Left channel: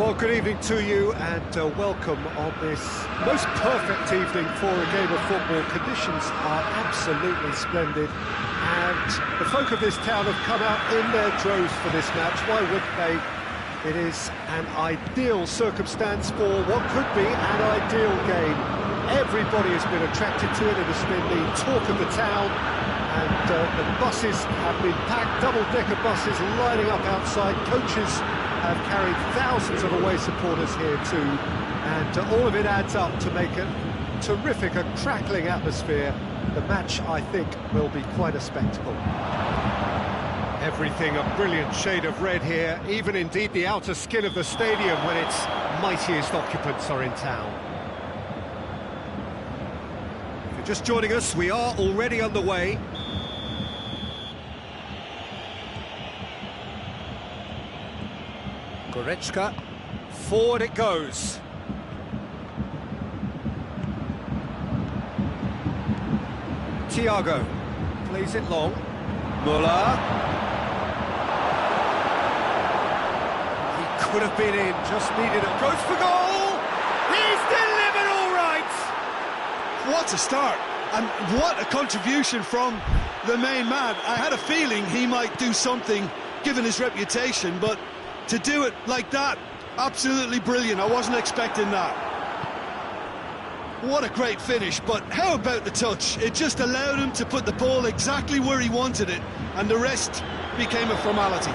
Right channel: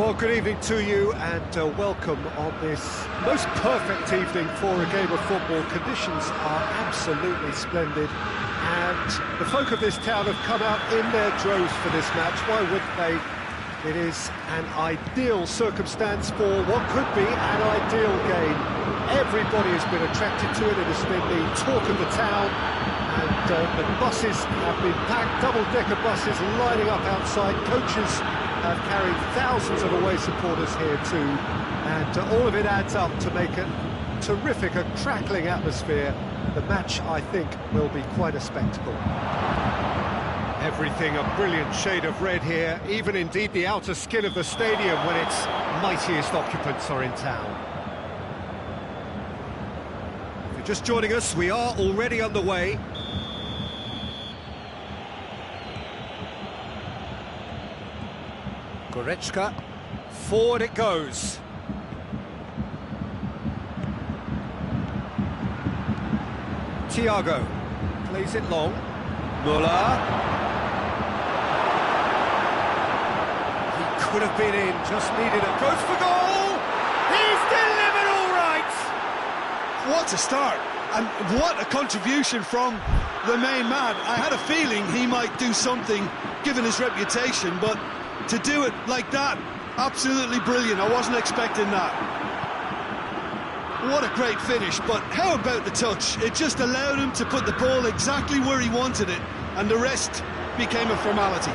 Well, good evening to you and welcome on this most perfect evening for a game of football. Conditions are absolutely splendid and the folk of this town have come out in their droves for this match. Why wouldn't they? It is an ideal circumstance for what could be an ideal game. Everybody has been attracted to it. It has been the talk of the town, and the buses have been packed, double-decker buses lining up outside. Coaches have carried thousands of away supporters here too, and all of it adds up to make a terrific, a crackling atmosphere. The match, I think, will be quite a spectacle. Everything a brilliant shade of red here, even indeed the outer skin of the stadium when its mightiest occupants are in town. If you're just joining us, we are already underway. Goretzka, forward it goes. Thiago plays it long. Muller. He could have been in, just needed it. Goes for goal! He's delivered all right! What a start, and what a contribution from the main man. I had a feeling he might do something, given his reputation, but to do it like that, absolutely brilliant. I wasn't expecting that. What a great finish, but how about the touch? It just allowed him to put the ball exactly where he wanted it, and the rest became a formality.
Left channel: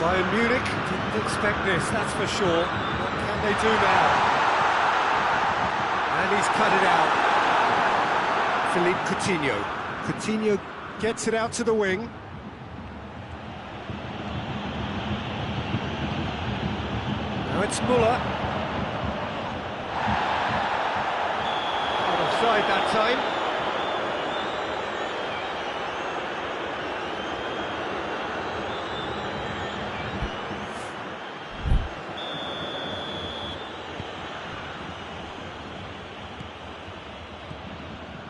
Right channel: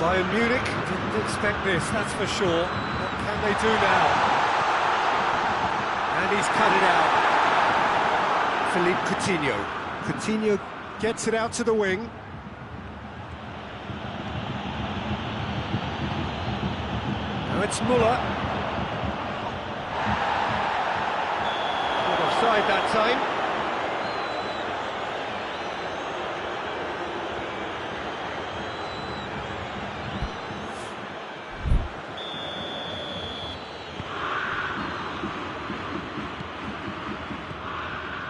Bayern Munich didn't expect this, that's for sure. What can they do now? And he's cut it out. Philippe Coutinho. Coutinho gets it out to the wing. Now it's Muller. Not offside that time.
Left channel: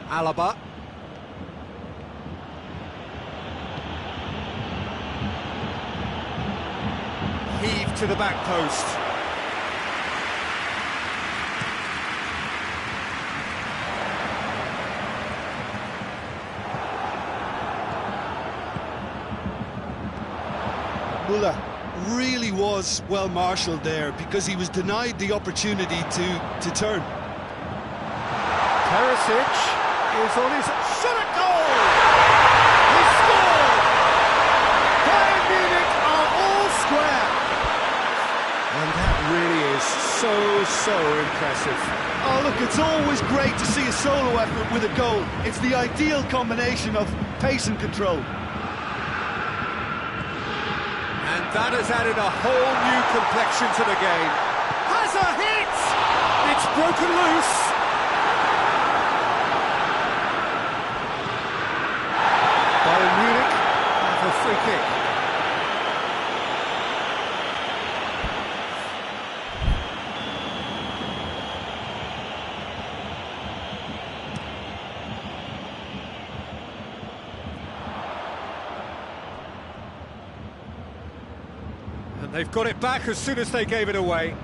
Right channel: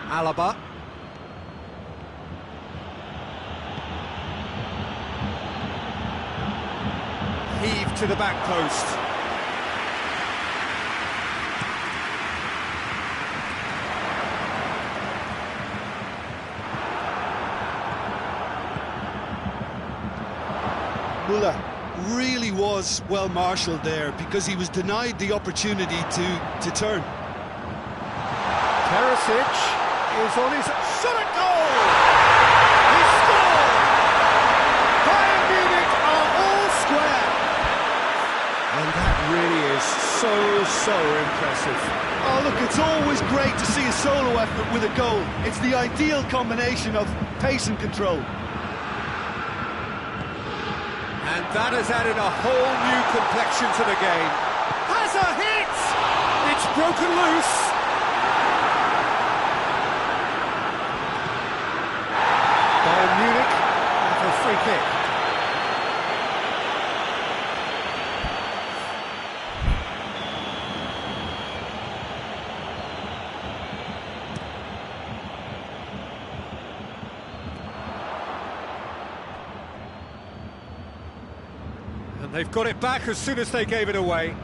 Alaba. Heave to the back post. Muller really was well marshalled there because he was denied the opportunity to turn. Perisic is on his shot at goal! He scored! Bayern Munich are all square! And that really is so impressive. Oh look, it's always great to see a solo effort with a goal. It's the ideal combination of pace and control. And that has added a whole new complexion to the game. Has a hit! It's broken loose. Bayern Munich have a free kick. And they've got it back as soon as they gave it away.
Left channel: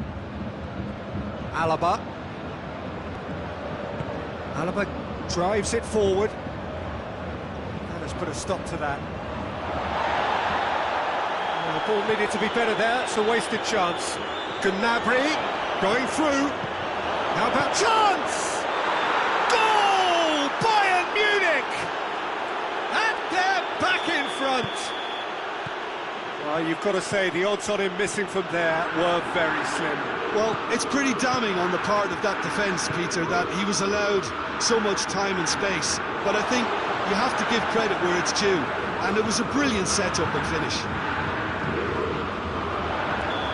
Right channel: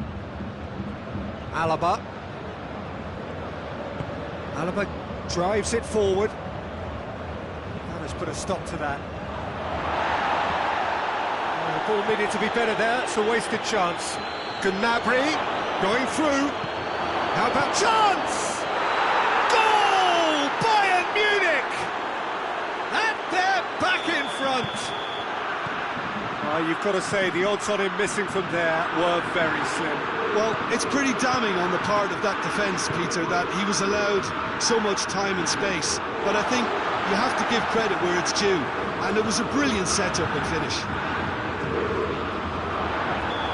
Alaba. Alaba drives it forward. That has put a stop to that. The ball needed to be better there. It's a wasted chance. Gnabry going through. How about chance? Goal! Bayern Munich! And they're back in front. Well, you've got to say the odds on him missing from there were very slim. Well, it's pretty damning on the part of that defence, Peter, that he was allowed so much time and space. But I think you have to give credit where it's due, and it was a brilliant setup and finish.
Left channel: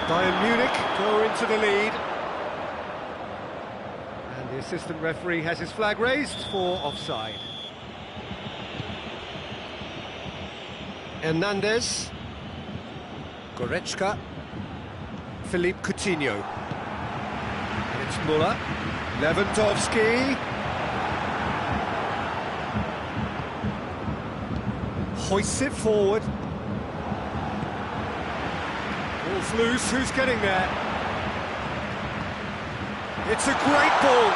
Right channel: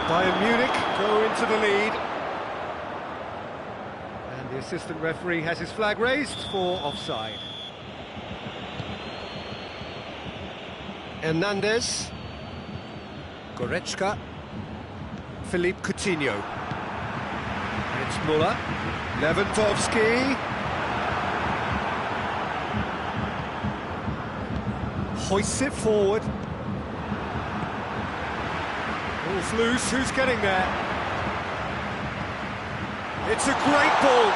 Bayern Munich go into the lead. And the assistant referee has his flag raised for offside. Hernandez. Goretzka, Philippe Coutinho, and it's Muller, Lewandowski, hoists it forward. Oh, Ball's loose, who's getting there? It's a great ball.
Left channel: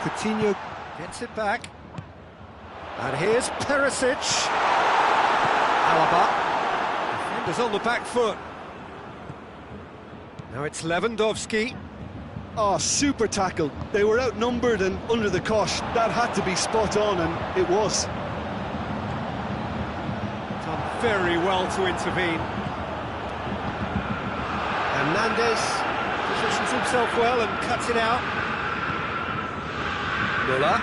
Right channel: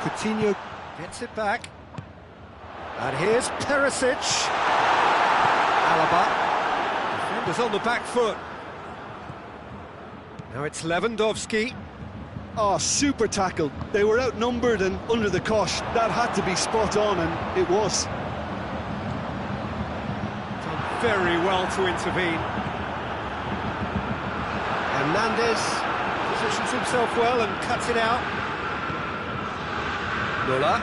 Coutinho gets it back. And here's Perisic. Alaba. Defenders on the back foot. Now it's Lewandowski. Oh, super tackle. They were outnumbered and under the cosh. That had to be spot on, and it was. Done very well to intervene. Hernandez positions himself well and cuts it out. Müller.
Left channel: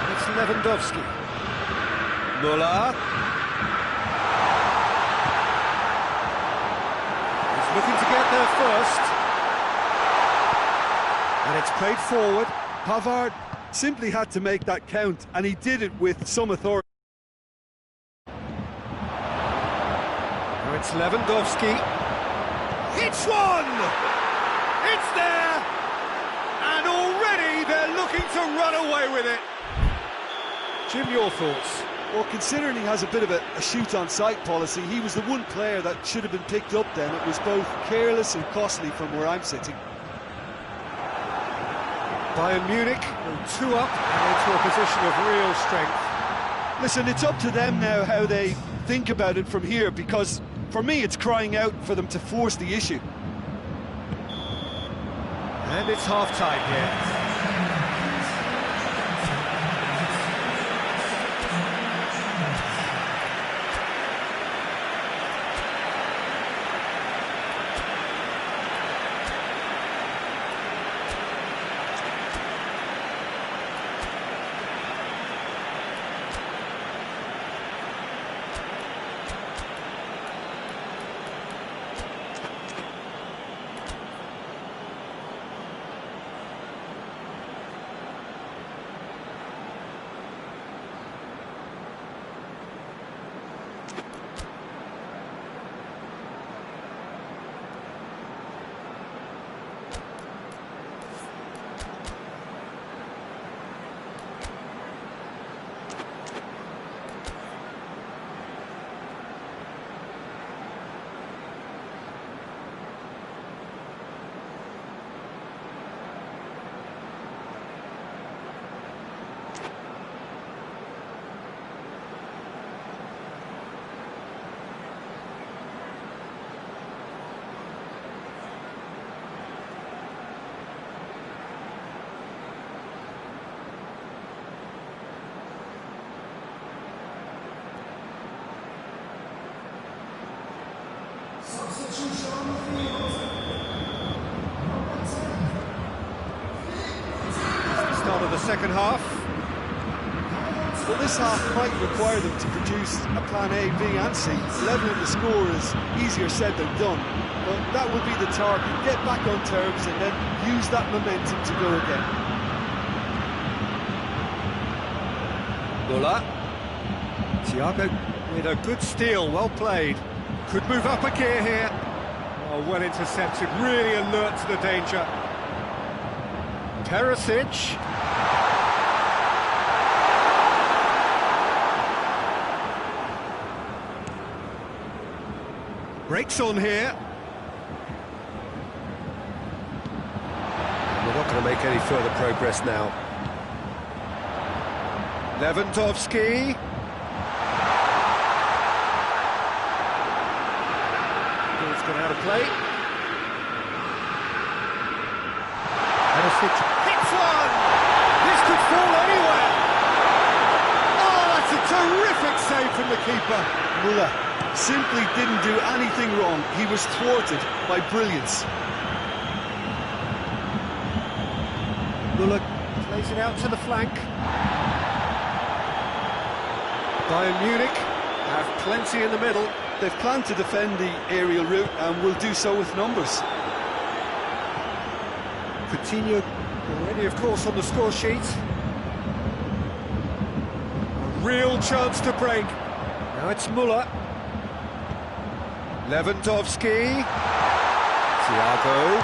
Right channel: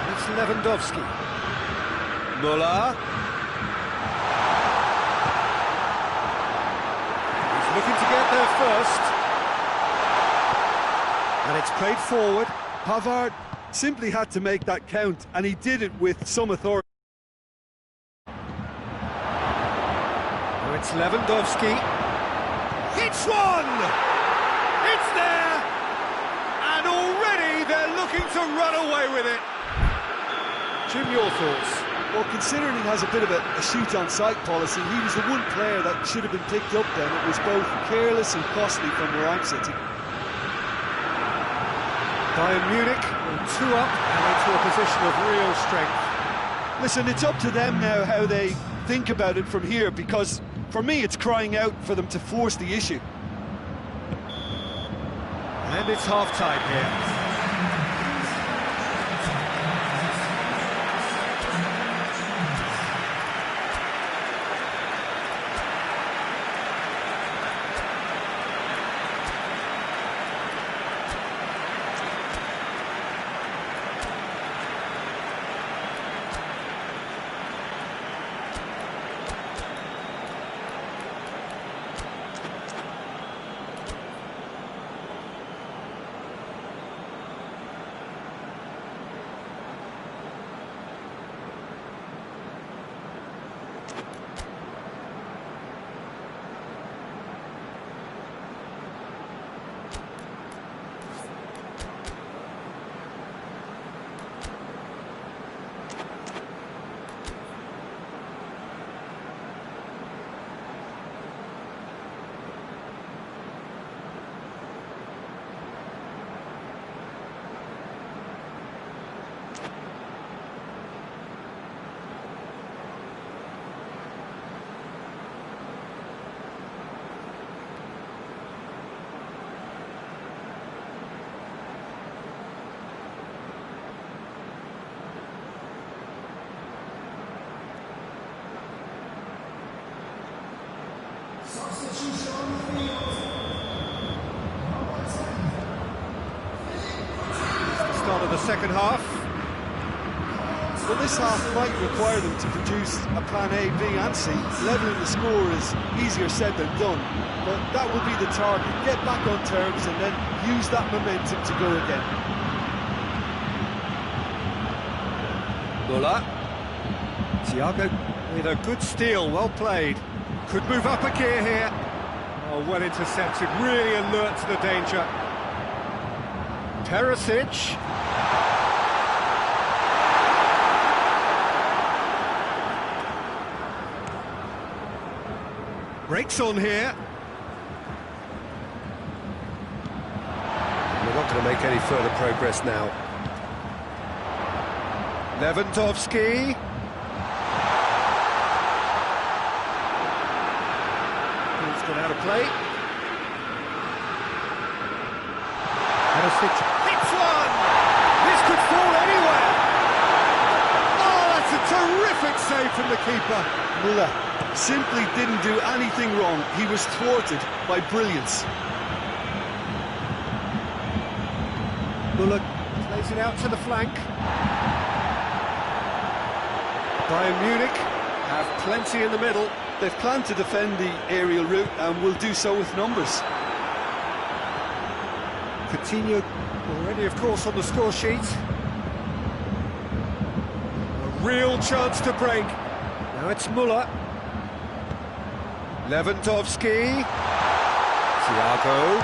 And it's Lewandowski. Müller. He's looking to get there first. And it's played forward. Pavard simply had to make that count, and he did it with some authority. Now it's Lewandowski. It's one! It's there! And already they're looking to run away with it. Jim, your thoughts? Well, considering he has a bit of a shoot-on-sight policy, he was the one player that should have been picked up then. It was both careless and costly from where I'm sitting. Bayern Munich go 2 up and into a position of real strength. Listen, it's up to them now how they think about it from here, because for me it's crying out for them to force the issue. And it's half-time here. Start of the second half. Well, this half might require them to produce a plan A, B and C. Levelling the score is easier said than done, but that will be the target. Get back on terms and then use that momentum to go again. Müller. Thiago with a good steal, well played. Could move up a gear here. Oh, well intercepted, really alert to the danger. Perisic. Breaks on here. We're not going to make any further progress now. Lewandowski. Ball's gone out of play. Perisic hits one! This could fall anywhere! Oh, that's a terrific save from the keeper. Müller simply didn't do anything wrong. He was thwarted by brilliance. Müller plays it out to the flank. Bayern Munich have plenty in the middle. They've planned to defend the aerial route and will do so with numbers. Coutinho already, of course, on the score sheet. A real chance to break. Now it's Müller. Lewandowski. Thiago.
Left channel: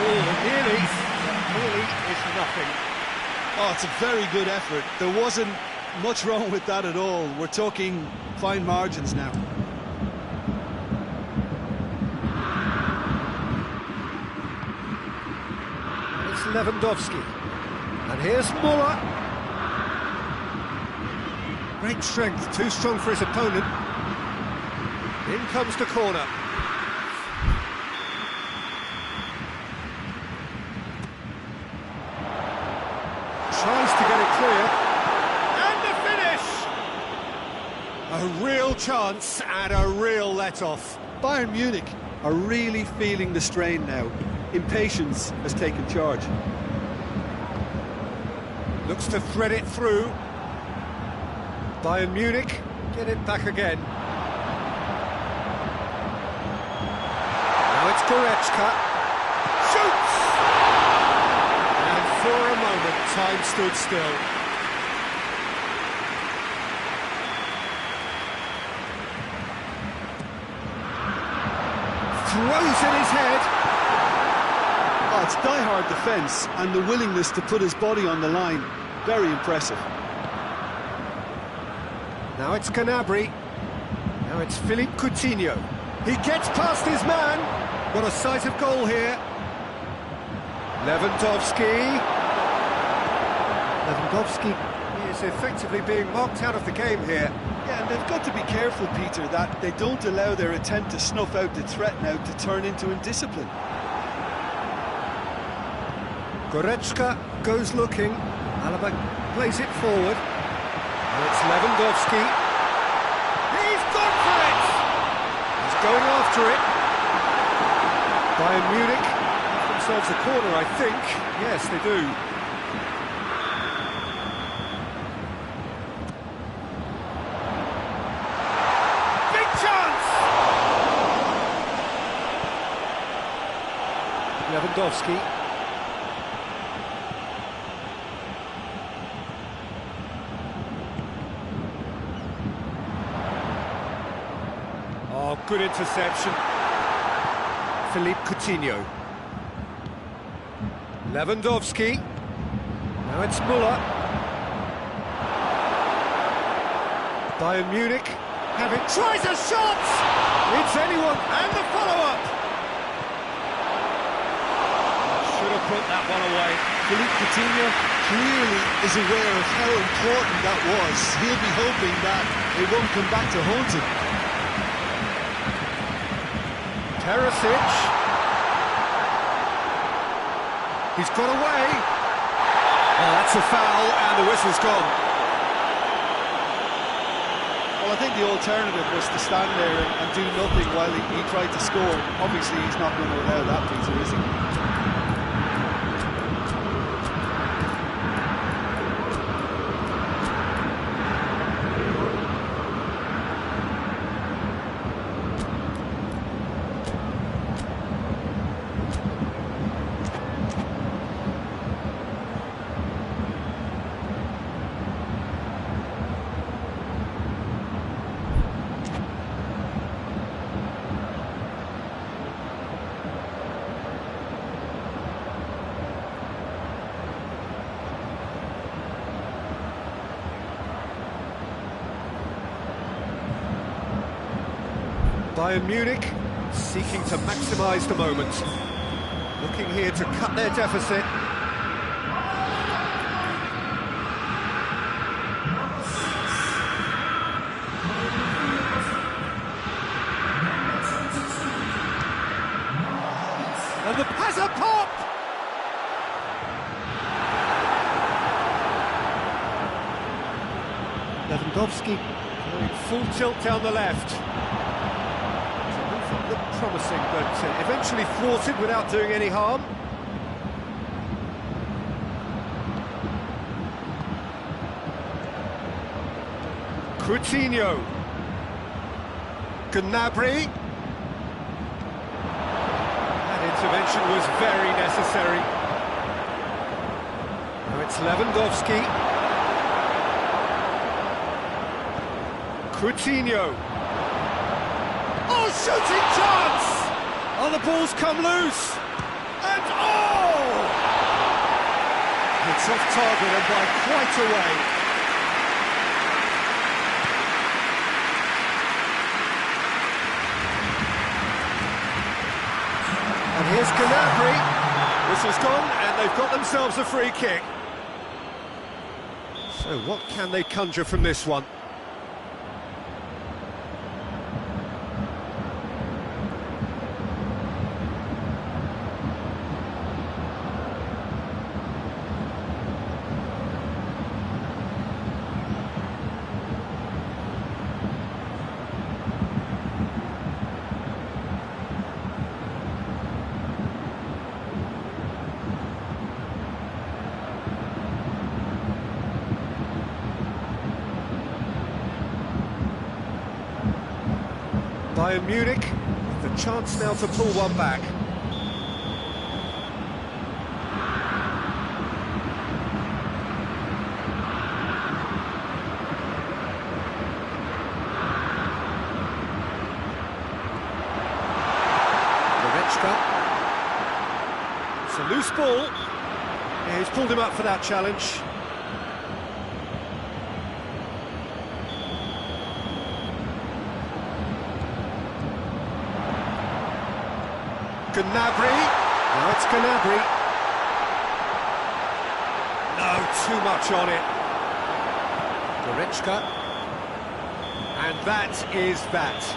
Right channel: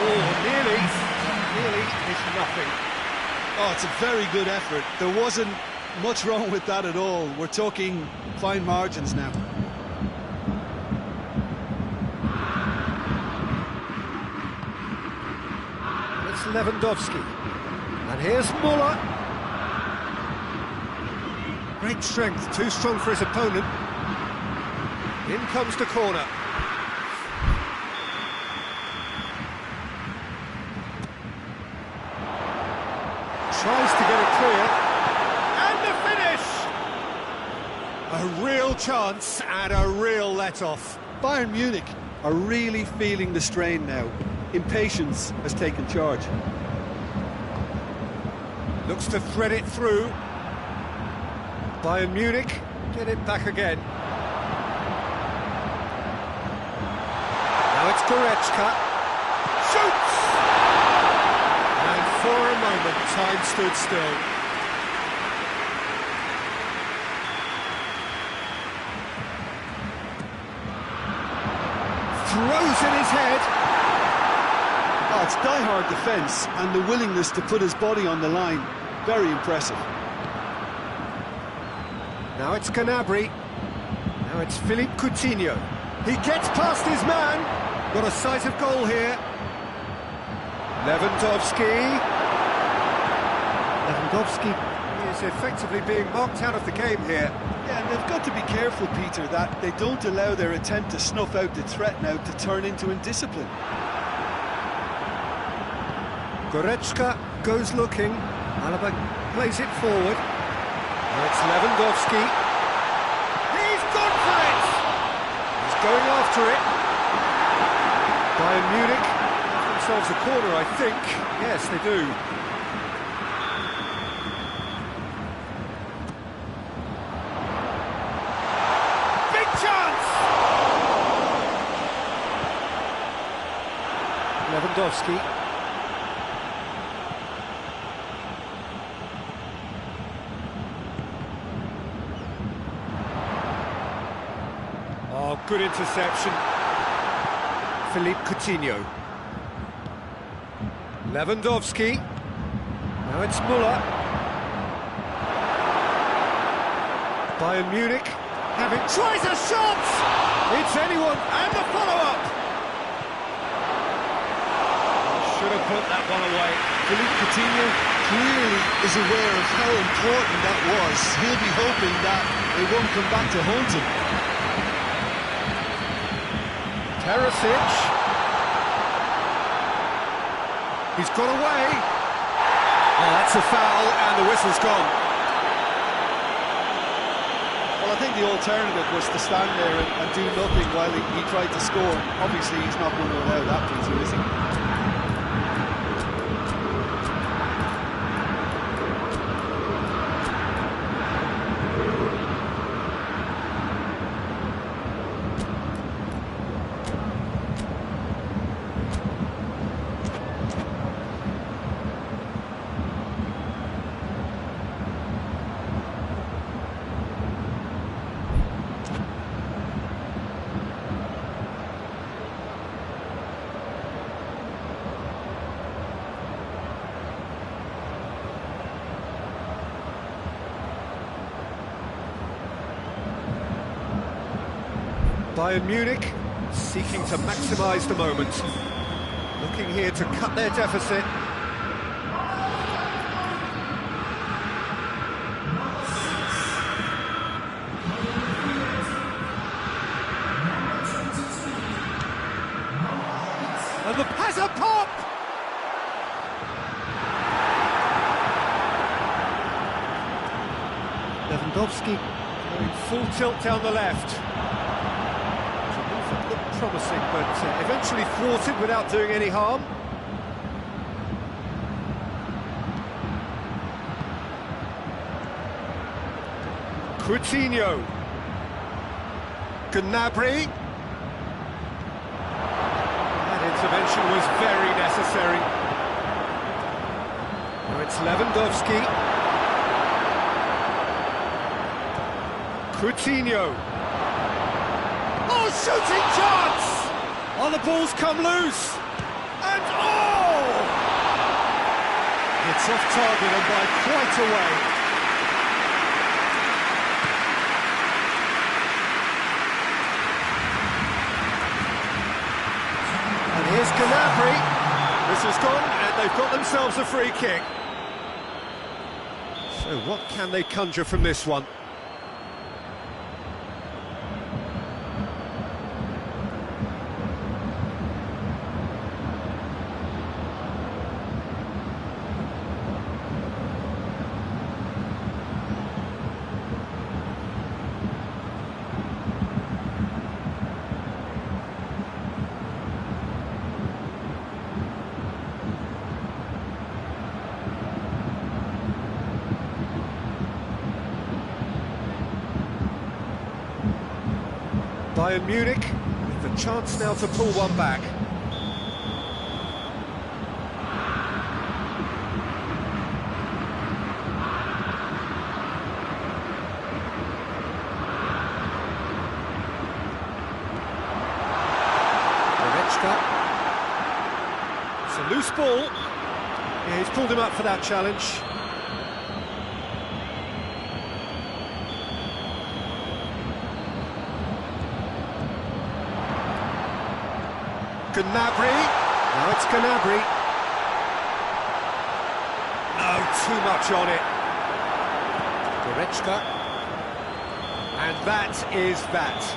Oh, nearly. That nearly is nothing. Oh, it's a very good effort. There wasn't much wrong with that at all. We're talking fine margins now. It's Lewandowski. And here's Muller. Great strength, too strong for his opponent. In comes the corner. Tries to get it clear. And the finish! A real chance and a real let-off. Bayern Munich are really feeling the strain now. Impatience has taken charge. Looks to thread it through. Bayern Munich get it back again. Now it's Goretzka. Shoots! And for a moment, time stood still. Throws in his head. Oh, it's die-hard defence and the willingness to put his body on the line. Very impressive. Now it's Gnabry. Now it's Philippe Coutinho. He gets past his man. Got a sight of goal here. Lewandowski. Lewandowski is effectively being marked out of the game here. Yeah, and they've got to be careful, Peter, that they don't allow their attempt to snuff out the threat now to turn into indiscipline. Goretzka goes looking. Alaba plays it forward. Now it's Lewandowski. He's gone for it! He's going after it. Bayern Munich have themselves a corner, I think. Yes, they do. Big chance! Lewandowski. Oh, good interception. Philippe Coutinho. Lewandowski. Now it's Muller. Bayern Munich have it. Tries a shot! It's anyone, and the follow-up! Should have put that one away. Philippe Coutinho clearly is aware of how important that was. He'll be hoping that it won't come back to haunt him. Perisic. He's got away. Oh, that's a foul, and the whistle's gone. Well, I think the alternative was to stand there and do nothing while he tried to score. Obviously, he's not going to allow that, Peter, is he? Bayern Munich seeking to maximise the moment. Looking here to cut their deficit. And the pass a pop! Lewandowski going full tilt down the left. Looked promising, but eventually thwarted without doing any harm. Coutinho. Gnabry. That intervention was very necessary. Now it's Lewandowski. Coutinho. Oh, shooting chance! Oh, the ball's come loose. And oh! It's off target and by quite a way. And here's Gnabry. Whistle's gone and they've got themselves a free kick. So what can they conjure from this one? Bayern Munich with the chance now to pull one back. Goretzka. It's a loose ball. Yeah, he's pulled him up for that challenge. Gnabry, now it's Gnabry. No, too much on it. Goretzka. And that is that.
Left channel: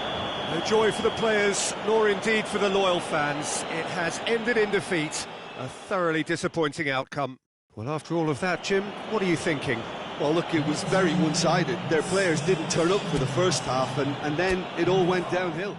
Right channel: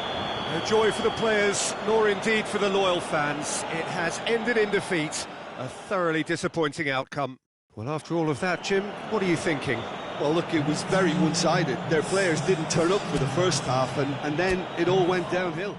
No joy for the players, nor indeed for the loyal fans. It has ended in defeat. A thoroughly disappointing outcome. Well, after all of that, Jim, what are you thinking? Well, look, it was very one-sided. Their players didn't turn up for the first half, and then it all went downhill.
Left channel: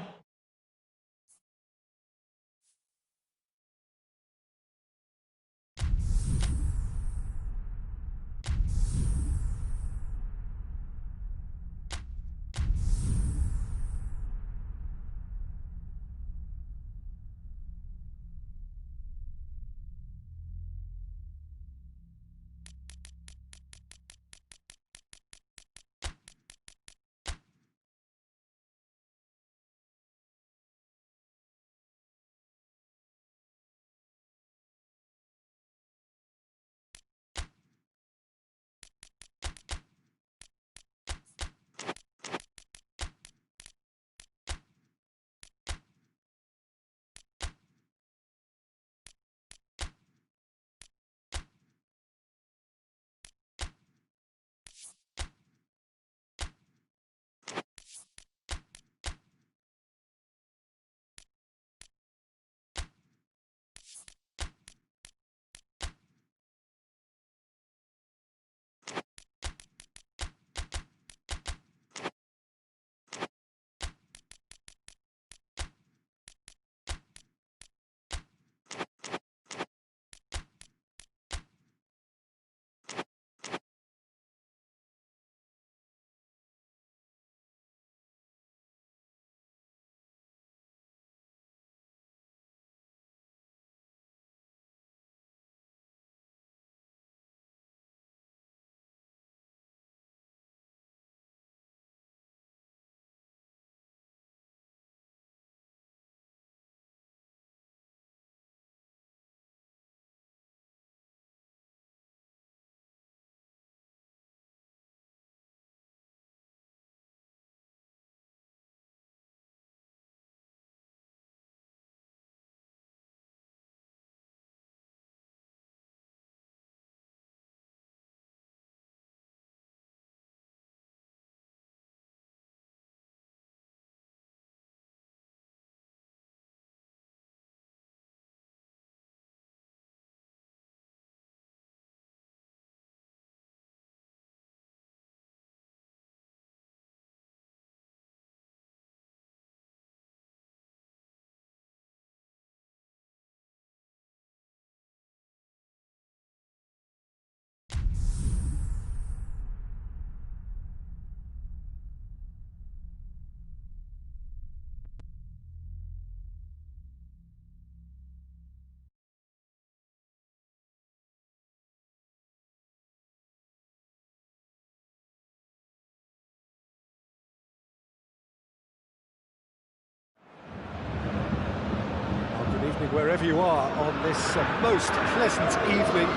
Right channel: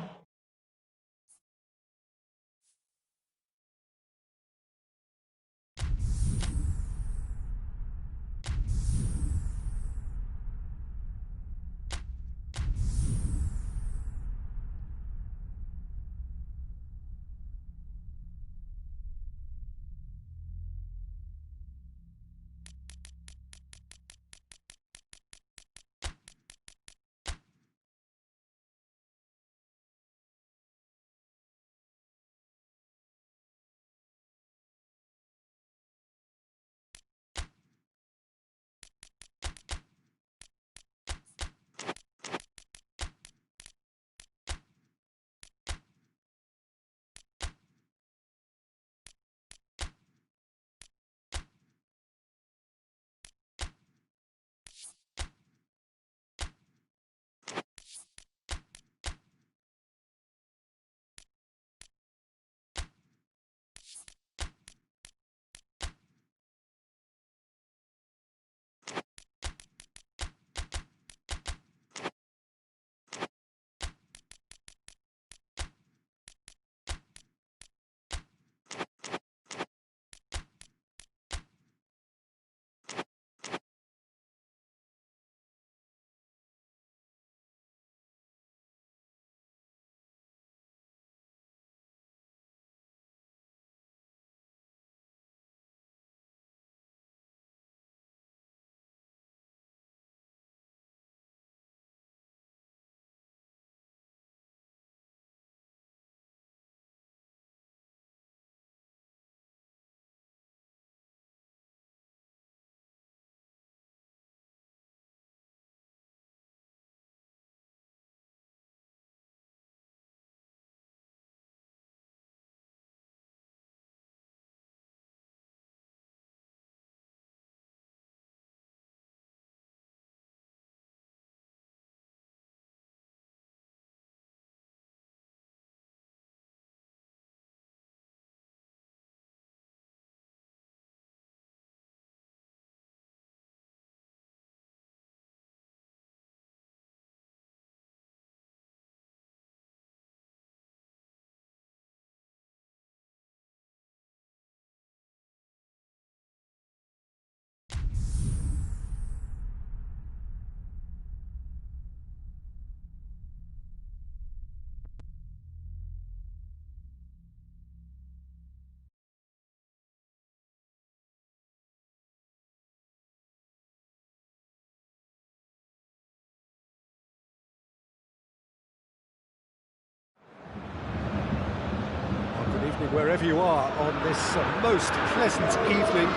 Wherever you are on this most pleasant evening,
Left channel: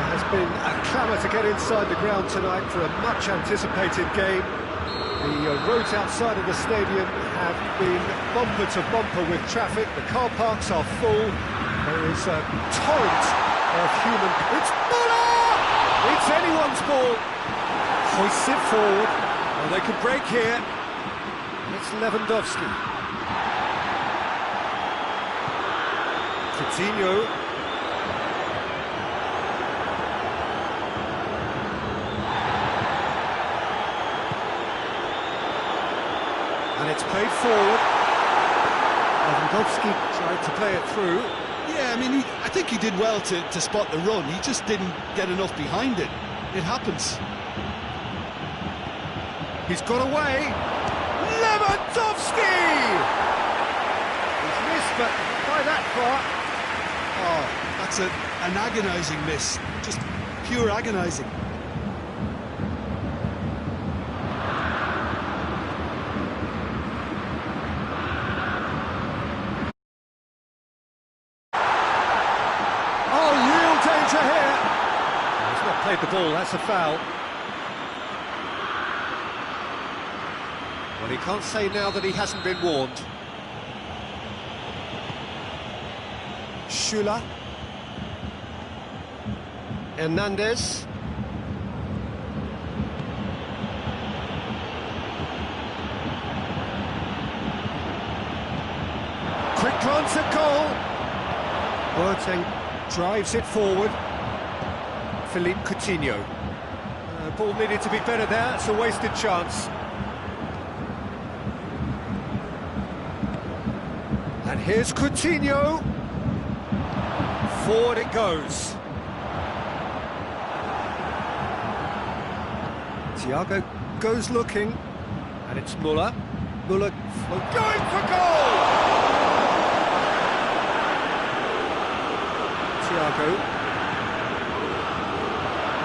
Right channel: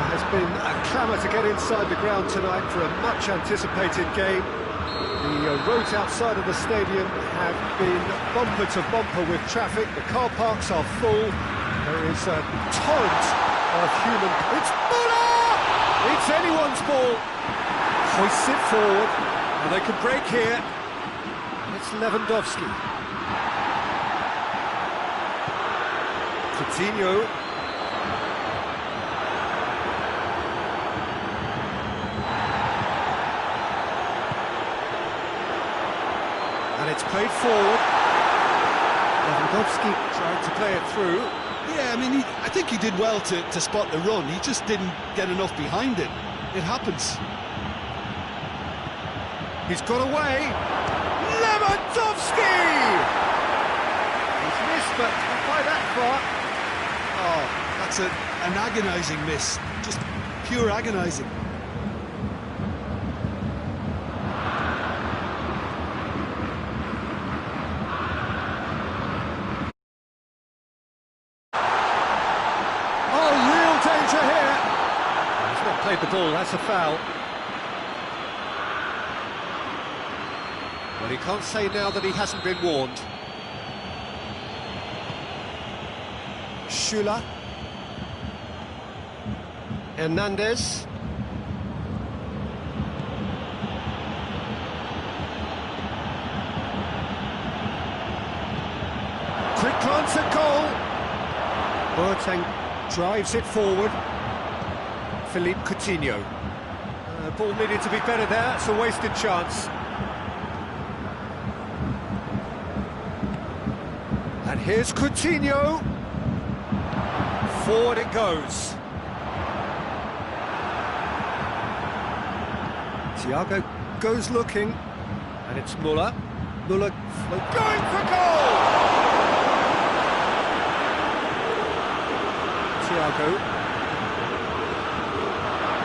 There has been a clamour to get inside the ground tonight for a much-anticipated game. The roads outside of the stadium have been bumper to bumper with traffic. The car parks are full. There is a torrent of human... It's Muller! It's anyone's ball. Hoists it forward. Well, they could break here. And it's Lewandowski. Coutinho. And it's played forward. Lewandowski tried to play it through. Yeah, I mean, I think he did well to spot the run. He just didn't get enough behind it. It happens. He's got away. Lewandowski! He's missed, but not by that far. Oh, that's an agonising miss. Just pure agonising. Danger here. He's not played the ball, that's a foul. Well, he can't say now that he hasn't been warned. Schüller. Hernandez. Quick glance at goal. Boateng drives it forward. Philippe Coutinho. Ball needed to be better there, it's a wasted chance. And here's Coutinho. Forward it goes. Thiago goes looking, and it's Muller. Muller going for goal! Thiago.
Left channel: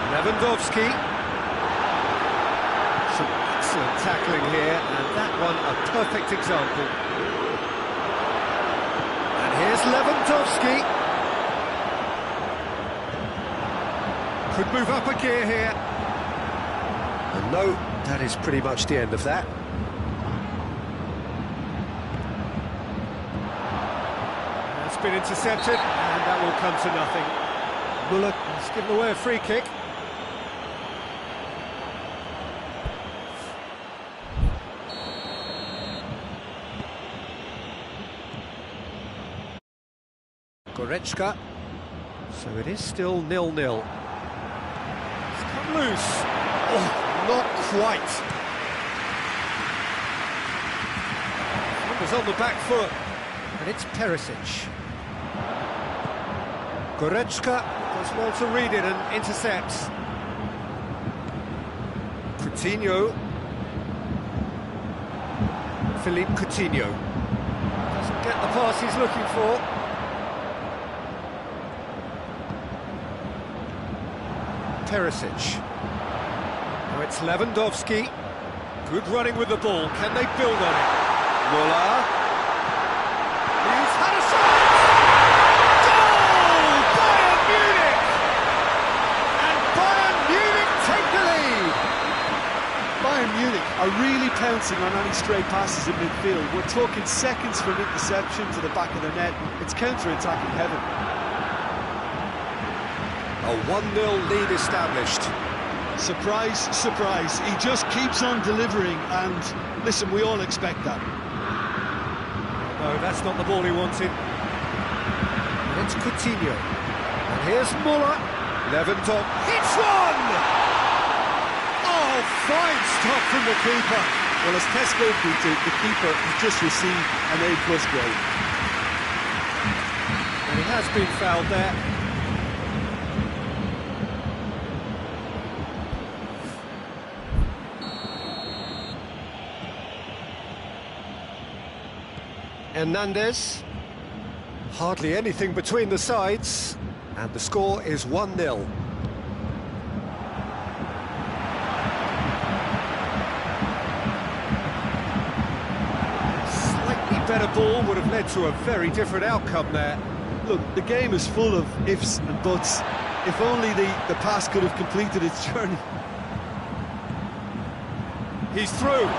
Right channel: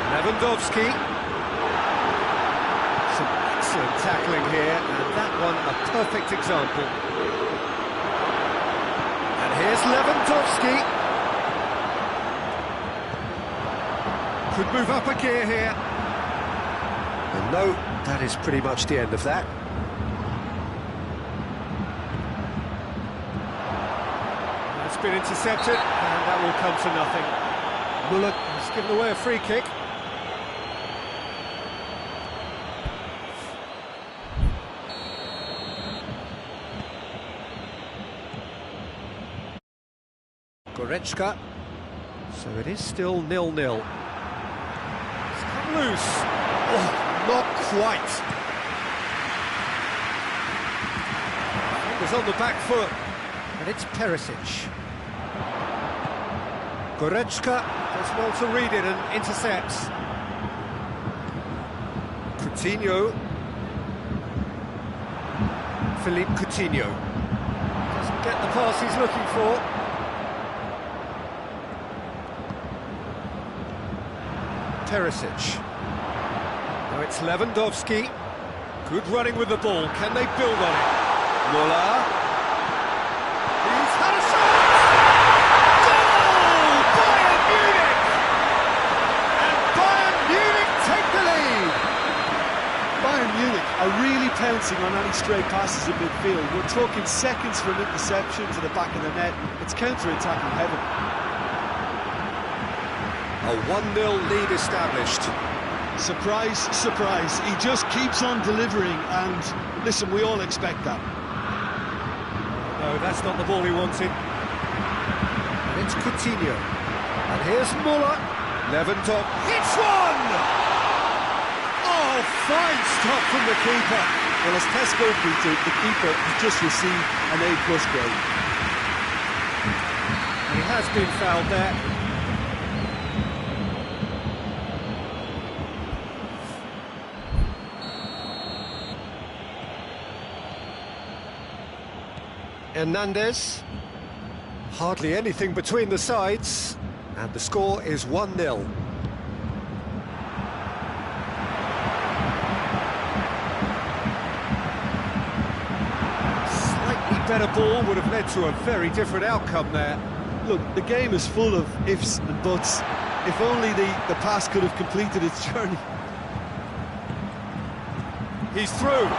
Lewandowski. Some excellent tackling here, and that one a perfect example. And here's Lewandowski. Could move up a gear here. And no, that is pretty much the end of that. That's been intercepted, and that will come to nothing. Muller has given away a free kick. Goretzka. So it is still 0-0. It's come loose. Oh, not quite. Fingers on the back foot. And it's Perisic. Goretzka does well to read it and intercepts. Coutinho. Philippe Coutinho. Doesn't get the pass he's looking for. Perisic. Now it's Lewandowski. Good running with the ball. Can they build on it? Muller. He's had a shot! Goal! Bayern Munich! And Bayern Munich take the lead! Bayern Munich are really pouncing on any stray passes in midfield. We're talking seconds from interception to the back of the net. It's counter-attacking heaven. A 1-0 lead established. Surprise, surprise. He just keeps on delivering, and listen, we all expect that. No, that's not the ball he wanted. And it's Coutinho. And here's Muller. Lewandowski hits one! Oh, fine stop from the keeper. Well, as Tesco put it, the keeper has just received an A+ grade. And he has been fouled there. Hernandez. Hardly anything between the sides, and the score is 1-0. Slightly better ball would have led to a very different outcome there. Look, the game is full of ifs and buts. If only the pass could have completed its journey. He's through.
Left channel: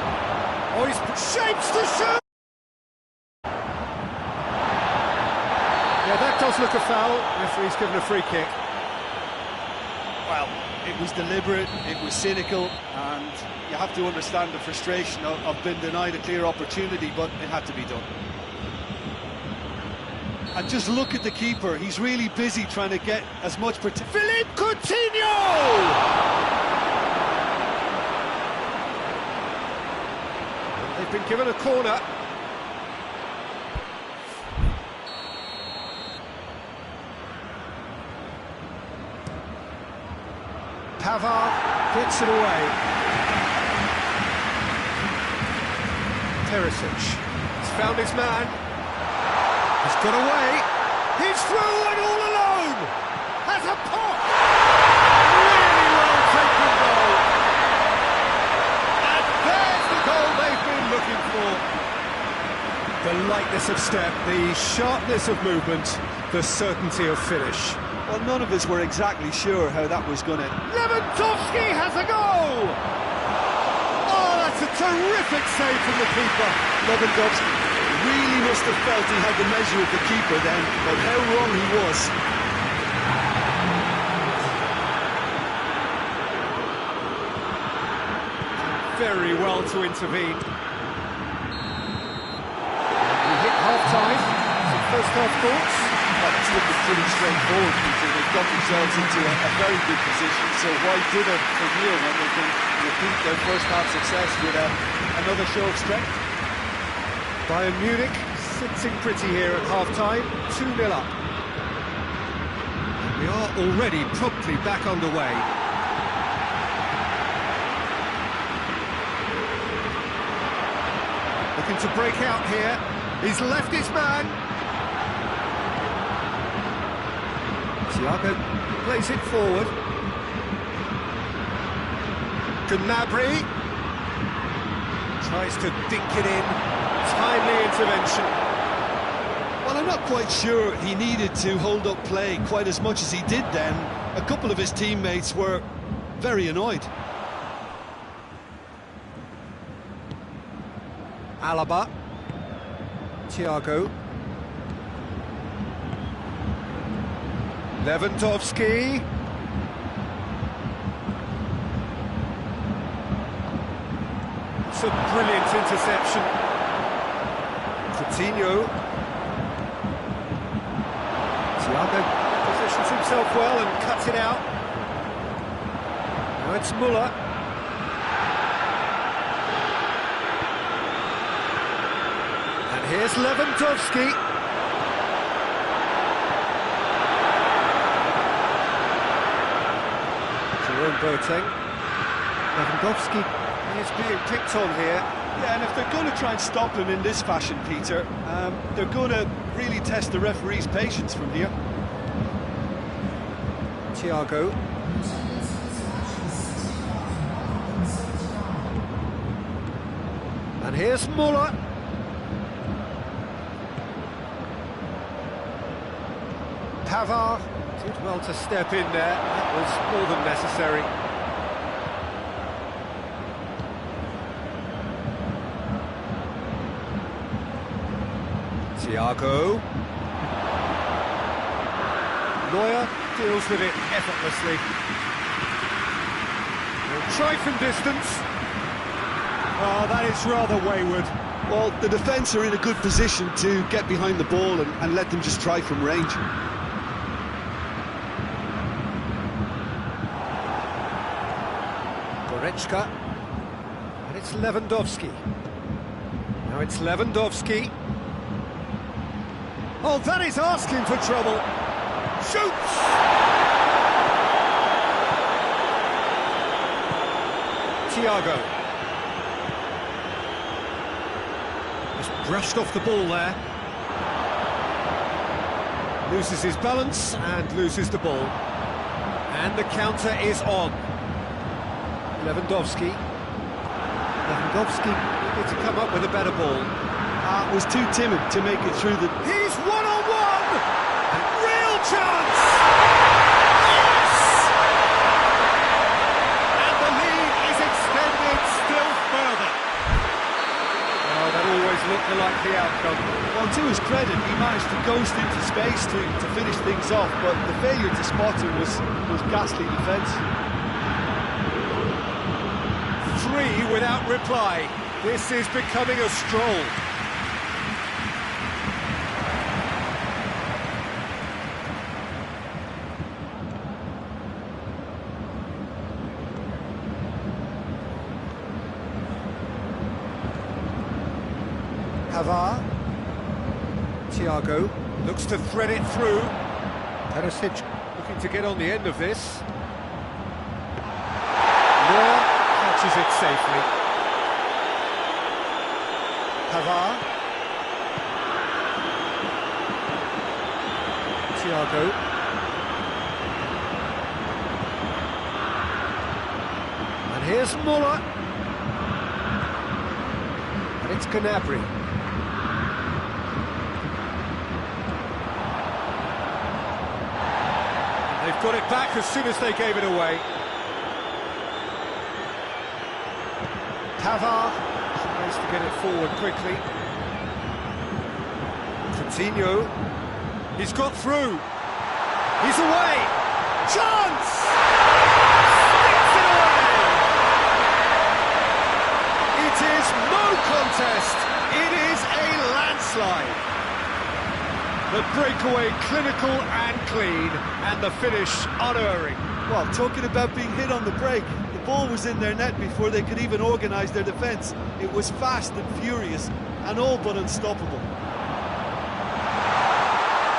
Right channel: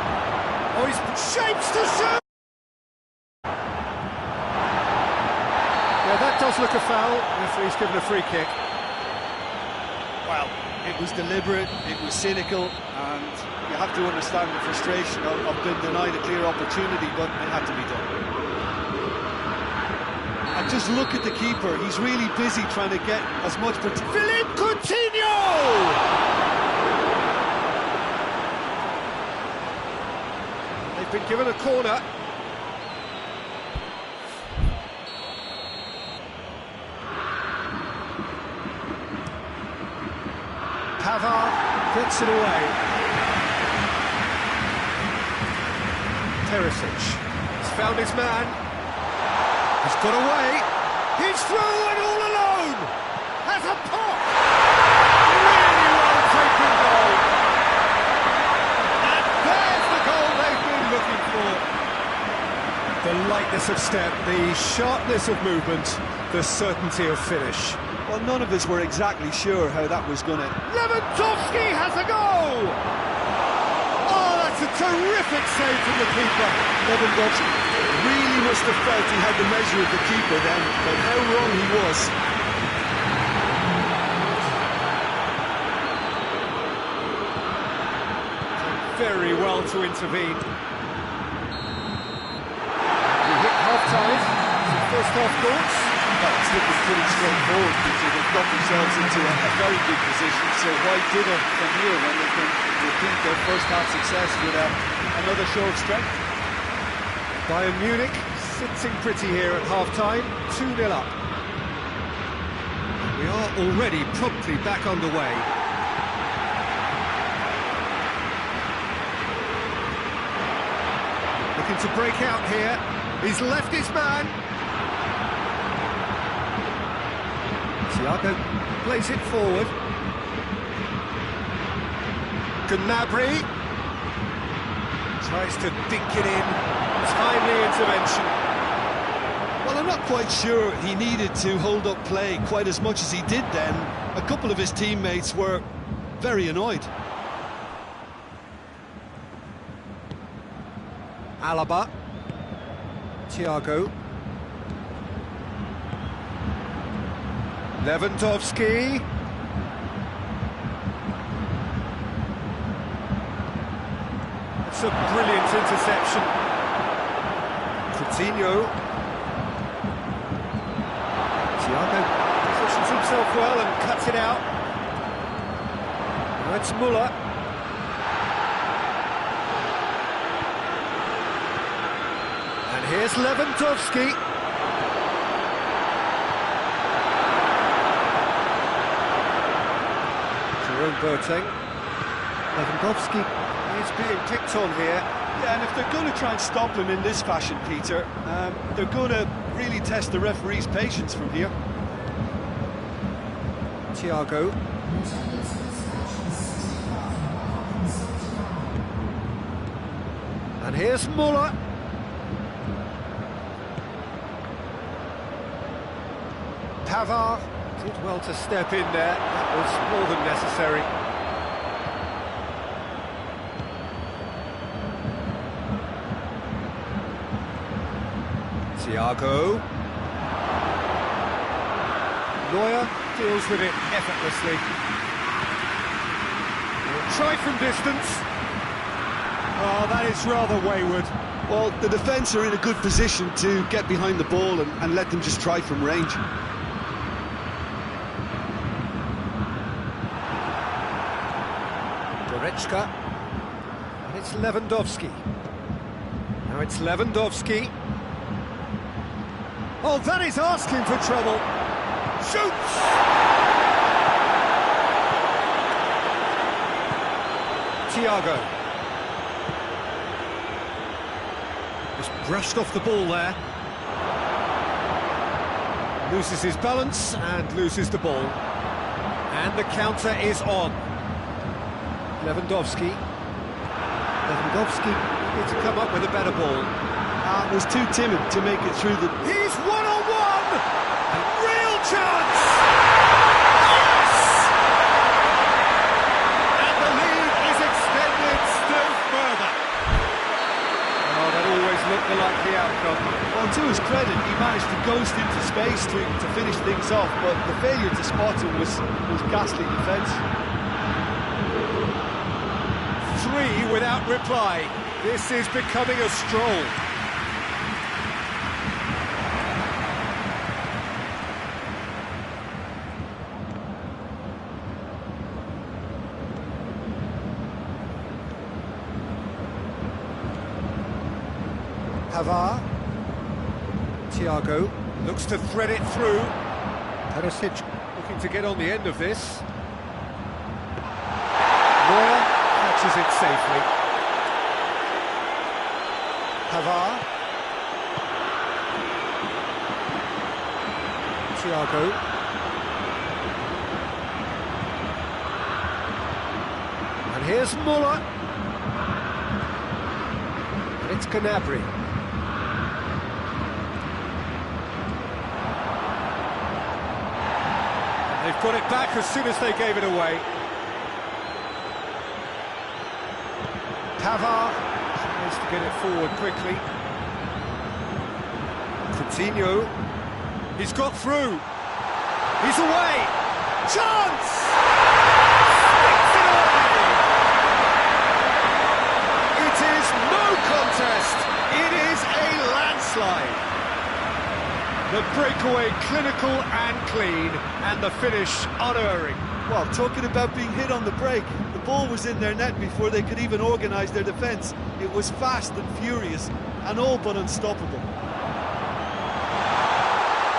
Oh, he's shapes to shoot. Yeah, that does look a foul. Referee's given a free kick. Well, it was deliberate, it was cynical, and you have to understand the frustration of being denied a clear opportunity, but it had to be done. And just look at the keeper, he's really busy trying to get as much protection. Philippe Coutinho! They've been given a corner. Pavard gets it away. Perisic has found his man. He's got away. He's through and all alone. Has a pop. Really well taken goal. And there's the goal they've been looking for. The lightness of step, the sharpness of movement, the certainty of finish. Well, none of us were exactly sure how that was going to... Lewandowski has a goal! Oh, that's a terrific save from the keeper. Lewandowski really must have felt he had the measure of the keeper then, but how wrong he was. Very well to intervene. We hit half-time. So first half thoughts? Well, it's looking pretty straightforward, Peter. They've got themselves into a very good position, so why dither from here when they can repeat their first half success with another show of strength? Bayern Munich sitting pretty here at half-time, 2-0 up. We are already promptly back underway. Looking to break out here. He's left his man. Thiago plays it forward. Gnabry tries to dink it in. Timely intervention. Well, I'm not quite sure he needed to hold up play quite as much as he did then. A couple of his teammates were very annoyed. Alaba. Thiago. Lewandowski. It's a brilliant interception. Coutinho. Thiago positions himself well and cuts it out. Now it's Müller. And here's Lewandowski. Jerome Boateng. Lewandowski is being picked on here. Yeah, and if they're going to try and stop him in this fashion, Peter, they're going to really test the referee's patience from here. Thiago. And here's Müller. Pavard did well to step in there. That was more than necessary. Thiago. Neuer deals with it effortlessly. He'll try from distance. Oh, that is rather wayward. Well, the defence are in a good position to get behind the ball and let them just try from range. Goretzka. And it's Lewandowski. Now it's Lewandowski. Oh, that is asking for trouble. Shoots! Thiago. Just brushed off the ball there. Loses his balance and loses the ball. And the counter is on. Lewandowski. Lewandowski needed to come up with a better ball. Was too timid to make it through the... He's one-on-one! And real chance! Yes! always look the likely outcome. Well, to his credit, he managed to ghost into space to finish things off, but the failure to spot him was ghastly defence. 3 without reply. This is becoming a stroll. Havar. Thiago looks to thread it through. Perisic looking to get on the end of this. Neuer catches it safely. Havar. Thiago. And here's Muller. And it's Gnabry. And they've got it back as soon as they gave it away. Pavard tries to get it forward quickly. Coutinho, he's got through. He's away. Chance! Sticks it away. It is no contest. It is a landslide. The breakaway clinical and clean, and the finish unerring. Well, talking about being hit on the break, the ball was in their net before they could even organise their defence. It was fast and furious, and all but unstoppable.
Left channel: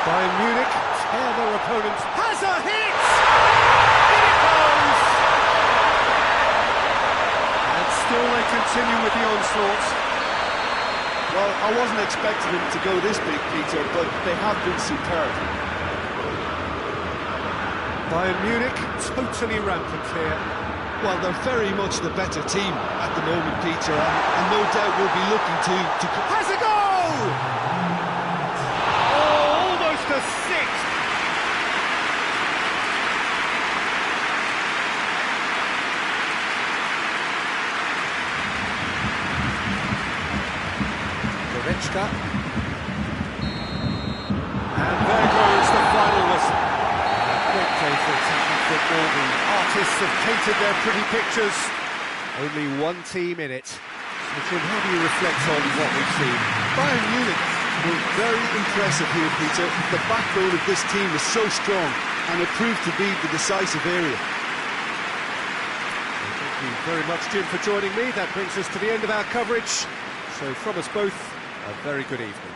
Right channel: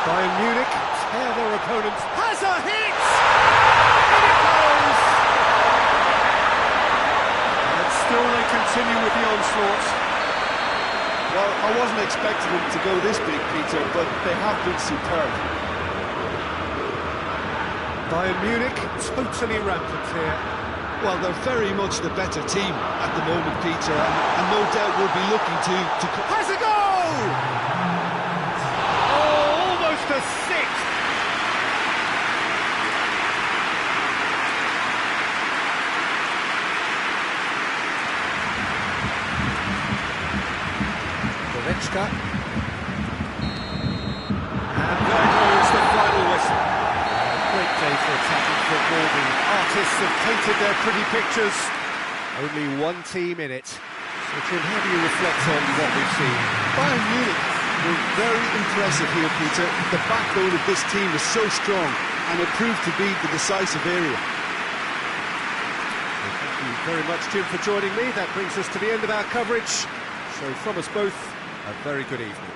Bayern Munich tear their opponents. Has a hit! In it goes! And still they continue with the onslaught. Well, I wasn't expecting them to go this big, Peter, but they have been superb. Bayern Munich totally rampant here. Well, they're very much the better team at the moment, Peter, and no doubt will be looking to... Has a goal! Oh, almost a sixth! Goretzka. And there goes the final whistle. Great day for attacking football. The artists have painted their pretty pictures. Only one team in it. So, Jim, how do you reflect on what we've seen? Bayern Munich were very impressive here, Peter. The backbone of this team is so strong, and it proved to be the decisive area. Well, thank you very much, Jim, for joining me. That brings us to the end of our coverage. So from us both, a very good evening.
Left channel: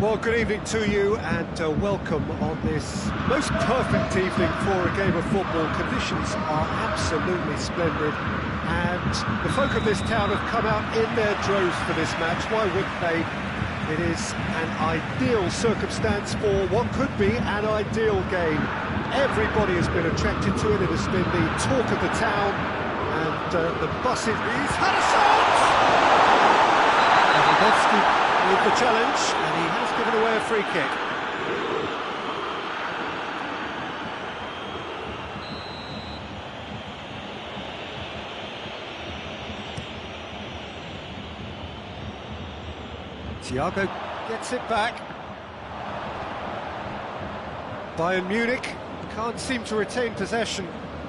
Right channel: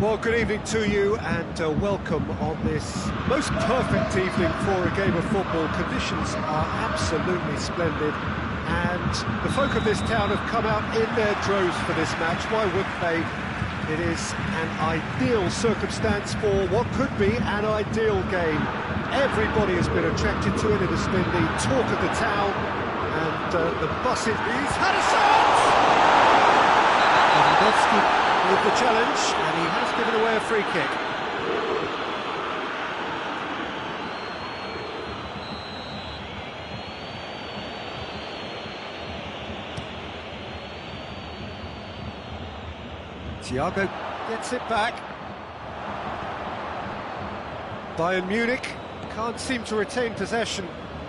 Well, good evening to you and welcome on this most perfect evening for a game of football. Conditions are absolutely splendid and the folk of this town have come out in their droves for this match. Why wouldn't they? It is an ideal circumstance for what could be an ideal game. Everybody has been attracted to it. It has been the talk of the town and the buses. He's had a shot! With the challenge, and he has given away a free kick. Thiago gets it back. Bayern Munich can't seem to retain possession.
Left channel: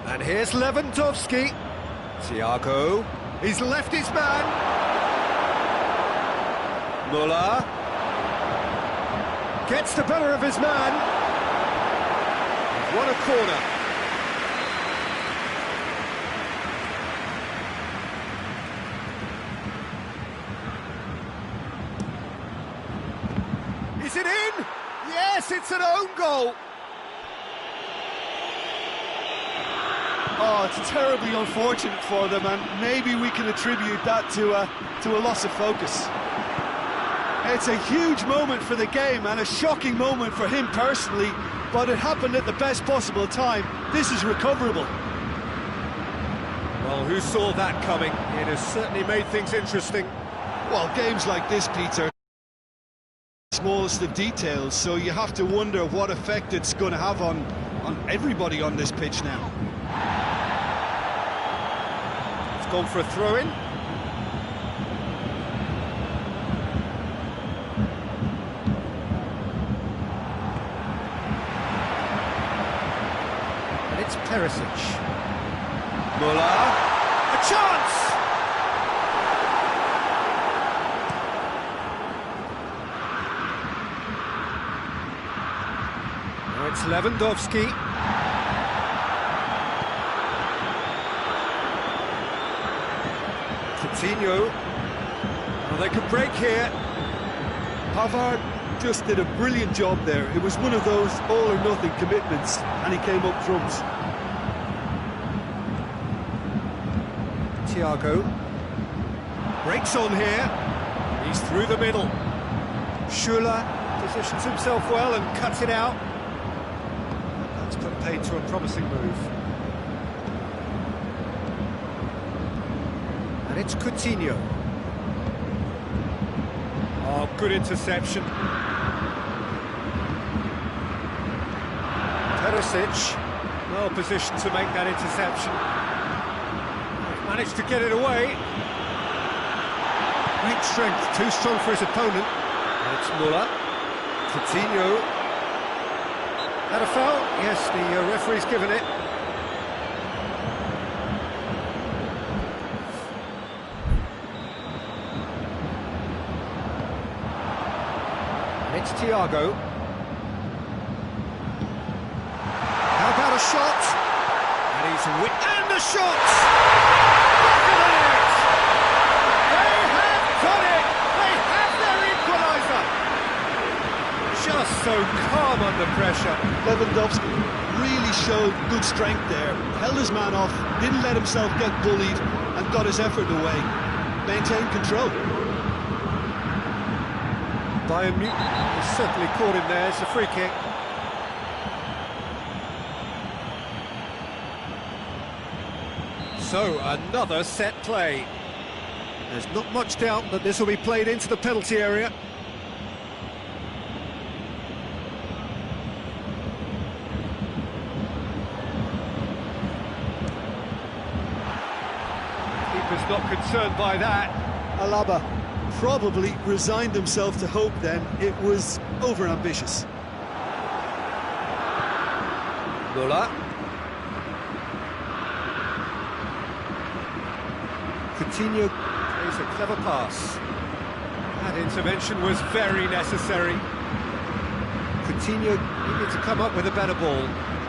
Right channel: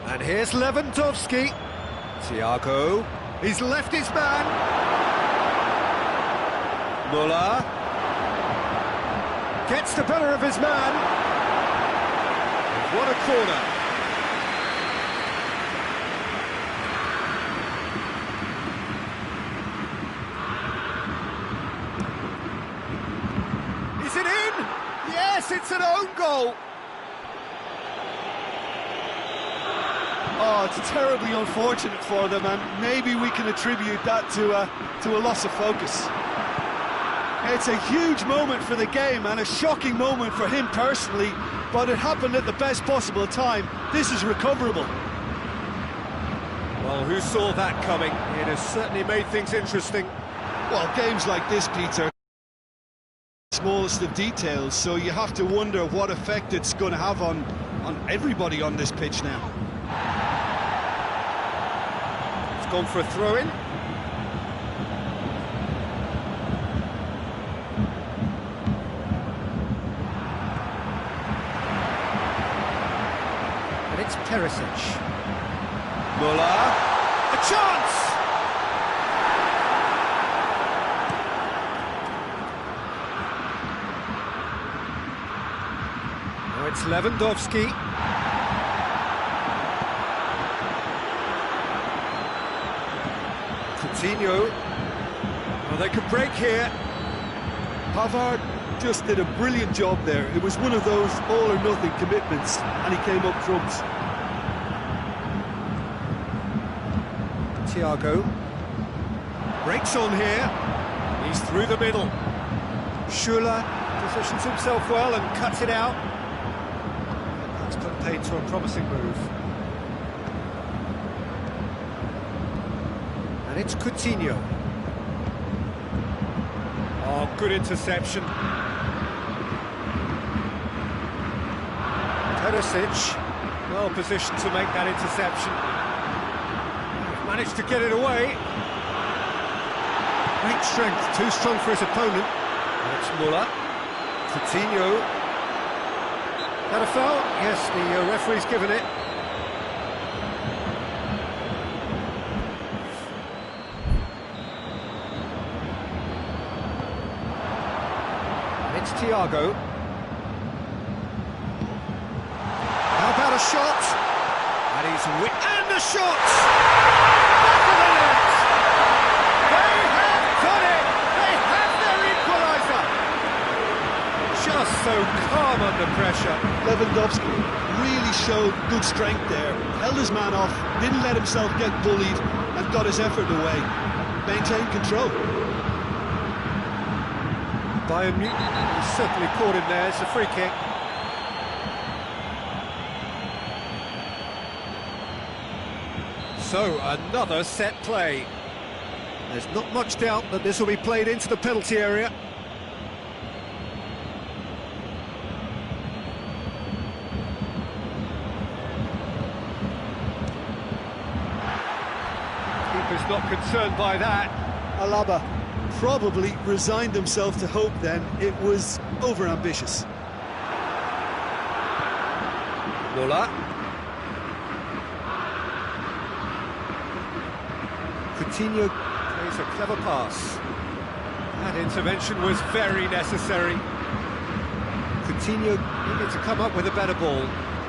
And here's Lewandowski. Thiago, he's left his man. Muller gets the better of his man. They've won a corner. Is it in? Yes, it's an own goal. Oh, it's terribly unfortunate for them, and maybe we can attribute that to a loss of focus. It's a huge moment for the game and a shocking moment for him personally, but it happened at the best possible time. This is recoverable. Well, who saw that coming? It has certainly made things interesting. Well, games like this, Peter, smallest of details, so you have to wonder what effect it's going to have on everybody on this pitch now. It's gone for a throw-in. It's Perisic. Muller, a chance! Now it's Lewandowski. Coutinho. Oh, they could break here. Pavard just did a brilliant job there. It was one of those all-or-nothing commitments, and he came up trumps. Thiago breaks on here. He's through the middle. Schuller positions himself well and cuts it out. That's put paid to a promising move. And it's Coutinho. Oh, good interception. Perisic, well positioned to make that interception. Managed to get it away. Great strength, too strong for his opponent. And it's Muller. Coutinho. That a foul? Yes, the referee's given it. And it's Thiago. How about a shot? And he's and the shot! Back of the net! They have done it! They have their equaliser! Just so calm under pressure. Lewandowski really showed good strength there. Held his man off, didn't let himself get bullied, and got his effort away. Maintained control. Bayern Munich is certainly caught in there. It's a free kick. So, another set play. There's not much doubt that this will be played into the penalty area. Keeper's not concerned by that. Alaba probably resigned himself to hope then. It was over-ambitious. Muller. Coutinho plays a clever pass. That intervention was very necessary. Coutinho needed to come up with a better ball.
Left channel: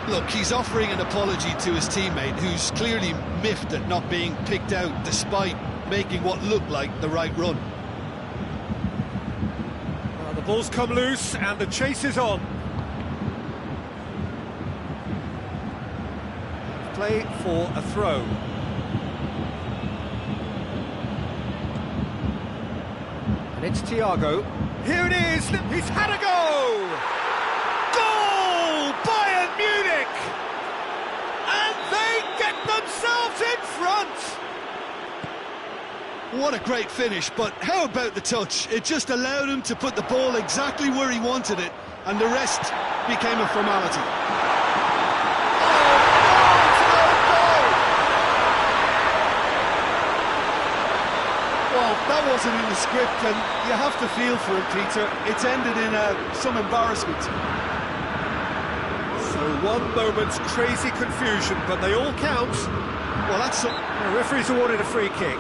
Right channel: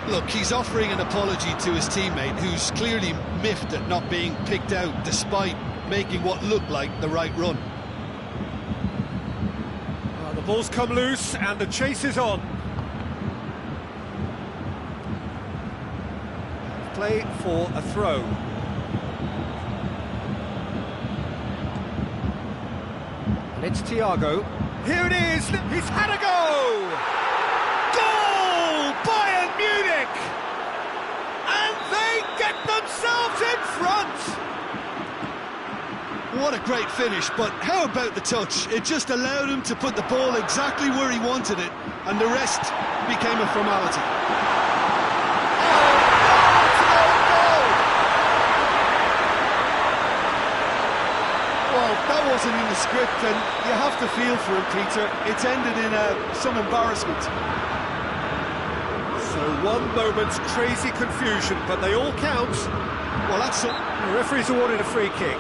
Look, he's offering an apology to his teammate, who's clearly miffed at not being picked out despite making what looked like the right run. Well, The ball's come loose and the chase is on. Play for a throw. And it's Thiago. Here it is! He's had a go! Goal! Bayern Munich! And they get themselves in front! What a great finish, but how about the touch? It just allowed him to put the ball exactly where he wanted it, and the rest became a formality. Oh, no, goal! Well, that wasn't in the script, and you have to feel for him, Peter. It's ended in some embarrassment. So one moment's crazy confusion, but they all count. Well, that's... The referee's awarded a free kick.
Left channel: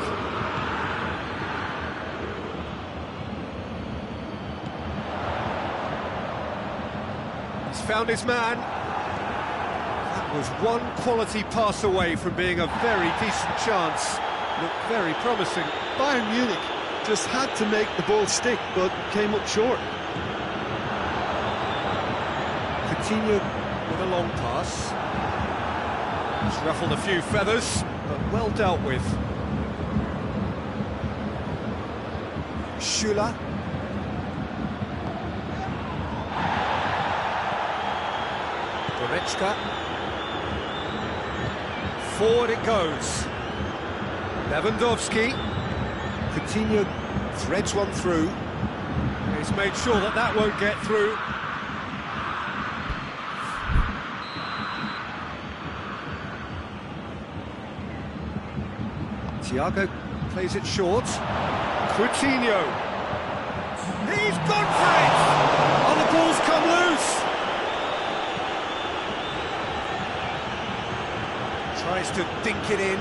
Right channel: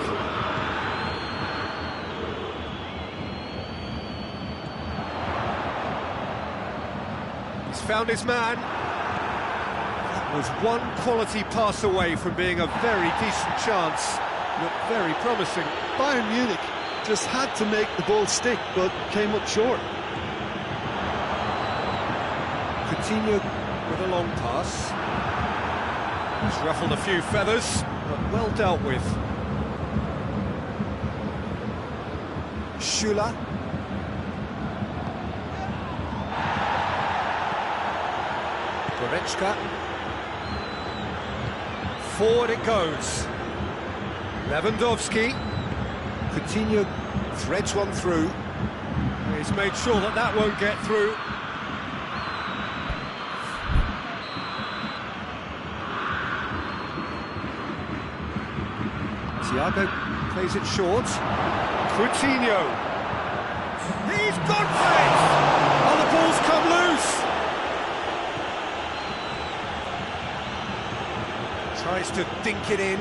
He's found his man. That was one quality pass away from being a very decent chance. Looked very promising. Bayern Munich just had to make the ball stick, but came up short. Coutinho with a long pass. He's ruffled a few feathers, but well dealt with. Schüller. Goretzka. Forward it goes. Lewandowski. Coutinho threads one through. He's made sure that that won't get through. Thiago plays it short. Coutinho. He's gone for it! Oh, the ball's come loose! Tries to dink it in.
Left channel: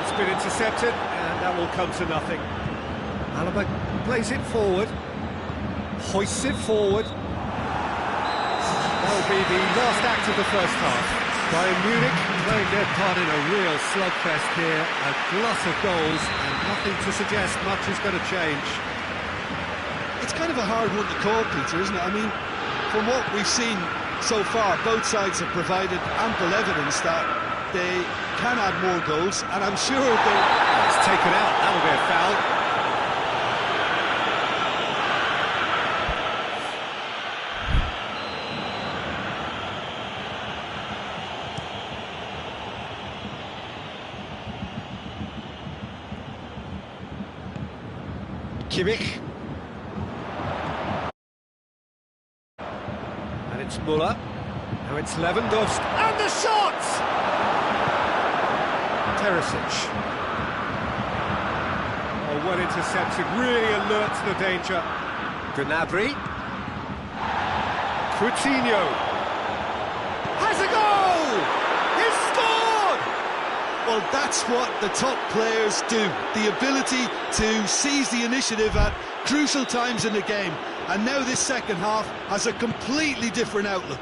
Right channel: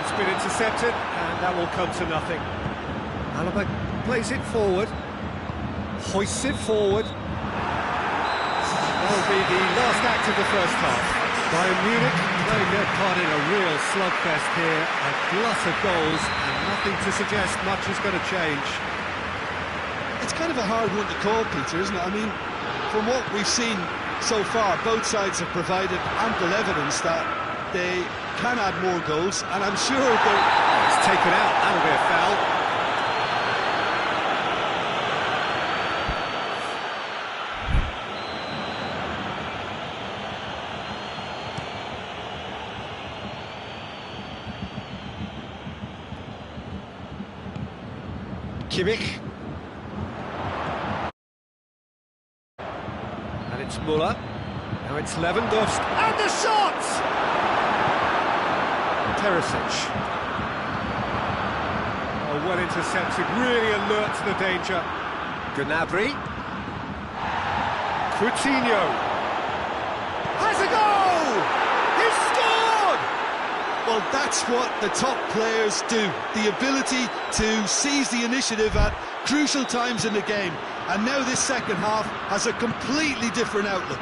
It's been intercepted, and that will come to nothing. Alaba plays it forward. Hoists it forward. That'll be the last act of the first half. Bayern Munich playing their part in a real slugfest here, a glut of goals, and nothing to suggest much is going to change. It's kind of a hard one to call, Peter, isn't it? I mean, from what we've seen so far, both sides have provided ample evidence that they can add more goals, and I'm sure they're... Oh, it's taken out, that'll be a foul. Kimmich. And it's Müller. Now it's Lewandowski. And the shot! Perisic. Oh, well intercepted, really alert to the danger. Gnabry. Coutinho. Has a goal! He's scored! Well, that's what the top players do. The ability to seize the initiative at crucial times in the game. And now this second half has a completely different outlook.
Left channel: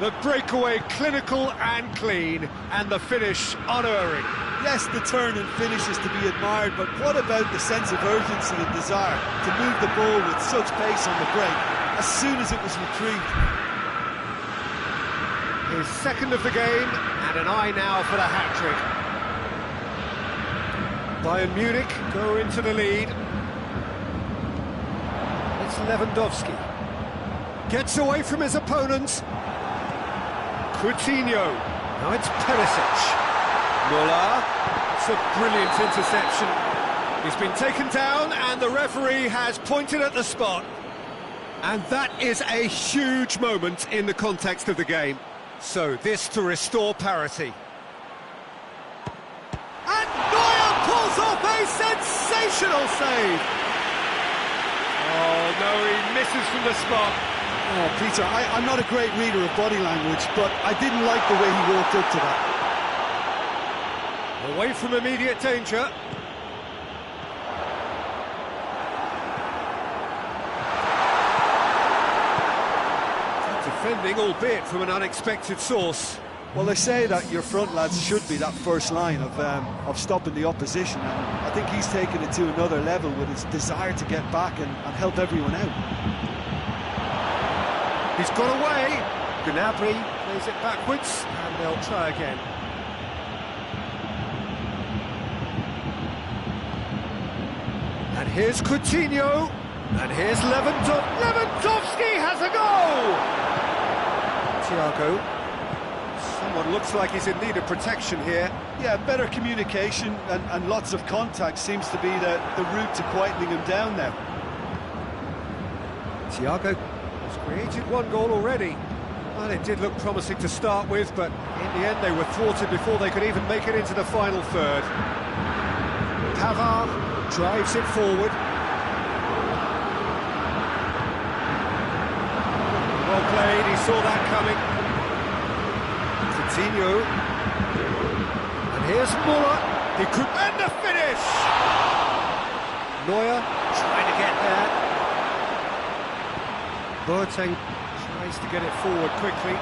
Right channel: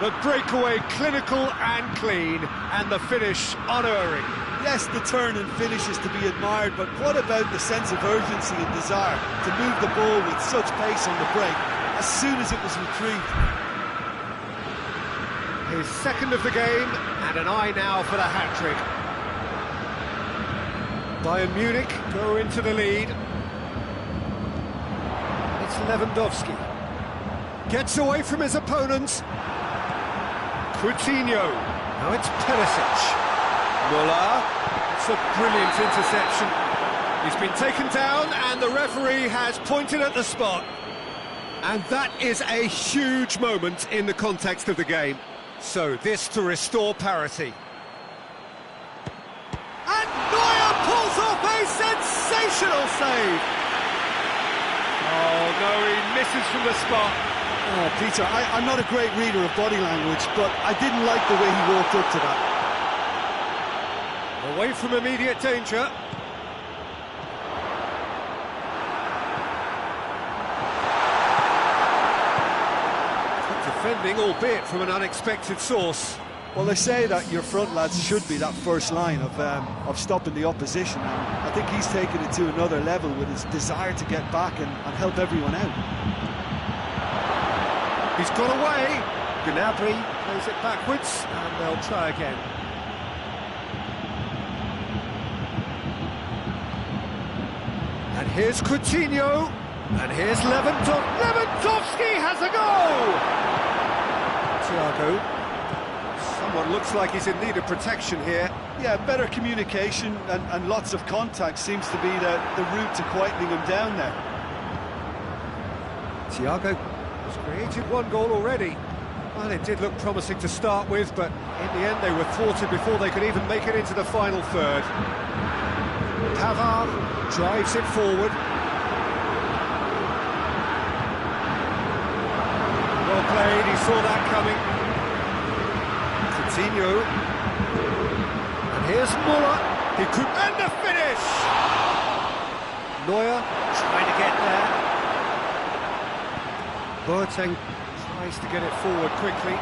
The breakaway clinical and clean, and the finish unerring. Yes, the turn and finish is to be admired, but what about the sense of urgency and desire to move the ball with such pace on the break as soon as it was retrieved? His second of the game, and an eye now for the hat-trick. Bayern Munich go into the lead. It's Lewandowski. Gets away from his opponents. Coutinho. Now it's Perisic. Müller. It's a brilliant interception. He's been taken down, and the referee has pointed at the spot. And that is a huge moment in the context of the game. So this to restore parity. And Neuer pulls off a sensational save. Oh no, he misses from the spot. Oh, Peter, I'm not a great reader of body language, but I didn't like the way he walked up to that. Away from immediate danger. Good defending, albeit from an unexpected source. Well, they say that your front lads should be that first line of stopping the opposition, and I think he's taken it to another level with his desire to get back and help everyone out. He's got away. Gnabry plays it backwards, and they'll try again. And here's Coutinho, and here's Lewandowski has a goal! Thiago. Someone looks like he's in need of protection here. Yeah, better communication and lots of contact seems to be the route to quietening him down now. Thiago has created one goal already. Well, it did look promising to start with, but in the end they were thwarted before they could even make it into the final third. Pavard drives it forward. Well played, he saw that coming. Coutinho. And here's Muller. He could end the finish! Neuer trying to get there. Boateng tries to get it forward quickly.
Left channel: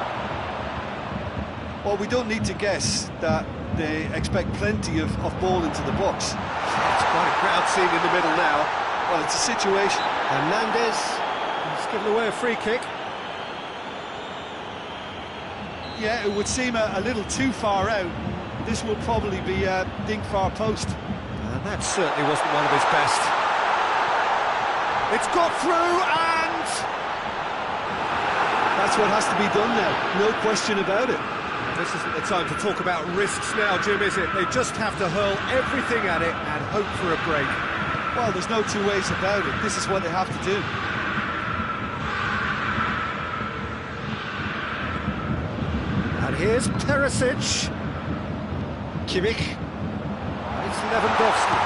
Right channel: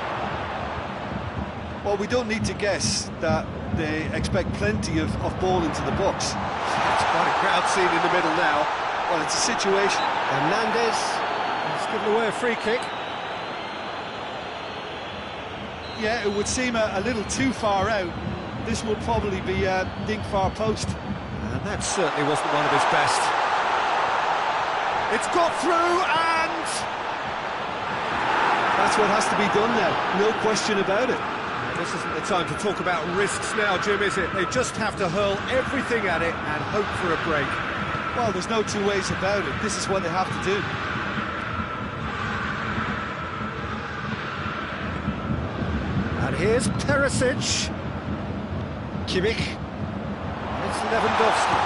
Well, we don't need to guess that they expect plenty of ball into the box. It's quite a crowd scene in the middle now. Well, it's a situation. Hernandez, he's given away a free kick. Yeah, it would seem a little too far out. This will probably be dink far post. And that certainly wasn't one of his best. It's got through, and that's what has to be done now, no question about it. Now, this isn't the time to talk about risks now, Jim, is it? They just have to hurl everything at it and hope for a break. Well, there's no two ways about it. This is what they have to do. And here's Perisic. Kimmich. It's Lewandowski.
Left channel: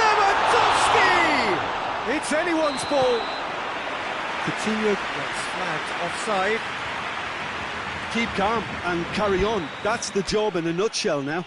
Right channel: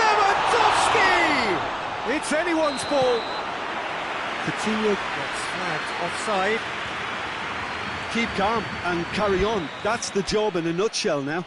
Lewandowski! It's anyone's ball. Coutinho gets flagged offside. Keep calm and carry on. That's the job in a nutshell now.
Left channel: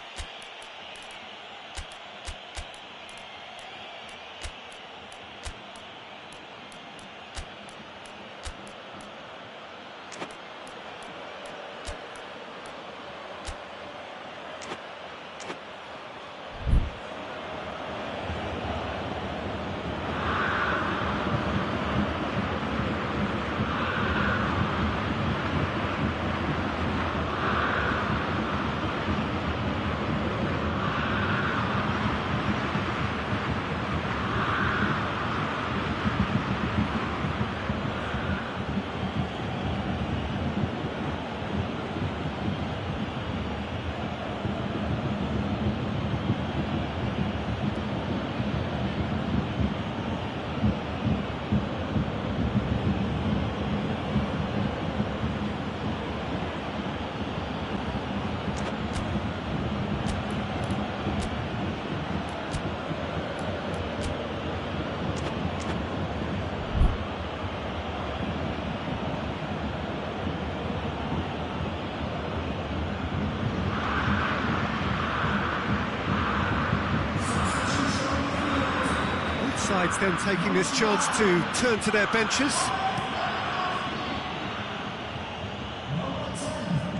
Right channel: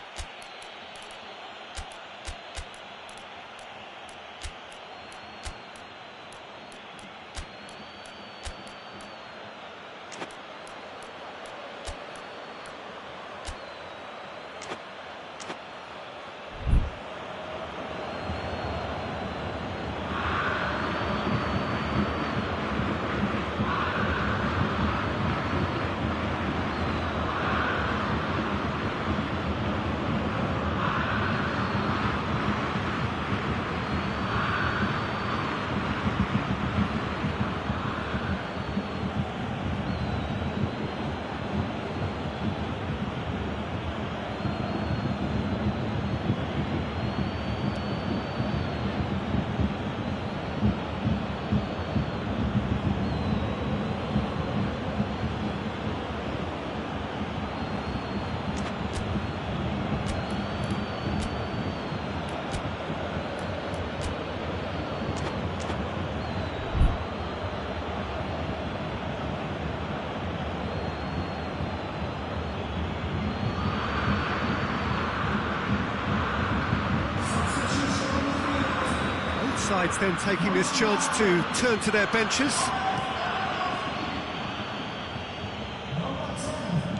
Sides then taking this chance to turn to their benches.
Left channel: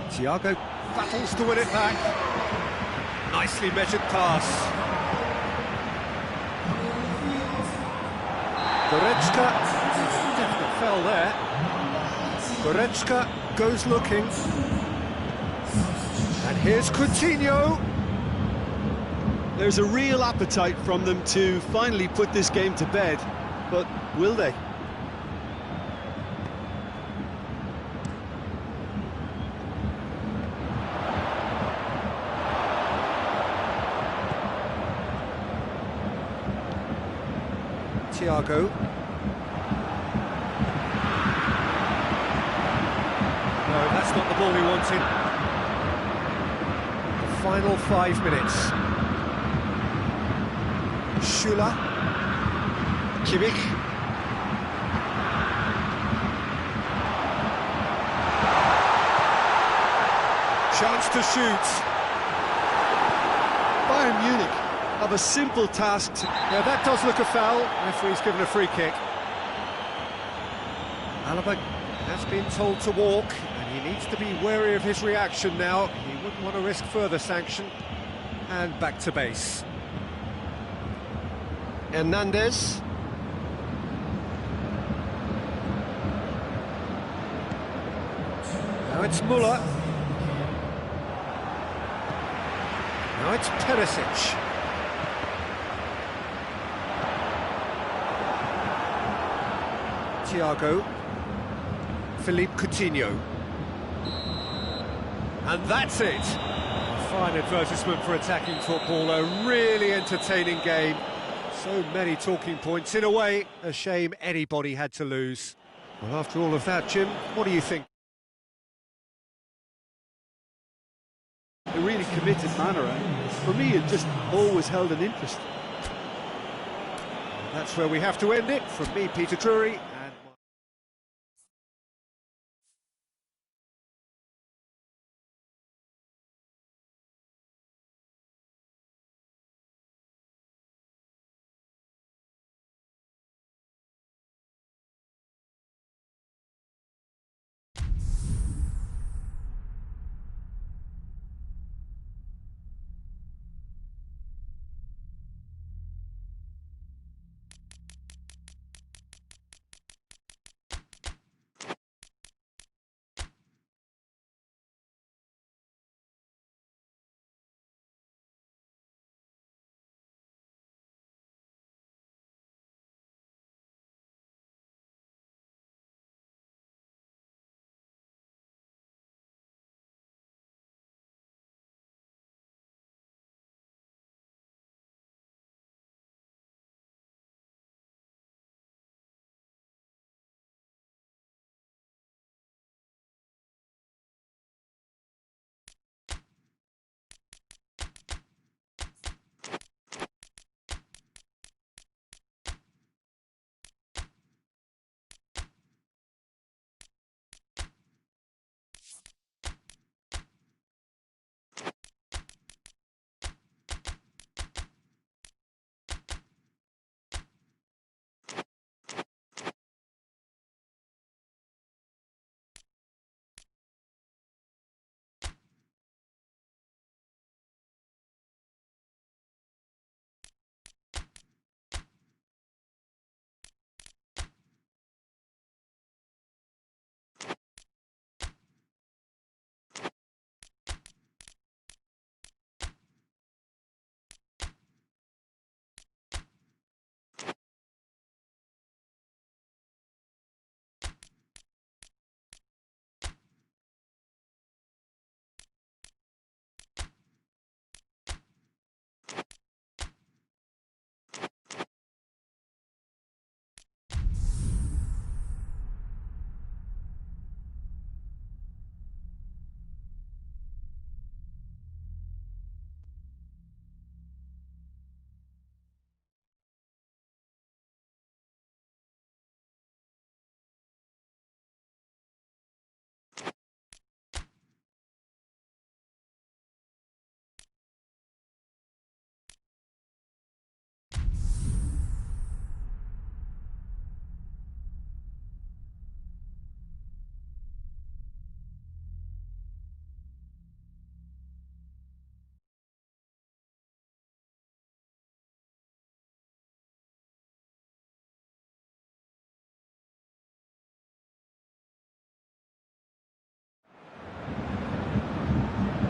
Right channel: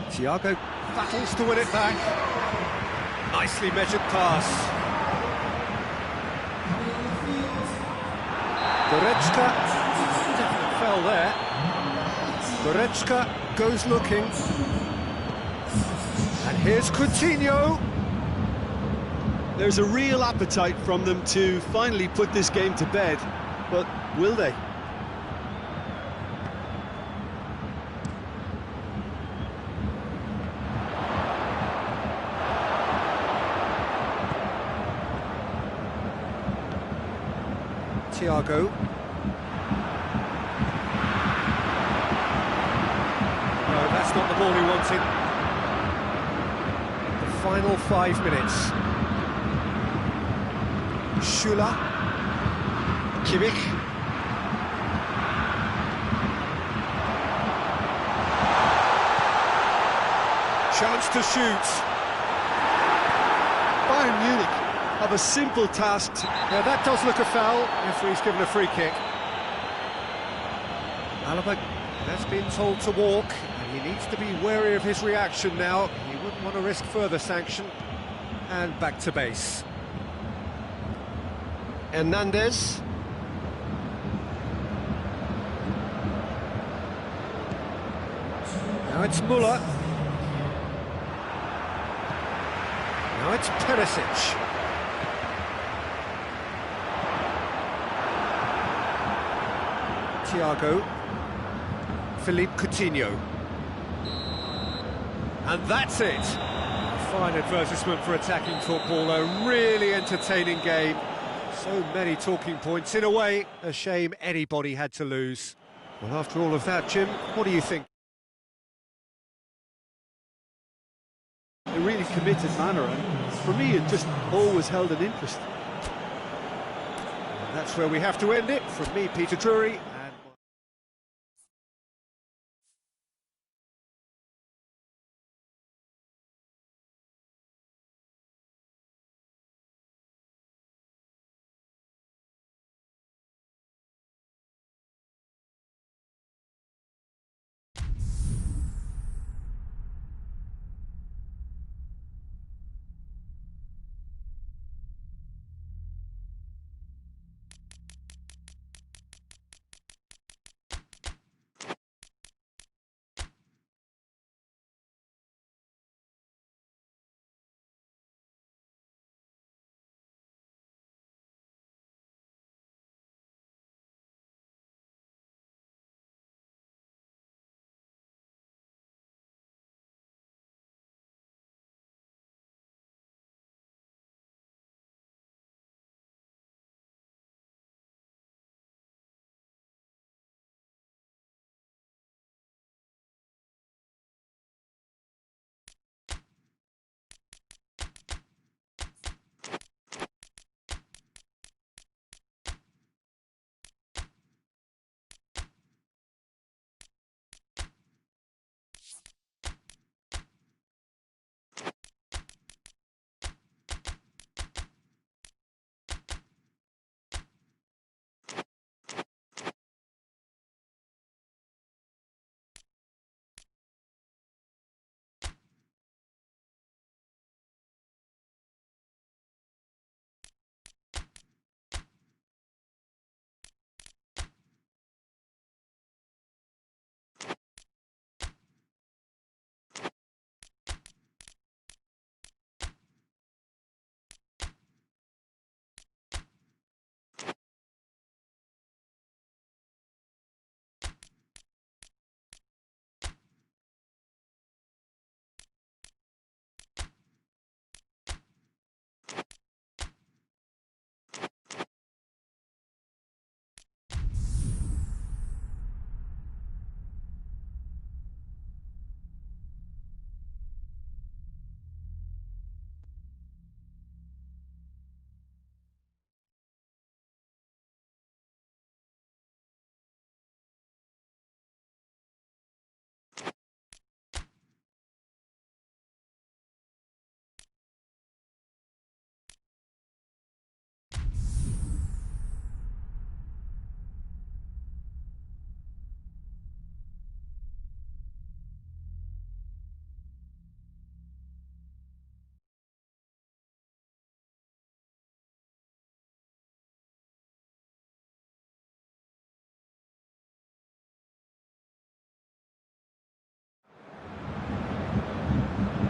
Thiago battles to win it back. Nicely measured pass. Goretzka, definite foul there. Goretzka goes looking. And here's Coutinho. There's a real appetite from them to finally put this game to bed, but will they? Thiago. No, that's not the ball he wanted. The final 5 minutes. Schüller, Kimmich, chance to shoot. Bayern Munich have a simple task. Yeah, that does look a foul. Referee's given a free kick. Alaba has been told to walk, and he needs to be wary of his reaction now. He wouldn't want to risk further sanction. And back to base. Hernandez. Now it's Muller. Now it's Perisic. Thiago. Philippe Coutinho. And that's it. A fine advertisement for attacking football, a really entertaining game. So many talking points. In a way, a shame anybody had to lose. Well, after all of that, Jim, what do you think? A really committed manner, and for me it just always held an interest. That's where we have to end it. From me, Peter Drury.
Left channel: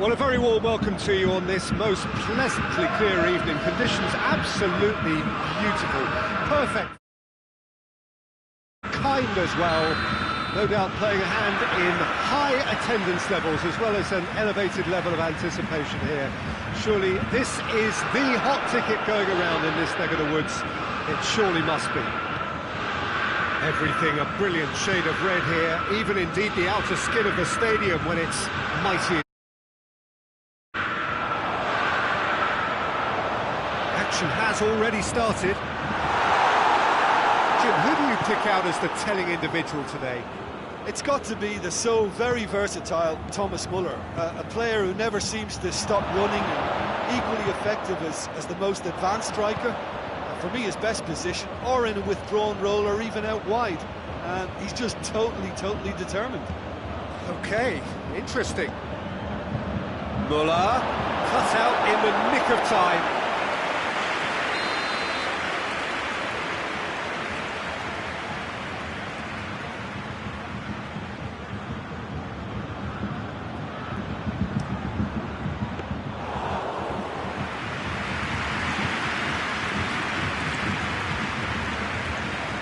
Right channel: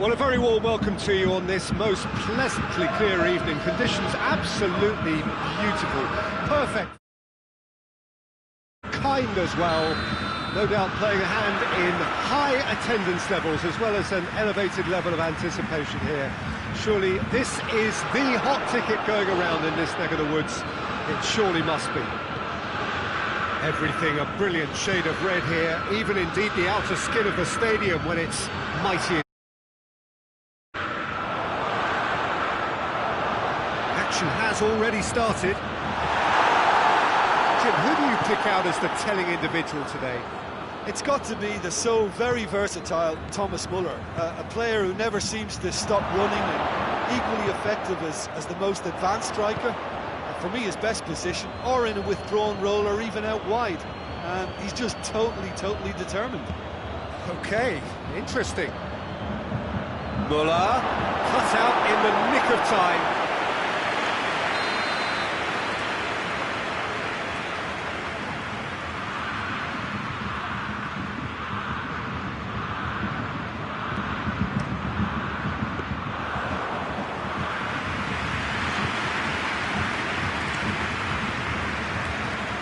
Well, a very warm welcome to you on this most pleasantly clear evening. Conditions absolutely beautiful, perfect, kind as well. No doubt playing a hand in high attendance levels as well as an elevated level of anticipation here. Surely this is the hot ticket going around in this neck of the woods. It surely must be. Everything a brilliant shade of red here, even indeed the outer skin of the stadium when it's mighty. Action has already started. Jim, who do you pick out as the telling individual today? It's got to be the so very versatile Thomas Muller, a player who never seems to stop running and equally effective as the most advanced striker. For me, his best position, or in a withdrawn role, or even out wide. and he's just totally determined. Okay, interesting. Muller, cut out in the nick of time.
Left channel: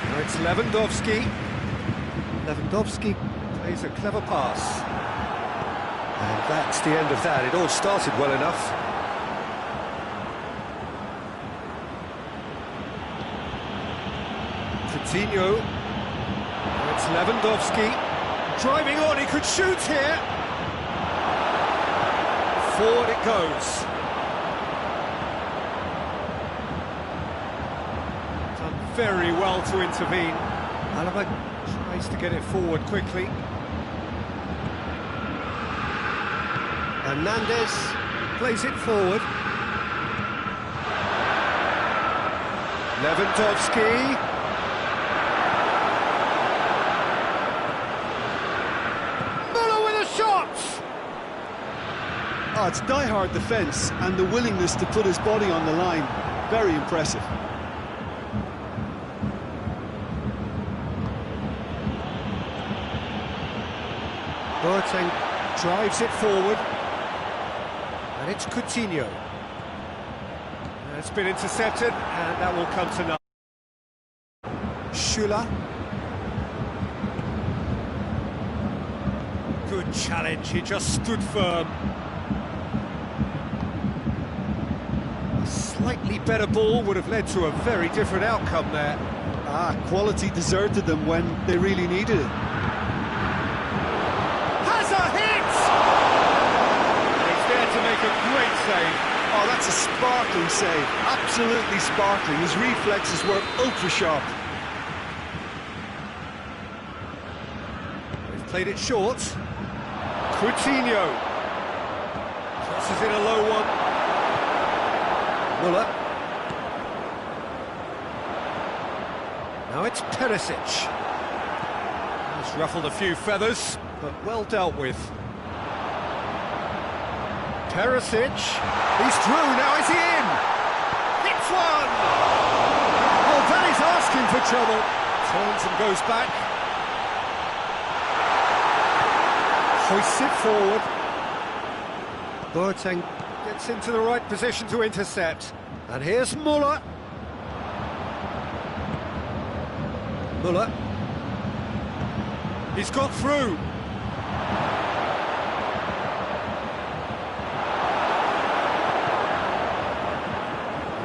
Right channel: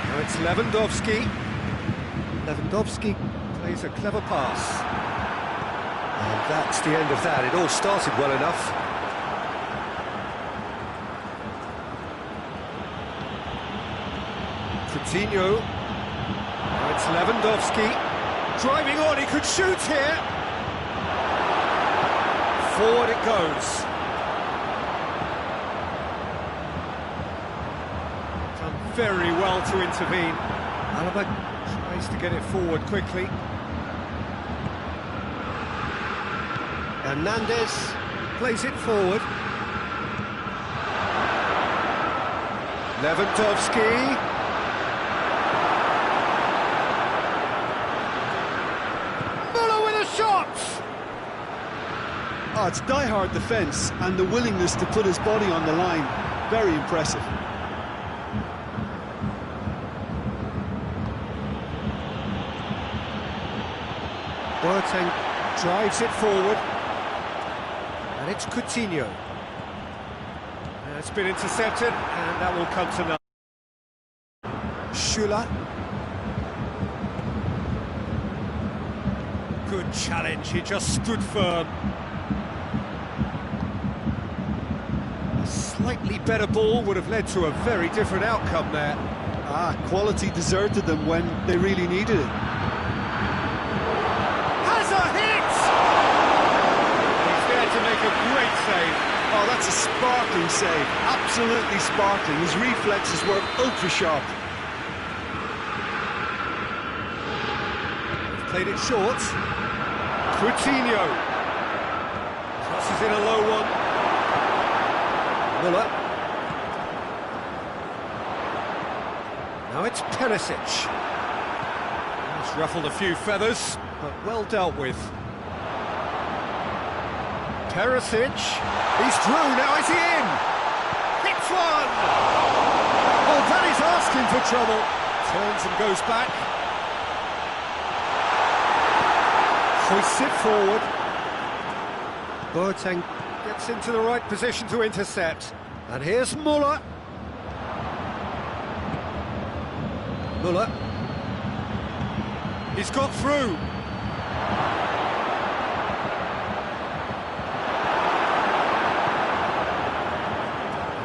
Now it's Lewandowski. Lewandowski plays a clever pass. And that's the end of that. It all started well enough. Coutinho. Now it's Lewandowski. Driving on, he could shoot here. Forward it goes. Done very well to intervene. Alaba tries to get it forward quickly. Hernandez plays it forward. Lewandowski. Muller with a shot! Oh, it's die-hard defence and the willingness to put his body on the line. Very impressive. Boateng drives it forward. And it's Coutinho. It's been intercepted, and that will come to nothing. Schüller. Good challenge, he just stood firm. A slightly better ball would have led to a very different outcome there. Quality deserted them when they really needed it. Has a hit! To make a great save. Oh, that's a sparkling save. Absolutely sparkling. His reflexes were ultra sharp. They've played it short. Coutinho crosses in a low one. Muller. Now it's Perisic. He's ruffled a few feathers, but well dealt with. Perisic, he's through, now is he in? Hits one! Oh, that is asking for trouble. Turns and goes back. Hoists it forward. Boateng gets into the right position to intercept. And here's Muller. Muller. He's got through.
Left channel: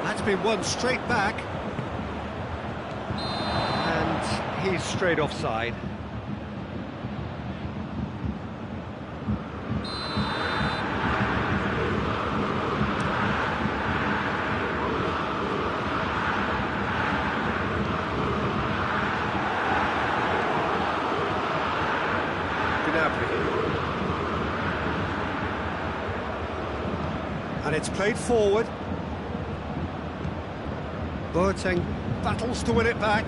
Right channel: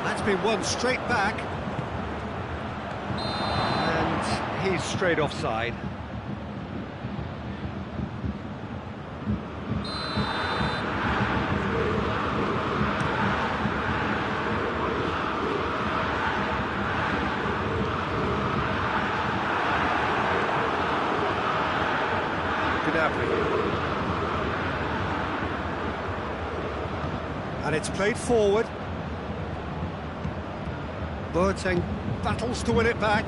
That's been won straight back. And he's straight offside. And it's played forward. Boateng battles to win it back.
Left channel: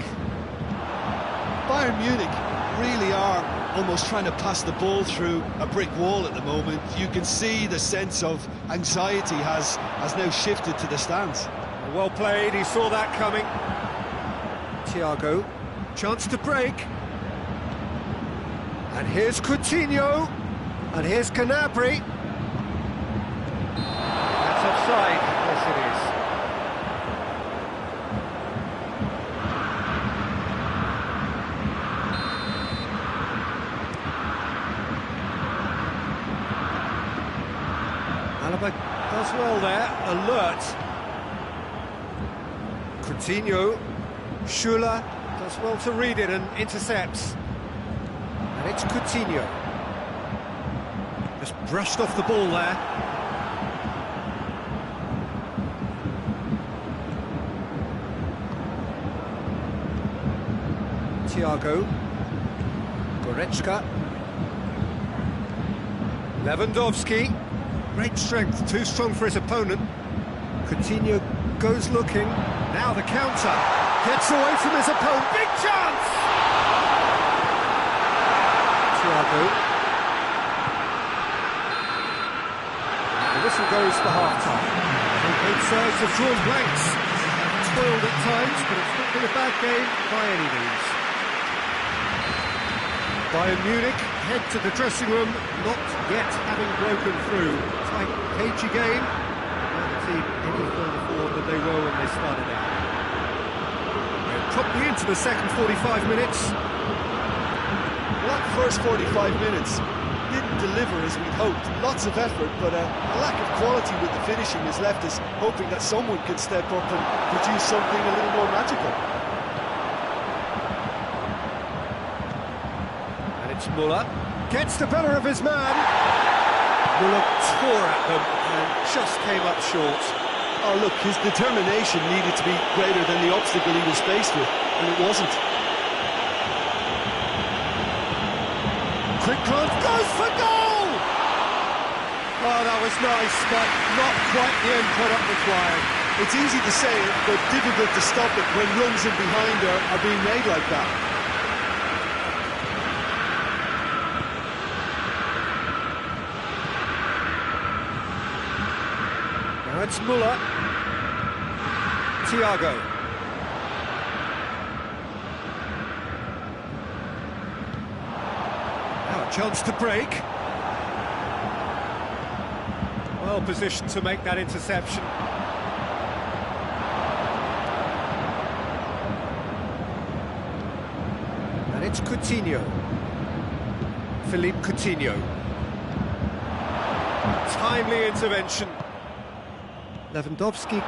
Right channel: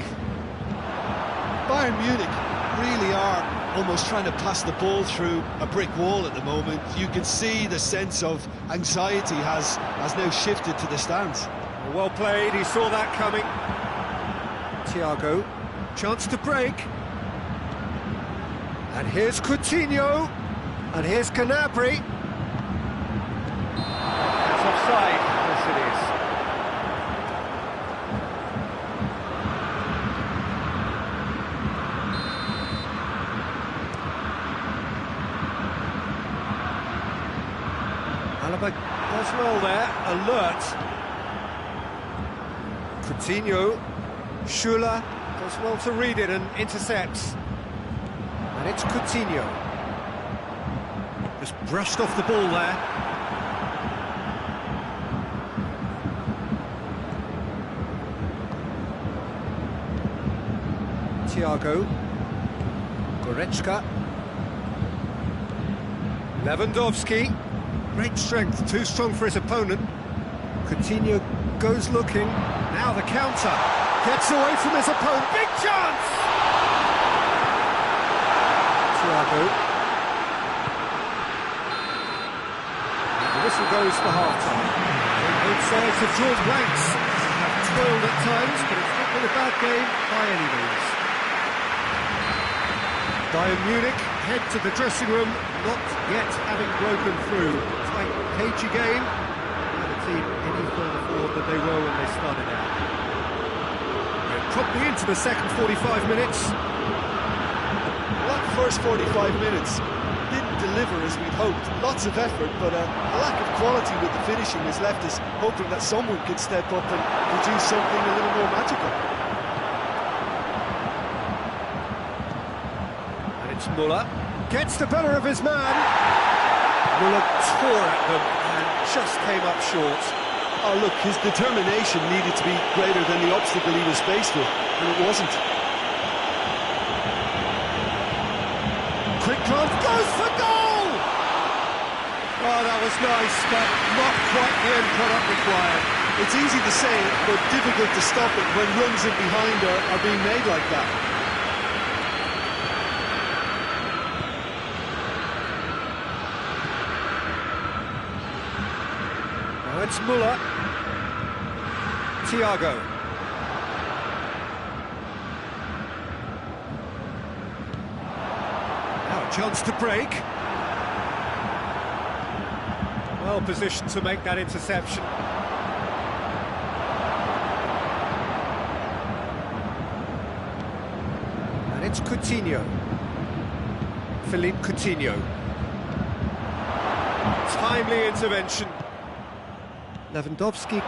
Bayern Munich really are almost trying to pass the ball through a brick wall at the moment. You can see the sense of anxiety has now shifted to the stands. Well played, he saw that coming. Thiago, chance to break. And here's Coutinho. And here's Gnabry. That's offside. Yes, it is. Alaba does well there, alert. Coutinho, Schüller does well to read it and intercepts. And it's Coutinho. Just brushed off the ball there. Thiago. Goretzka. Lewandowski. Great strength, too strong for his opponent. Coutinho goes looking. Now the counter. Gets away from his opponent. Big chance! Thiago. And the whistle goes for half-time. Both sides have drawn blanks. They have toiled at times, but it's not been a bad game by any means. Bayern Munich head to the dressing room, not yet having broken through. Tight, cagey game. Now the team any further forward than they were when they started out. We're promptly into the second 45 minutes. Well, that first 45 minutes didn't deliver as we'd hoped. Lots of effort, but a lack of quality with the finishing has left us hoping that someone could step up and produce something a little more magical. And it's Müller. Gets the better of his man. Müller tore at them and just came up short. Oh, look, his determination needed to be greater than the obstacle he was faced with, and it wasn't. Quick glance, goes for goal! Oh, that was nice, but not quite the end product required. It's easy to say it, but difficult to stop it when runs in behind are being made like that. Now it's Müller. Thiago. Now a chance to break. Well positioned to make that interception. And it's Coutinho. Philippe Coutinho. Timely intervention. Lewandowski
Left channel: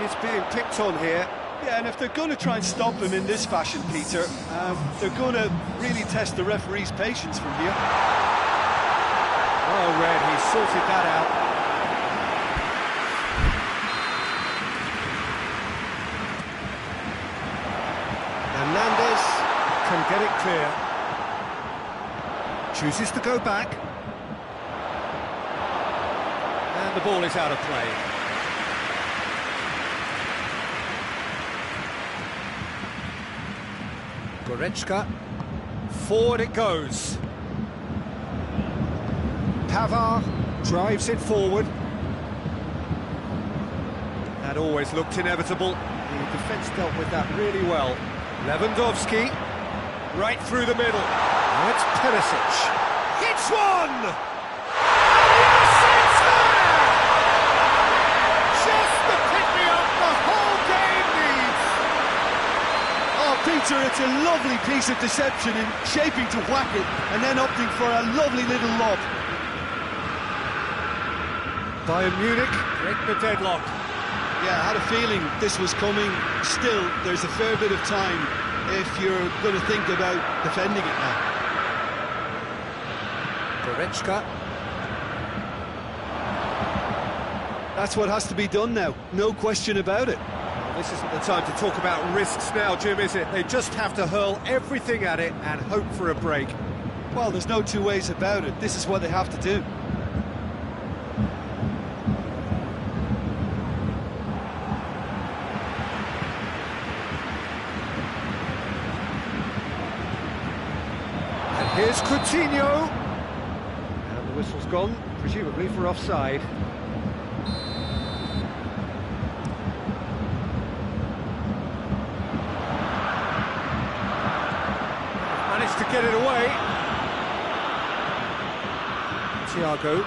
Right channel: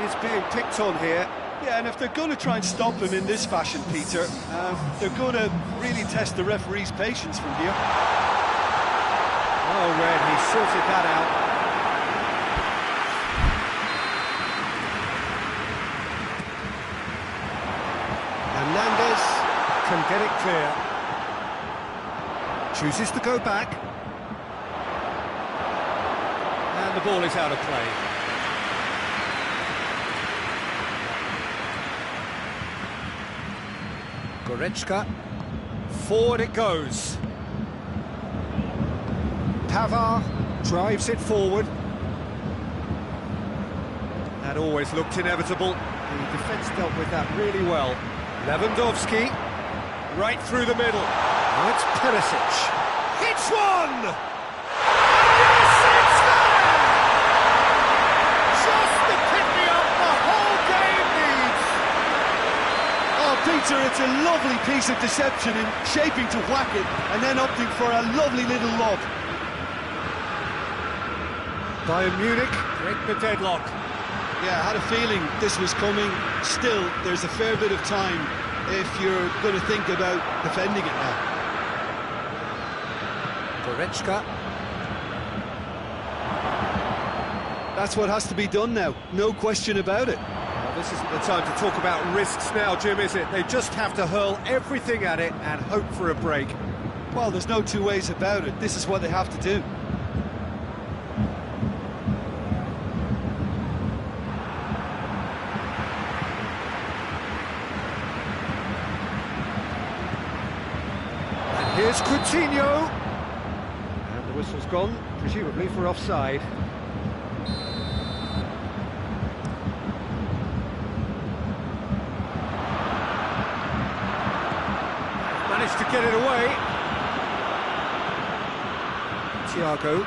He's being picked on here. Yeah, and if they're going to try and stop him in this fashion, Peter, they're going to really test the referee's patience from here. Well read, he sorted that out. Hernandez can get it clear. Chooses to go back. And the ball is out of play. Goretzka, forward it goes. Pavard drives it forward. That always looked inevitable. The defence dealt with that really well. Lewandowski, right through the middle. Now it's Perisic. Hits one! And yes, it's there! Just the pick-me-up the whole game needs. Oh, Peter, it's a lovely piece of deception in shaping to whack it and then opting for a lovely little lob. Bayern Munich break the deadlock. Yeah, I had a feeling this was coming. Still, there's a fair bit of time if you're going to think about defending it now. Goretzka. That's what has to be done now, no question about it. Well, this isn't the time to talk about risks now, Jim, is it? They just have to hurl everything at it and hope for a break. Well, there's no two ways about it. This is what they have to do. And here's Coutinho. And the whistle's gone, presumably for offside. Managed to get it away. Thiago.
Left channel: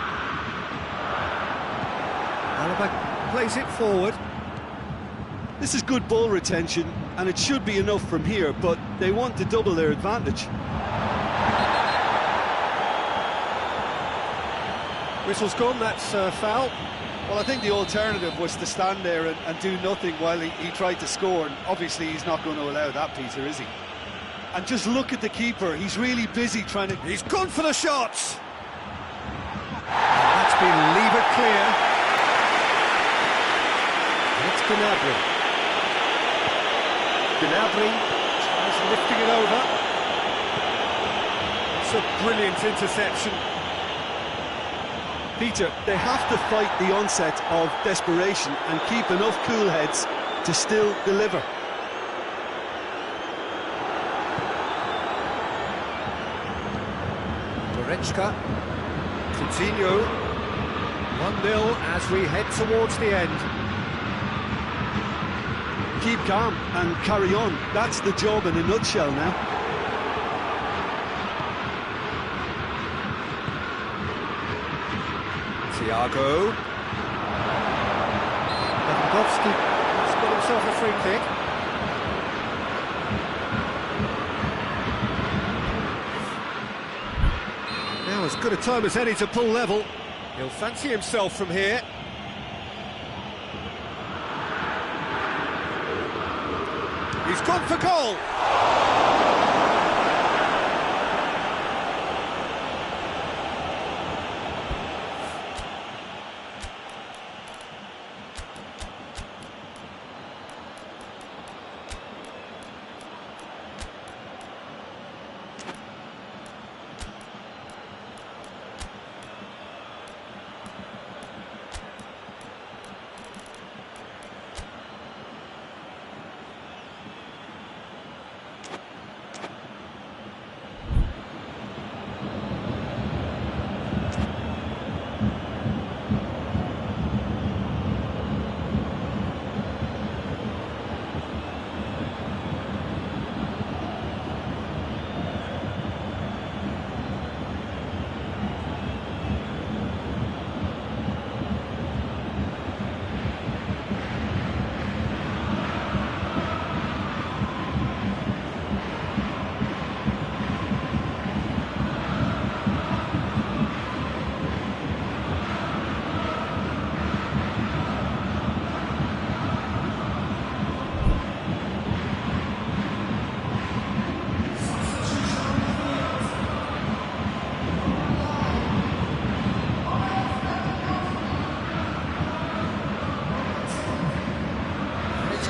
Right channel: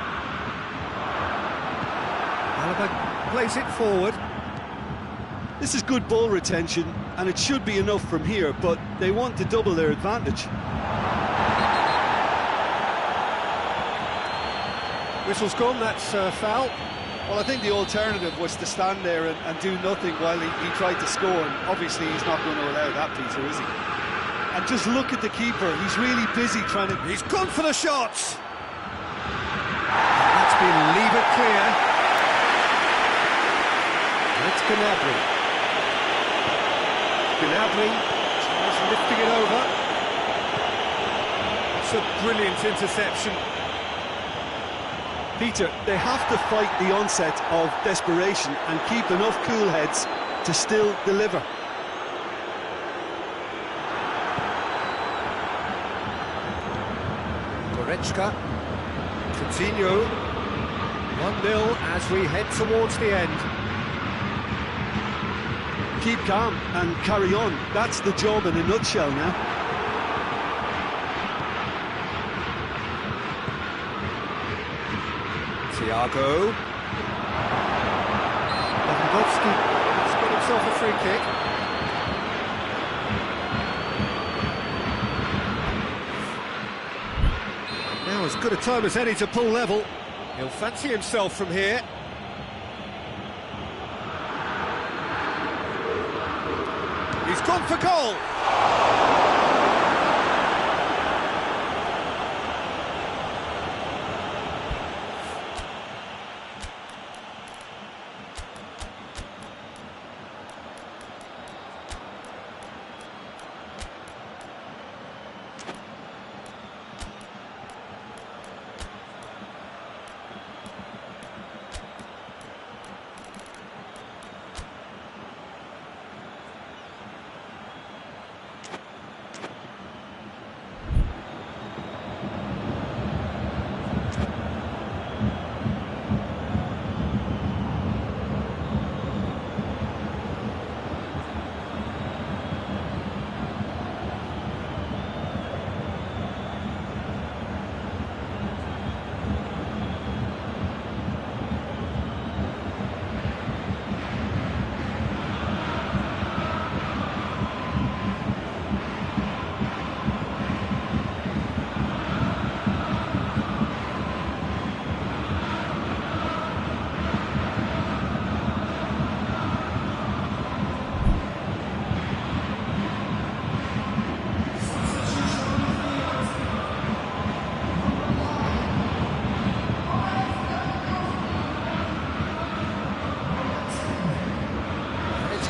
Alaba plays it forward. This is good ball retention, and it should be enough from here, but they want to double their advantage. Whistle's gone, that's foul. Well, I think the alternative was to stand there and do nothing while he tried to score, and obviously he's not going to allow that, Peter, is he? And just look at the keeper, he's really busy trying to... He's gone for the shots! And that's been levered clear. That's Gnabry. Gnabry tries lifting it over. It's a brilliant interception. Peter, they have to fight the onset of desperation and keep enough cool heads to still deliver. Goretzka. Coutinho. 1-0 as we head towards the end. Keep calm and carry on. That's the job in a nutshell now. Thiago. Lewandowski has got himself a free kick. Now as good a time as any to pull level. He'll fancy himself from here. He's gone for goal!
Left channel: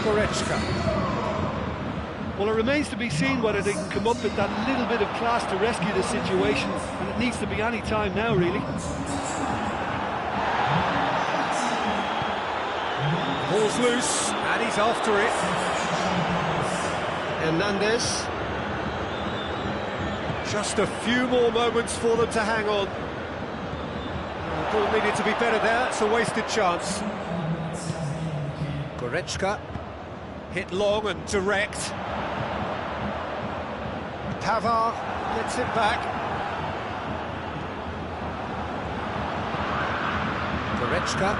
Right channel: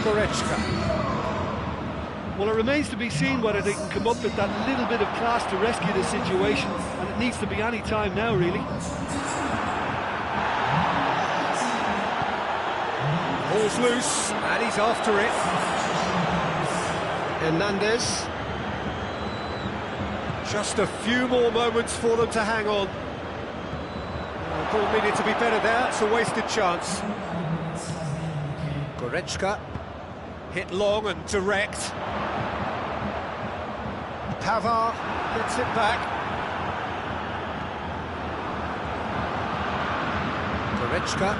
Goretzka. Well, it remains to be seen whether they can come up with that little bit of class to rescue the situation, and it needs to be any time now, really. Ball's loose, and he's after it. Hernandez. Just a few more moments for them to hang on. The ball needed to be better there, it's a wasted chance. Goretzka. Hit long and direct. Pavard gets it back. Goretzka.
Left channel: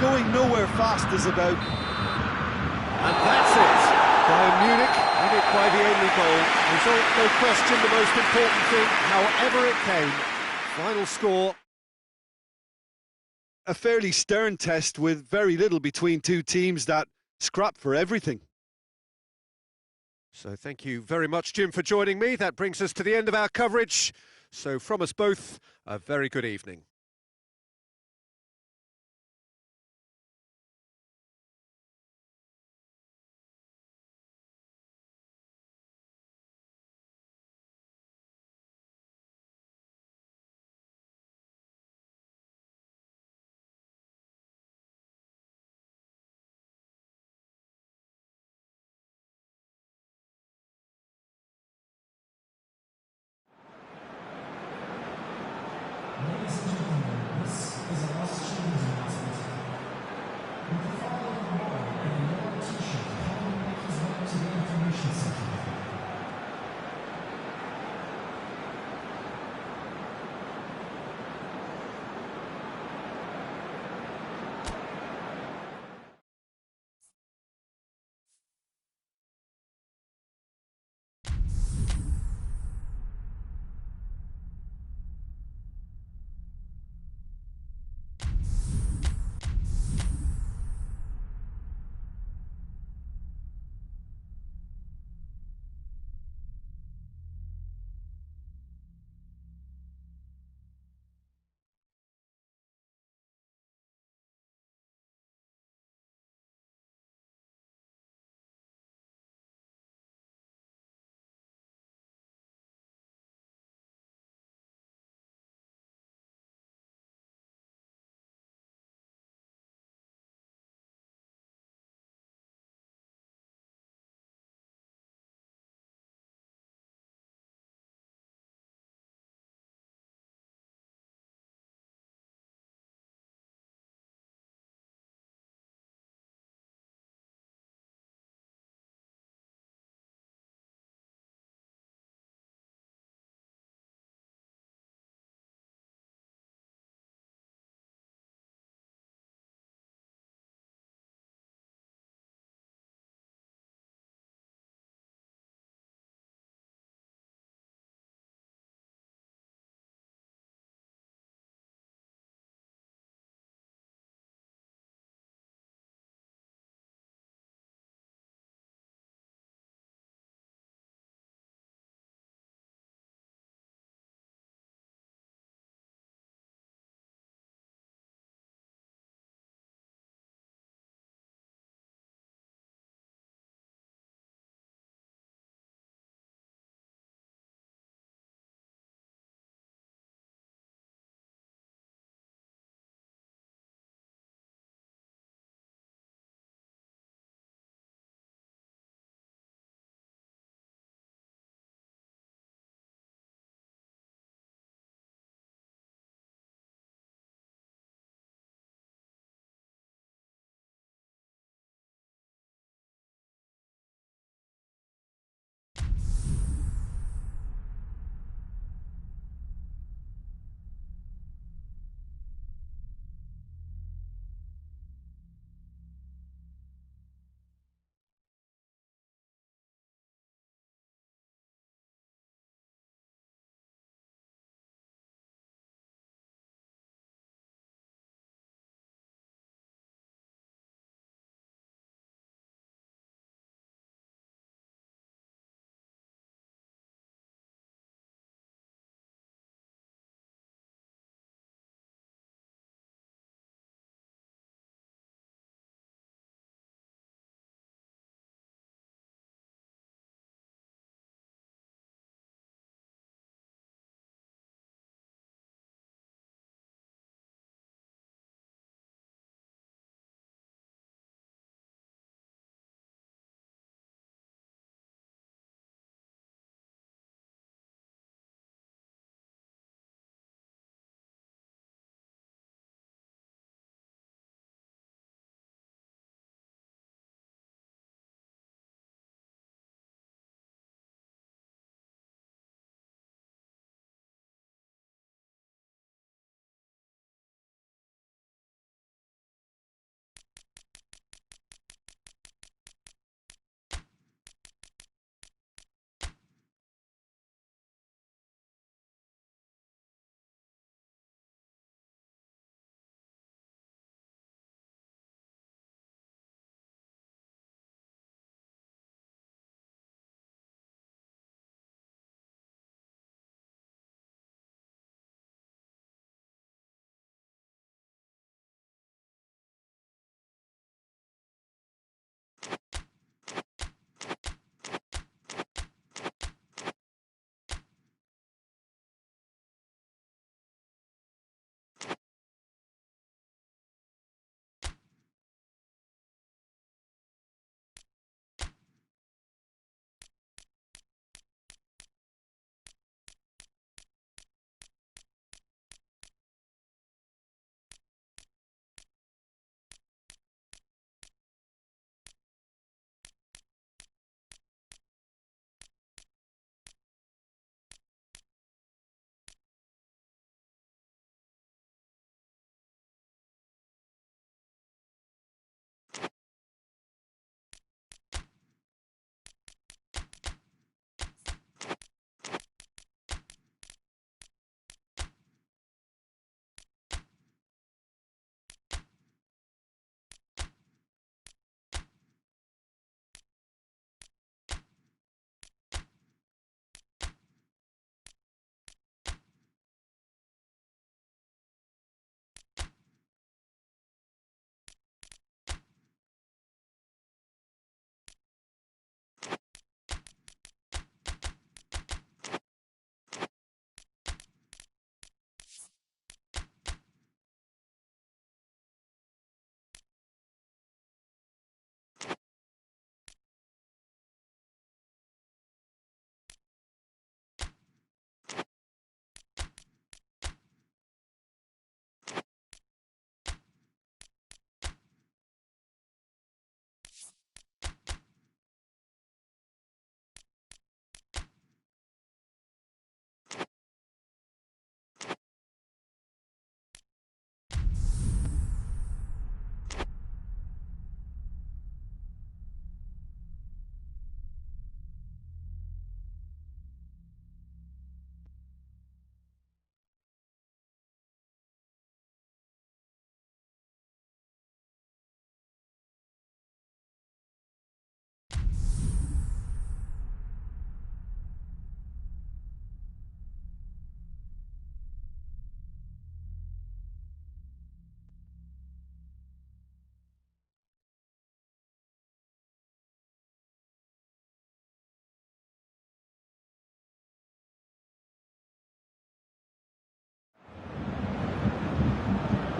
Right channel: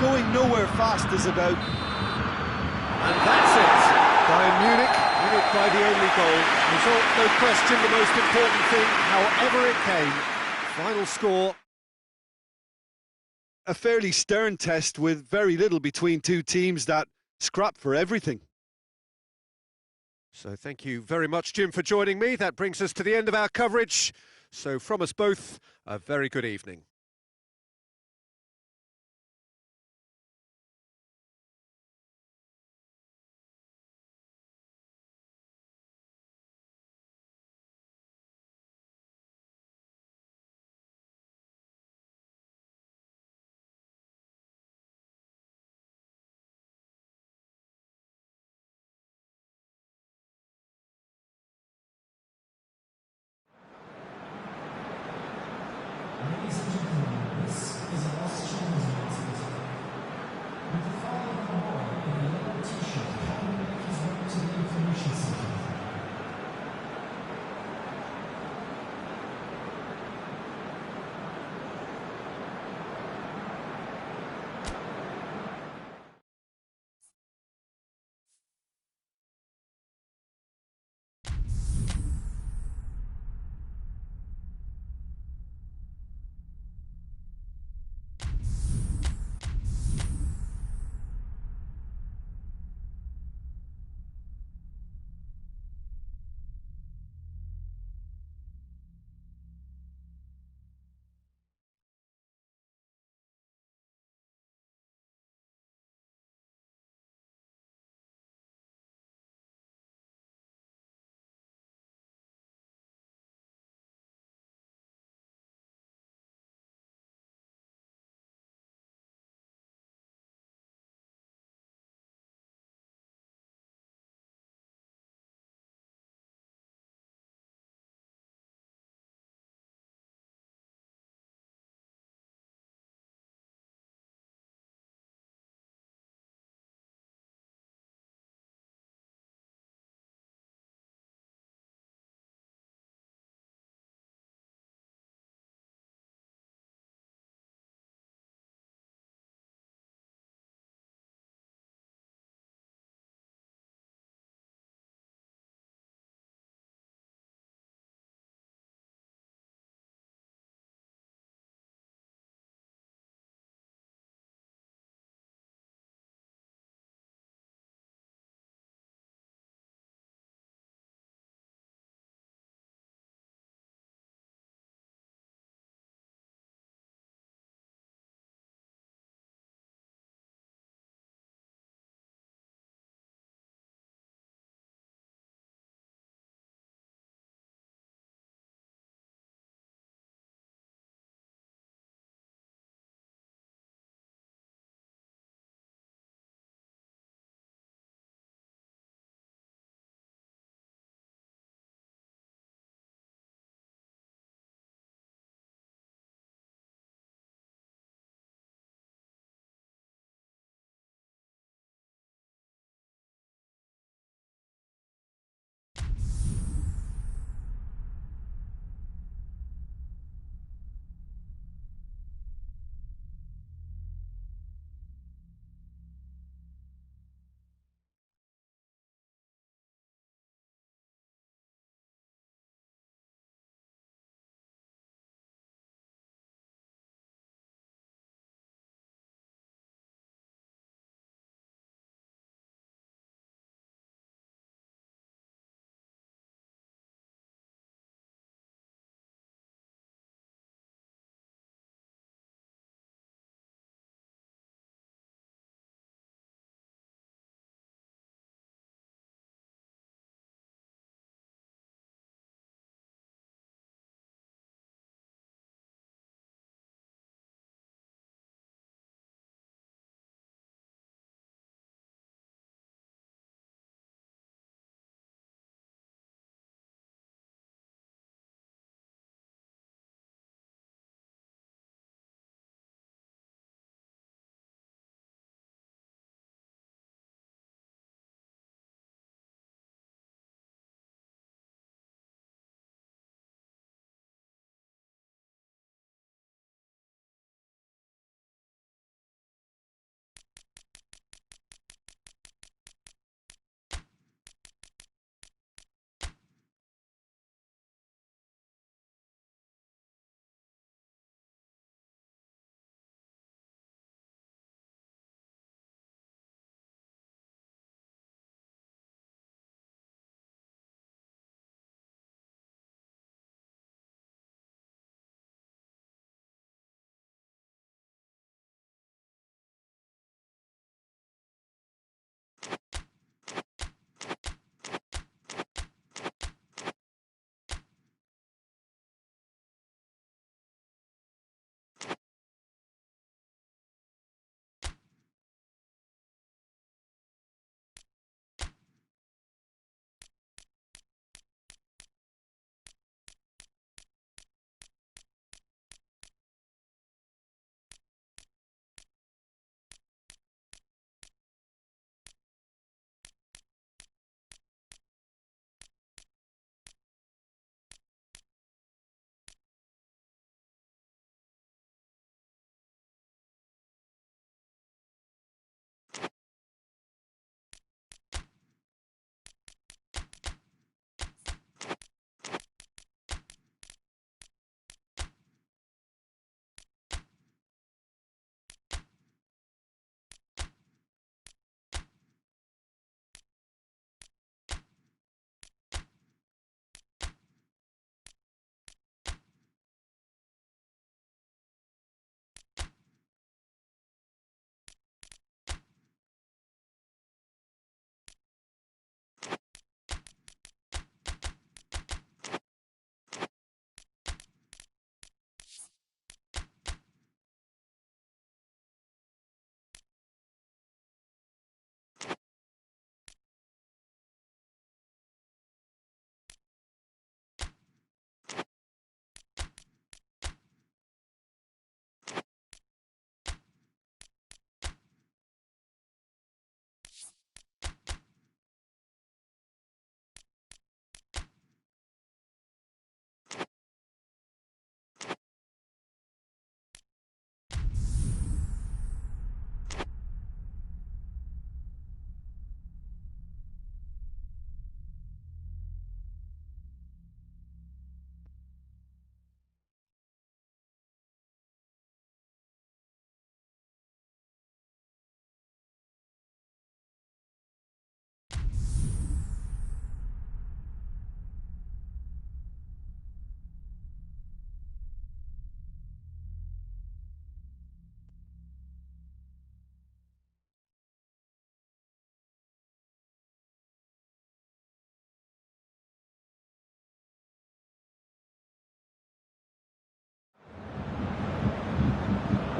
Going nowhere fast is about. And that's it. Bayern Munich win it by the only goal. Result, no question, the most important thing, however it came. Final score. A fairly stern test with very little between two teams that scrap for everything. So thank you very much, Jim, for joining me. That brings us to the end of our coverage. So from us both, a very good evening.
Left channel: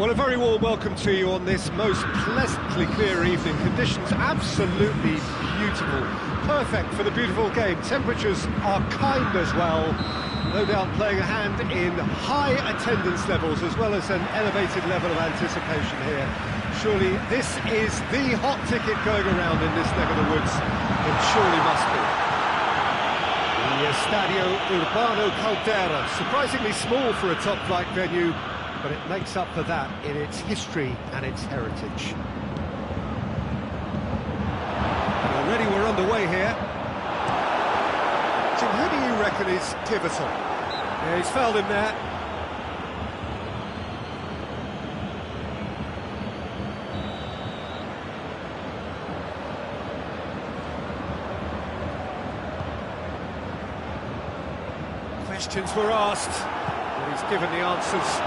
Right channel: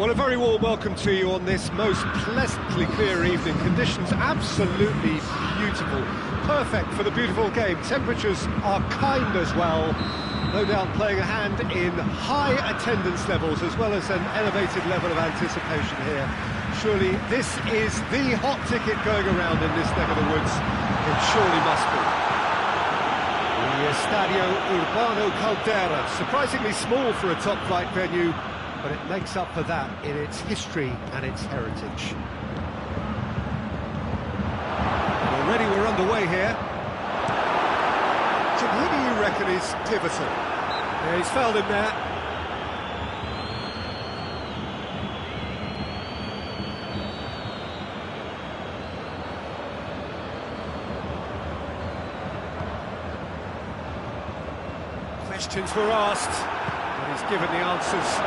Well, a very warm welcome to you on this most pleasantly clear evening. Conditions absolutely beautiful. Perfect for the beautiful game. Temperatures are kind as well. No doubt playing a hand in high attendance levels as well as an elevated level of anticipation here. Surely this is the hot ticket going around in this neck of the woods. It surely must be. The Estadio Urbano Caldera, surprisingly small for a top-flight venue, but it makes up for that in its history and its heritage. And already we're underway here. Jim, who do you reckon is pivotal? Yeah, he's fouled him there. Questions were asked, but he's given the answers.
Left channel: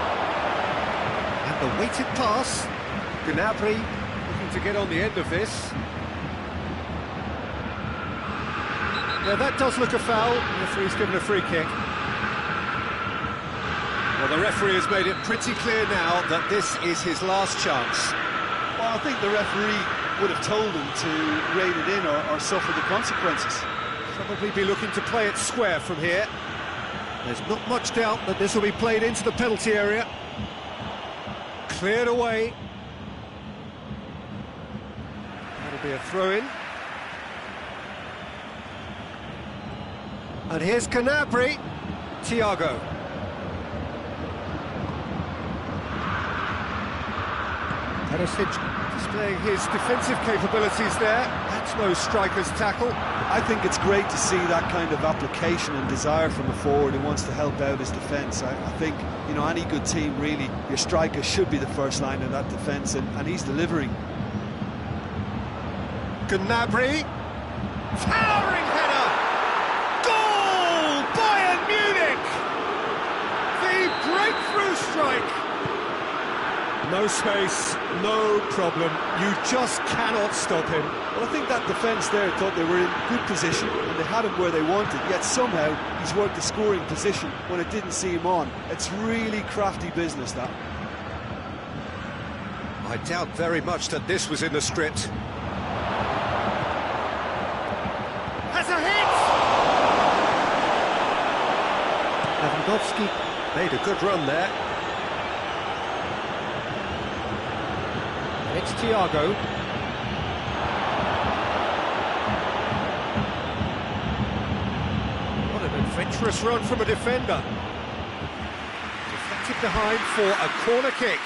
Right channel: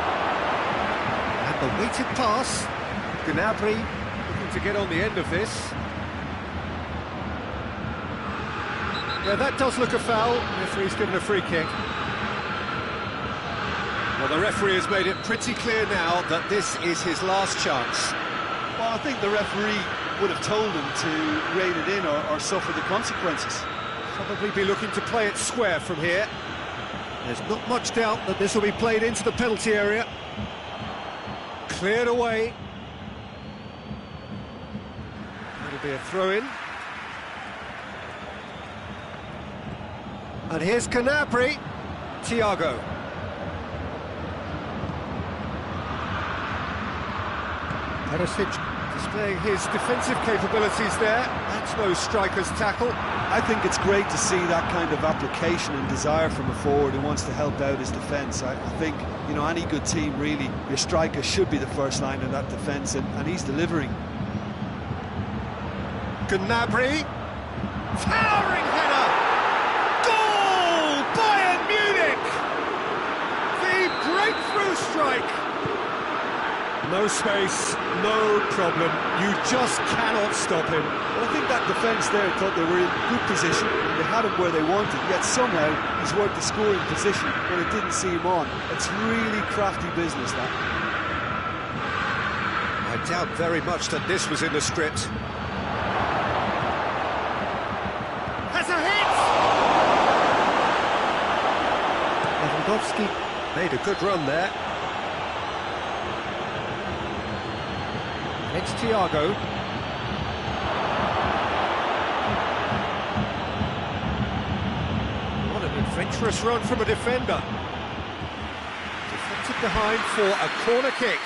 And the weighted pass. Gnabry looking to get on the end of this. Yeah, that does look a foul. The referee's given a free kick. Well, the referee has made it pretty clear now that this is his last chance. Well, I think the referee would have told him to rein it in or suffer the consequences. Probably be looking to play it square from here. There's not much doubt that this will be played into the penalty area. Cleared away. That'll be a throw-in. And here's Gnabry. Thiago. Perisic displaying his defensive capabilities there. That's no striker's tackle. I think it's great to see that kind of application and desire from a forward who wants to help out his defence. I think, you know, any good team, really, your striker should be the first line of that defence, and he's delivering. Gnabry. Towering header! Goal! Bayern Munich! The breakthrough strike! No space, no problem. You just cannot stop him. Well, I think that defence there thought they were in good position and they had him where they wanted, yet somehow he's worked the scoring position when it didn't see him on. It's really crafty business, that. I doubt very much that this was in the script. Has a hit! Lewandowski made a good run there. It's Thiago. What an adventurous run from a defender. Deflected behind for a corner kick.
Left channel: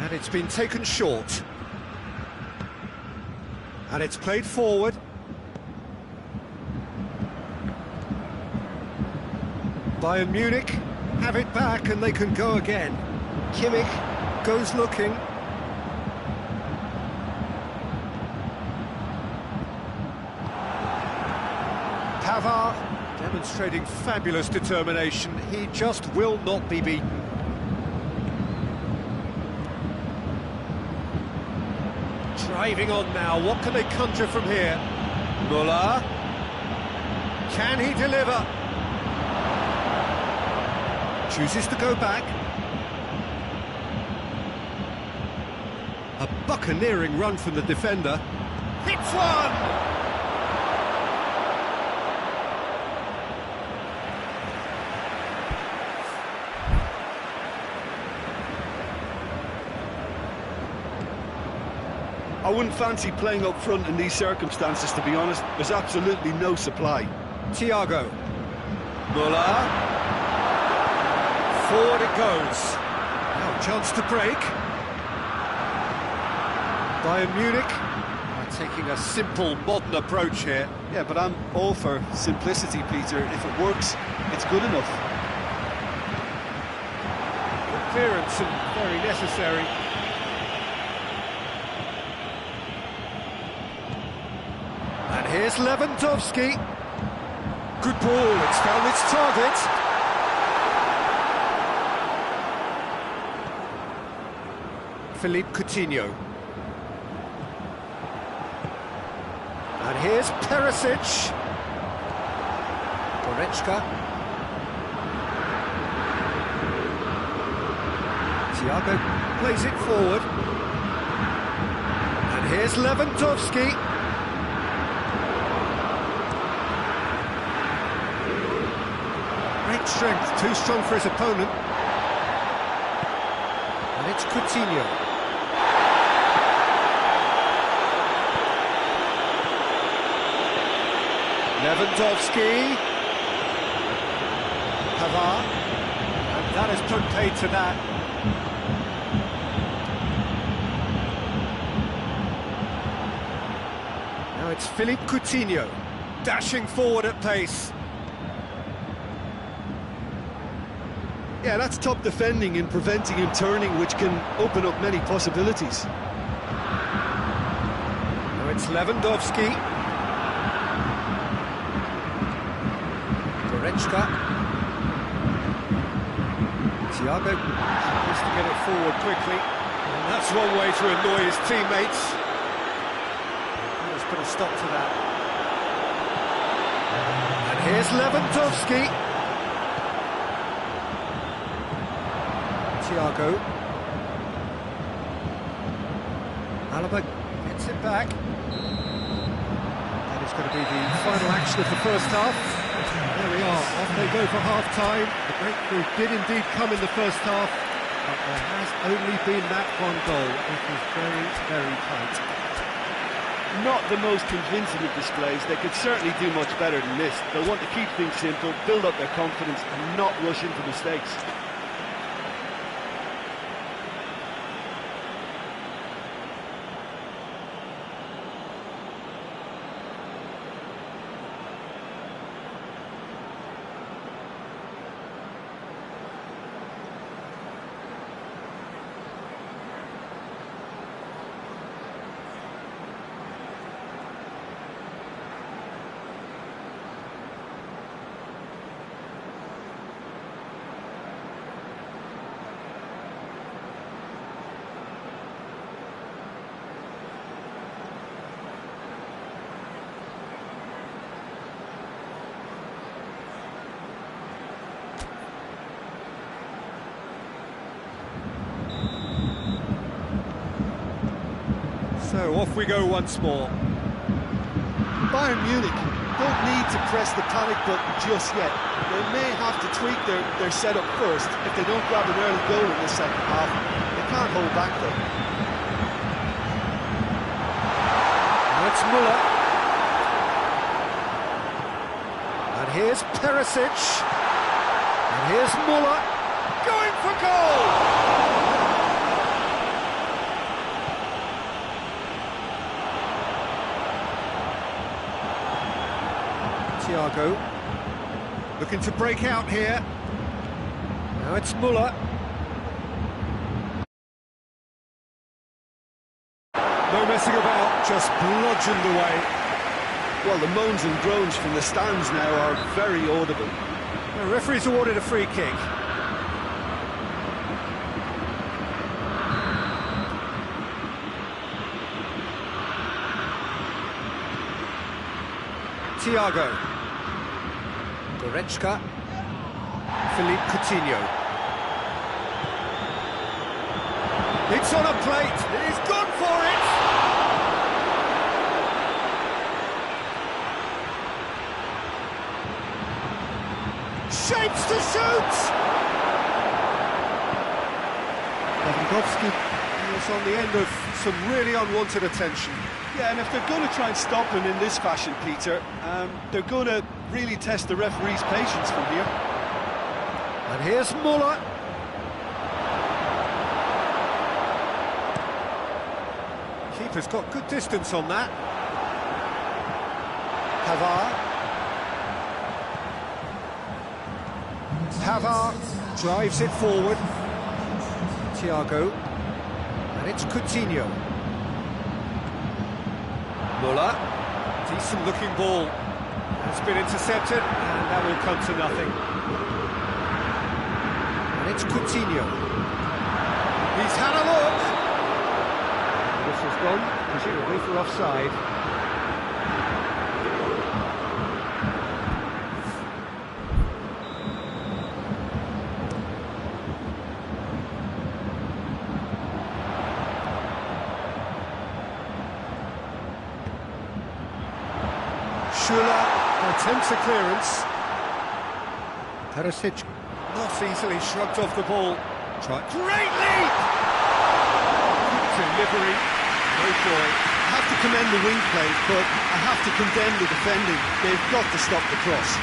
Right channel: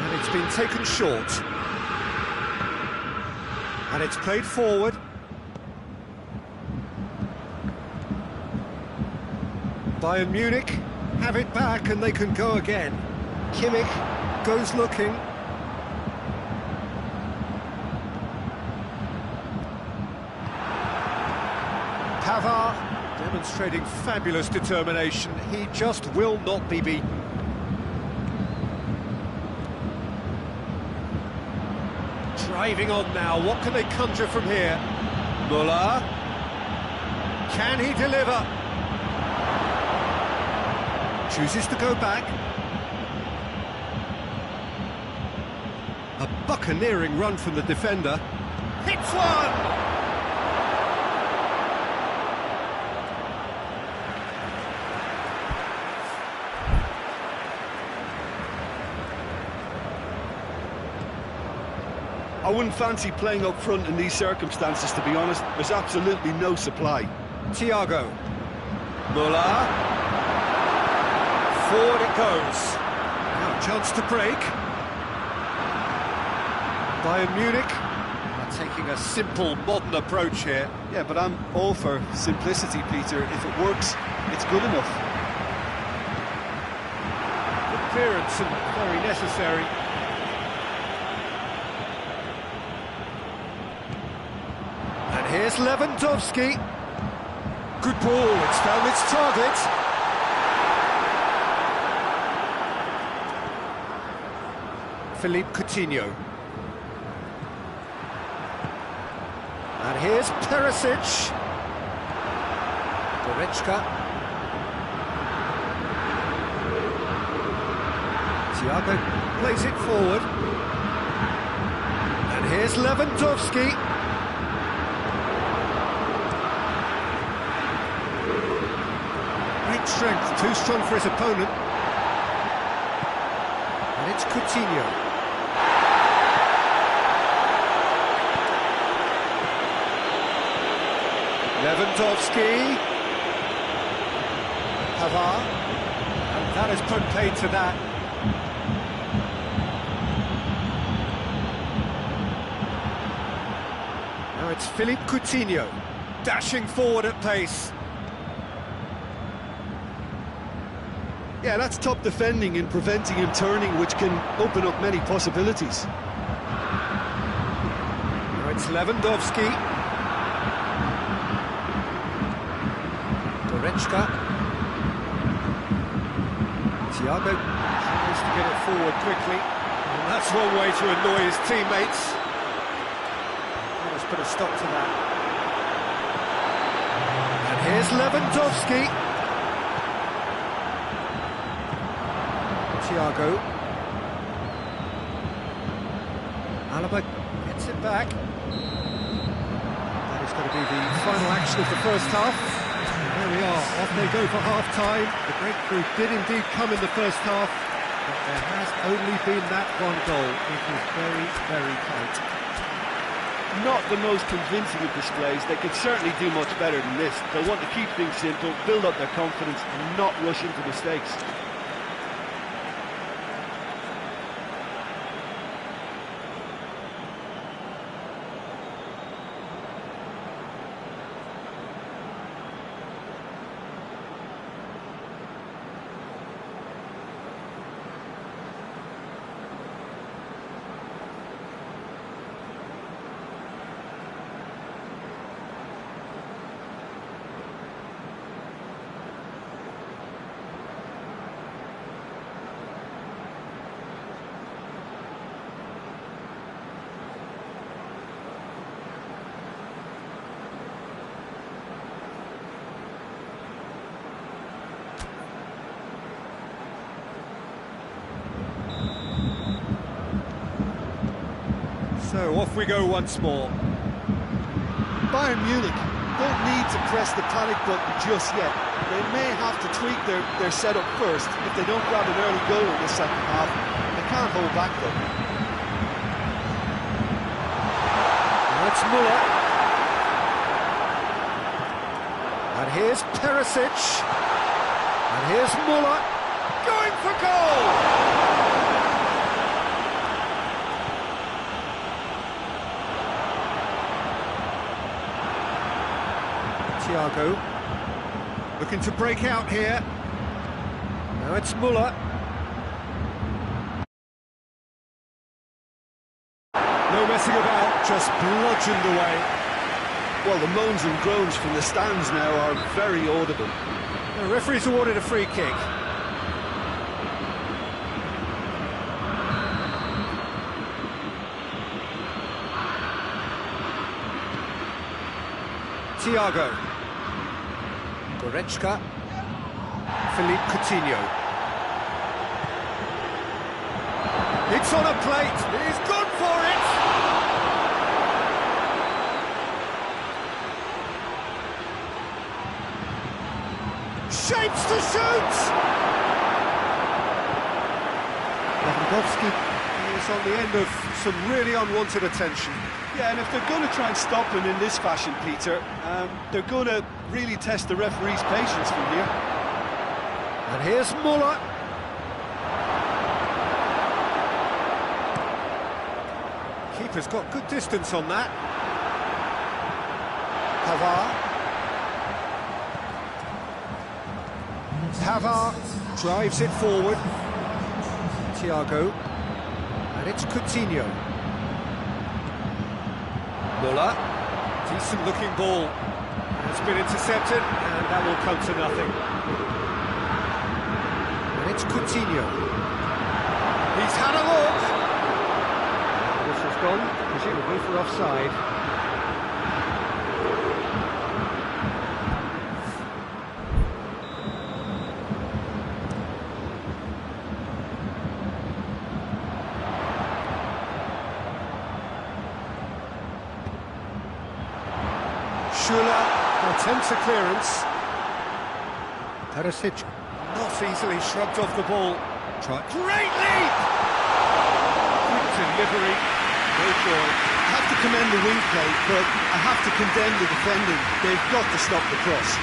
And it's been taken short. And it's played forward. Bayern Munich have it back and they can go again. Kimmich goes looking. Pavard demonstrating fabulous determination. He just will not be beaten. Driving on now, what can they conjure from here? Müller. Can he deliver? Chooses to go back. A buccaneering run from the defender. Hits one! I wouldn't fancy playing up front in these circumstances, to be honest. There's absolutely no supply. Thiago. Müller. Forward it goes. Now a chance to break. Bayern Munich are taking a simple, modern approach here. Yeah, but I'm all for simplicity, Peter. If it works, it's good enough. Good clearance and very necessary. And here's Lewandowski. Good ball, it's found its target. Philippe Coutinho. And here's Perisic. Goretzka. Thiago plays it forward. And here's Lewandowski. Great strength, too strong for his opponent. And it's Coutinho. Lewandowski. Pavard. And that has put paid to that. Now it's Philippe Coutinho, dashing forward at pace. Yeah, that's top defending and preventing him turning, which can open up many possibilities. Now it's Lewandowski. Goretzka. Thiago tries to get it forward quickly. And that's one way to annoy his teammates. Let's put a stop to that. And here's Lewandowski. Thiago. Alaba gets it back. That is going to be the final action of the first half. There we are, off they go for half-time. The breakthrough did indeed come in the first half, but there has only been that one goal. It is very, very tight. Not the most convincing of displays. They could certainly do much better than this. They'll want to keep things simple, build up their confidence and not rush into mistakes. So off we go once more. Bayern Munich don't need to press the panic button just yet. They may have to tweak their setup first if they don't grab an early goal in this second half. They can't hold back though. Now it's Muller. And here's Perisic. And here's Muller going for goal! Thiago looking to break out here. Now it's Muller. No messing about, just bludgeoned away. Well, the moans and groans from the stands now are very audible. The referee's awarded a free kick. Thiago. Goretzka. Philippe Coutinho. It's on a plate. He's gone for it. Shapes to shoot. Lewandowski. He is on the end of some really unwanted attention. Yeah, and if they're going to try and stop him in this fashion, Peter, they're going to really test the referee's patience from here. And here's Muller. Keeper's got good distance on that. Pavard drives it forward. Thiago. And it's Coutinho. Muller. Decent looking ball. Has been intercepted, and that will come to nothing. And it's Coutinho. He's had a look. And this has gone, presumably for offside. Schüller attempts a clearance. Perisic not easily shrugged off the ball. Great leap! Good delivery, no joy. I have to commend the wing play, but I have to condemn the defending. They've got to stop the cross.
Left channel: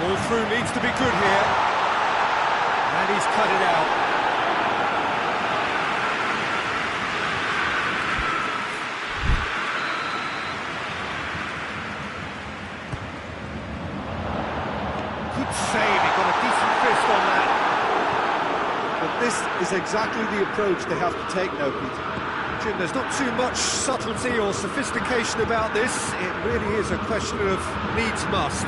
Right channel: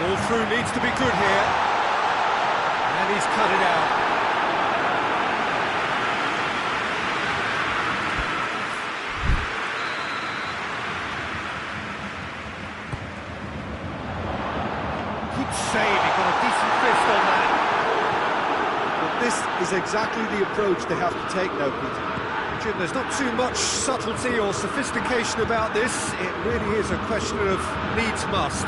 Ball through needs to be good here. And he's cut it out. Good save, he got a decent fist on that. But this is exactly the approach they have to take now, Peter. Jim, there's not too much subtlety or sophistication about this. It really is a question of needs must.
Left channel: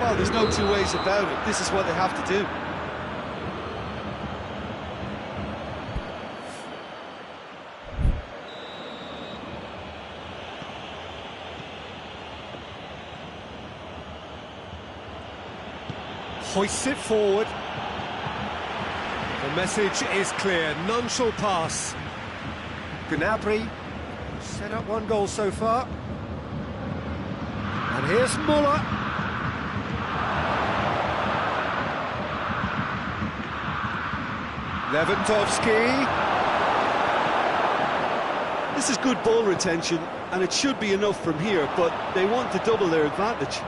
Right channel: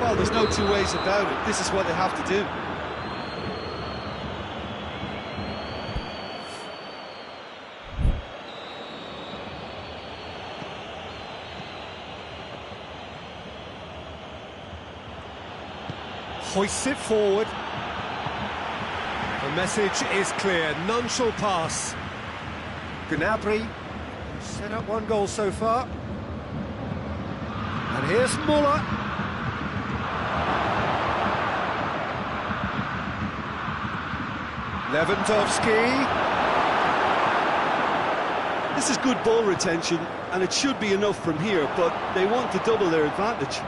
Well, there's no two ways about it. This is what they have to do. Hoists it forward. The message is clear, none shall pass. Gnabry set up one goal so far. And here's Muller. Lewandowski. This is good ball retention, and it should be enough from here, but they want to double their advantage.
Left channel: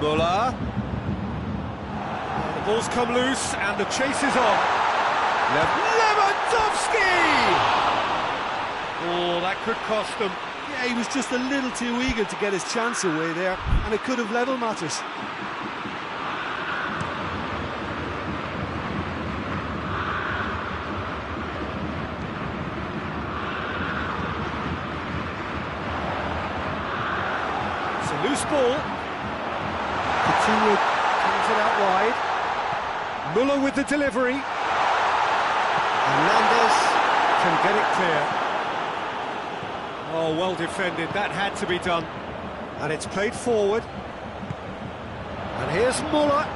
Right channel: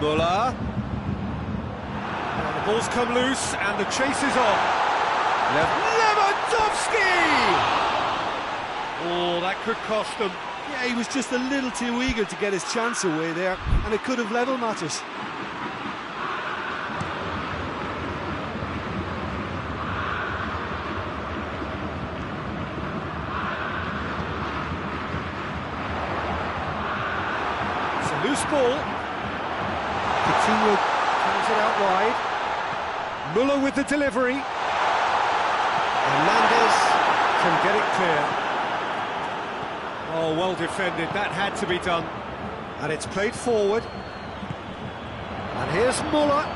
Muller. The ball's come loose and the chase is on. Lewandowski! Oh, that could cost them. Yeah, he was just a little too eager to get his chance away there, and it could have level matters. It's a loose ball. Coutinho comes it out wide. Muller with the delivery. Hernandez can get it clear. Oh, well defended. That had to be done. And it's played forward. And here's Muller.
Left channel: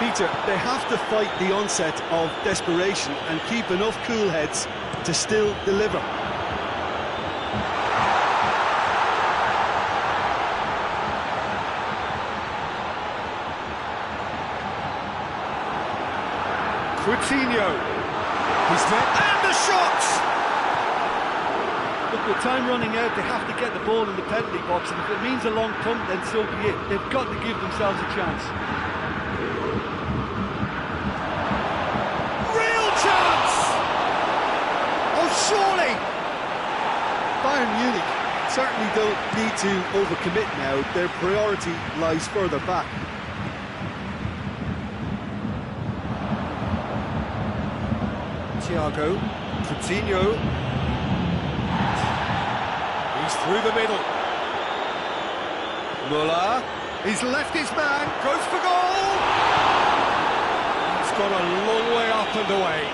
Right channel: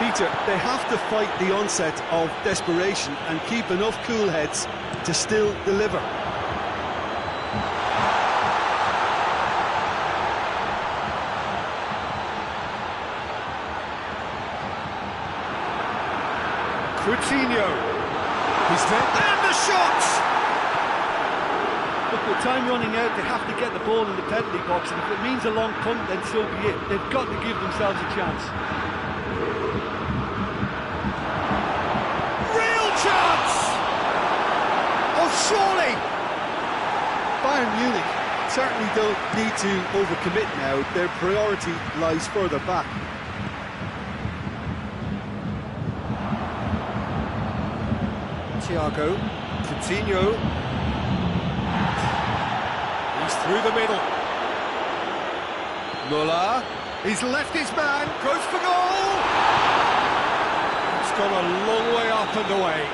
Peter, they have to fight the onset of desperation and keep enough cool heads to still deliver. Coutinho. He's there. And the shot! Look, with time running out, they have to get the ball in the penalty box, and if it means a long punt, then so be it. They've got to give themselves a chance. Real chance! Oh, surely! Bayern Munich certainly don't need to overcommit now. Their priority lies further back. Thiago, Coutinho. He's through the middle. Muller. He's left his man. Goes for goal. It's gone a long way up and away.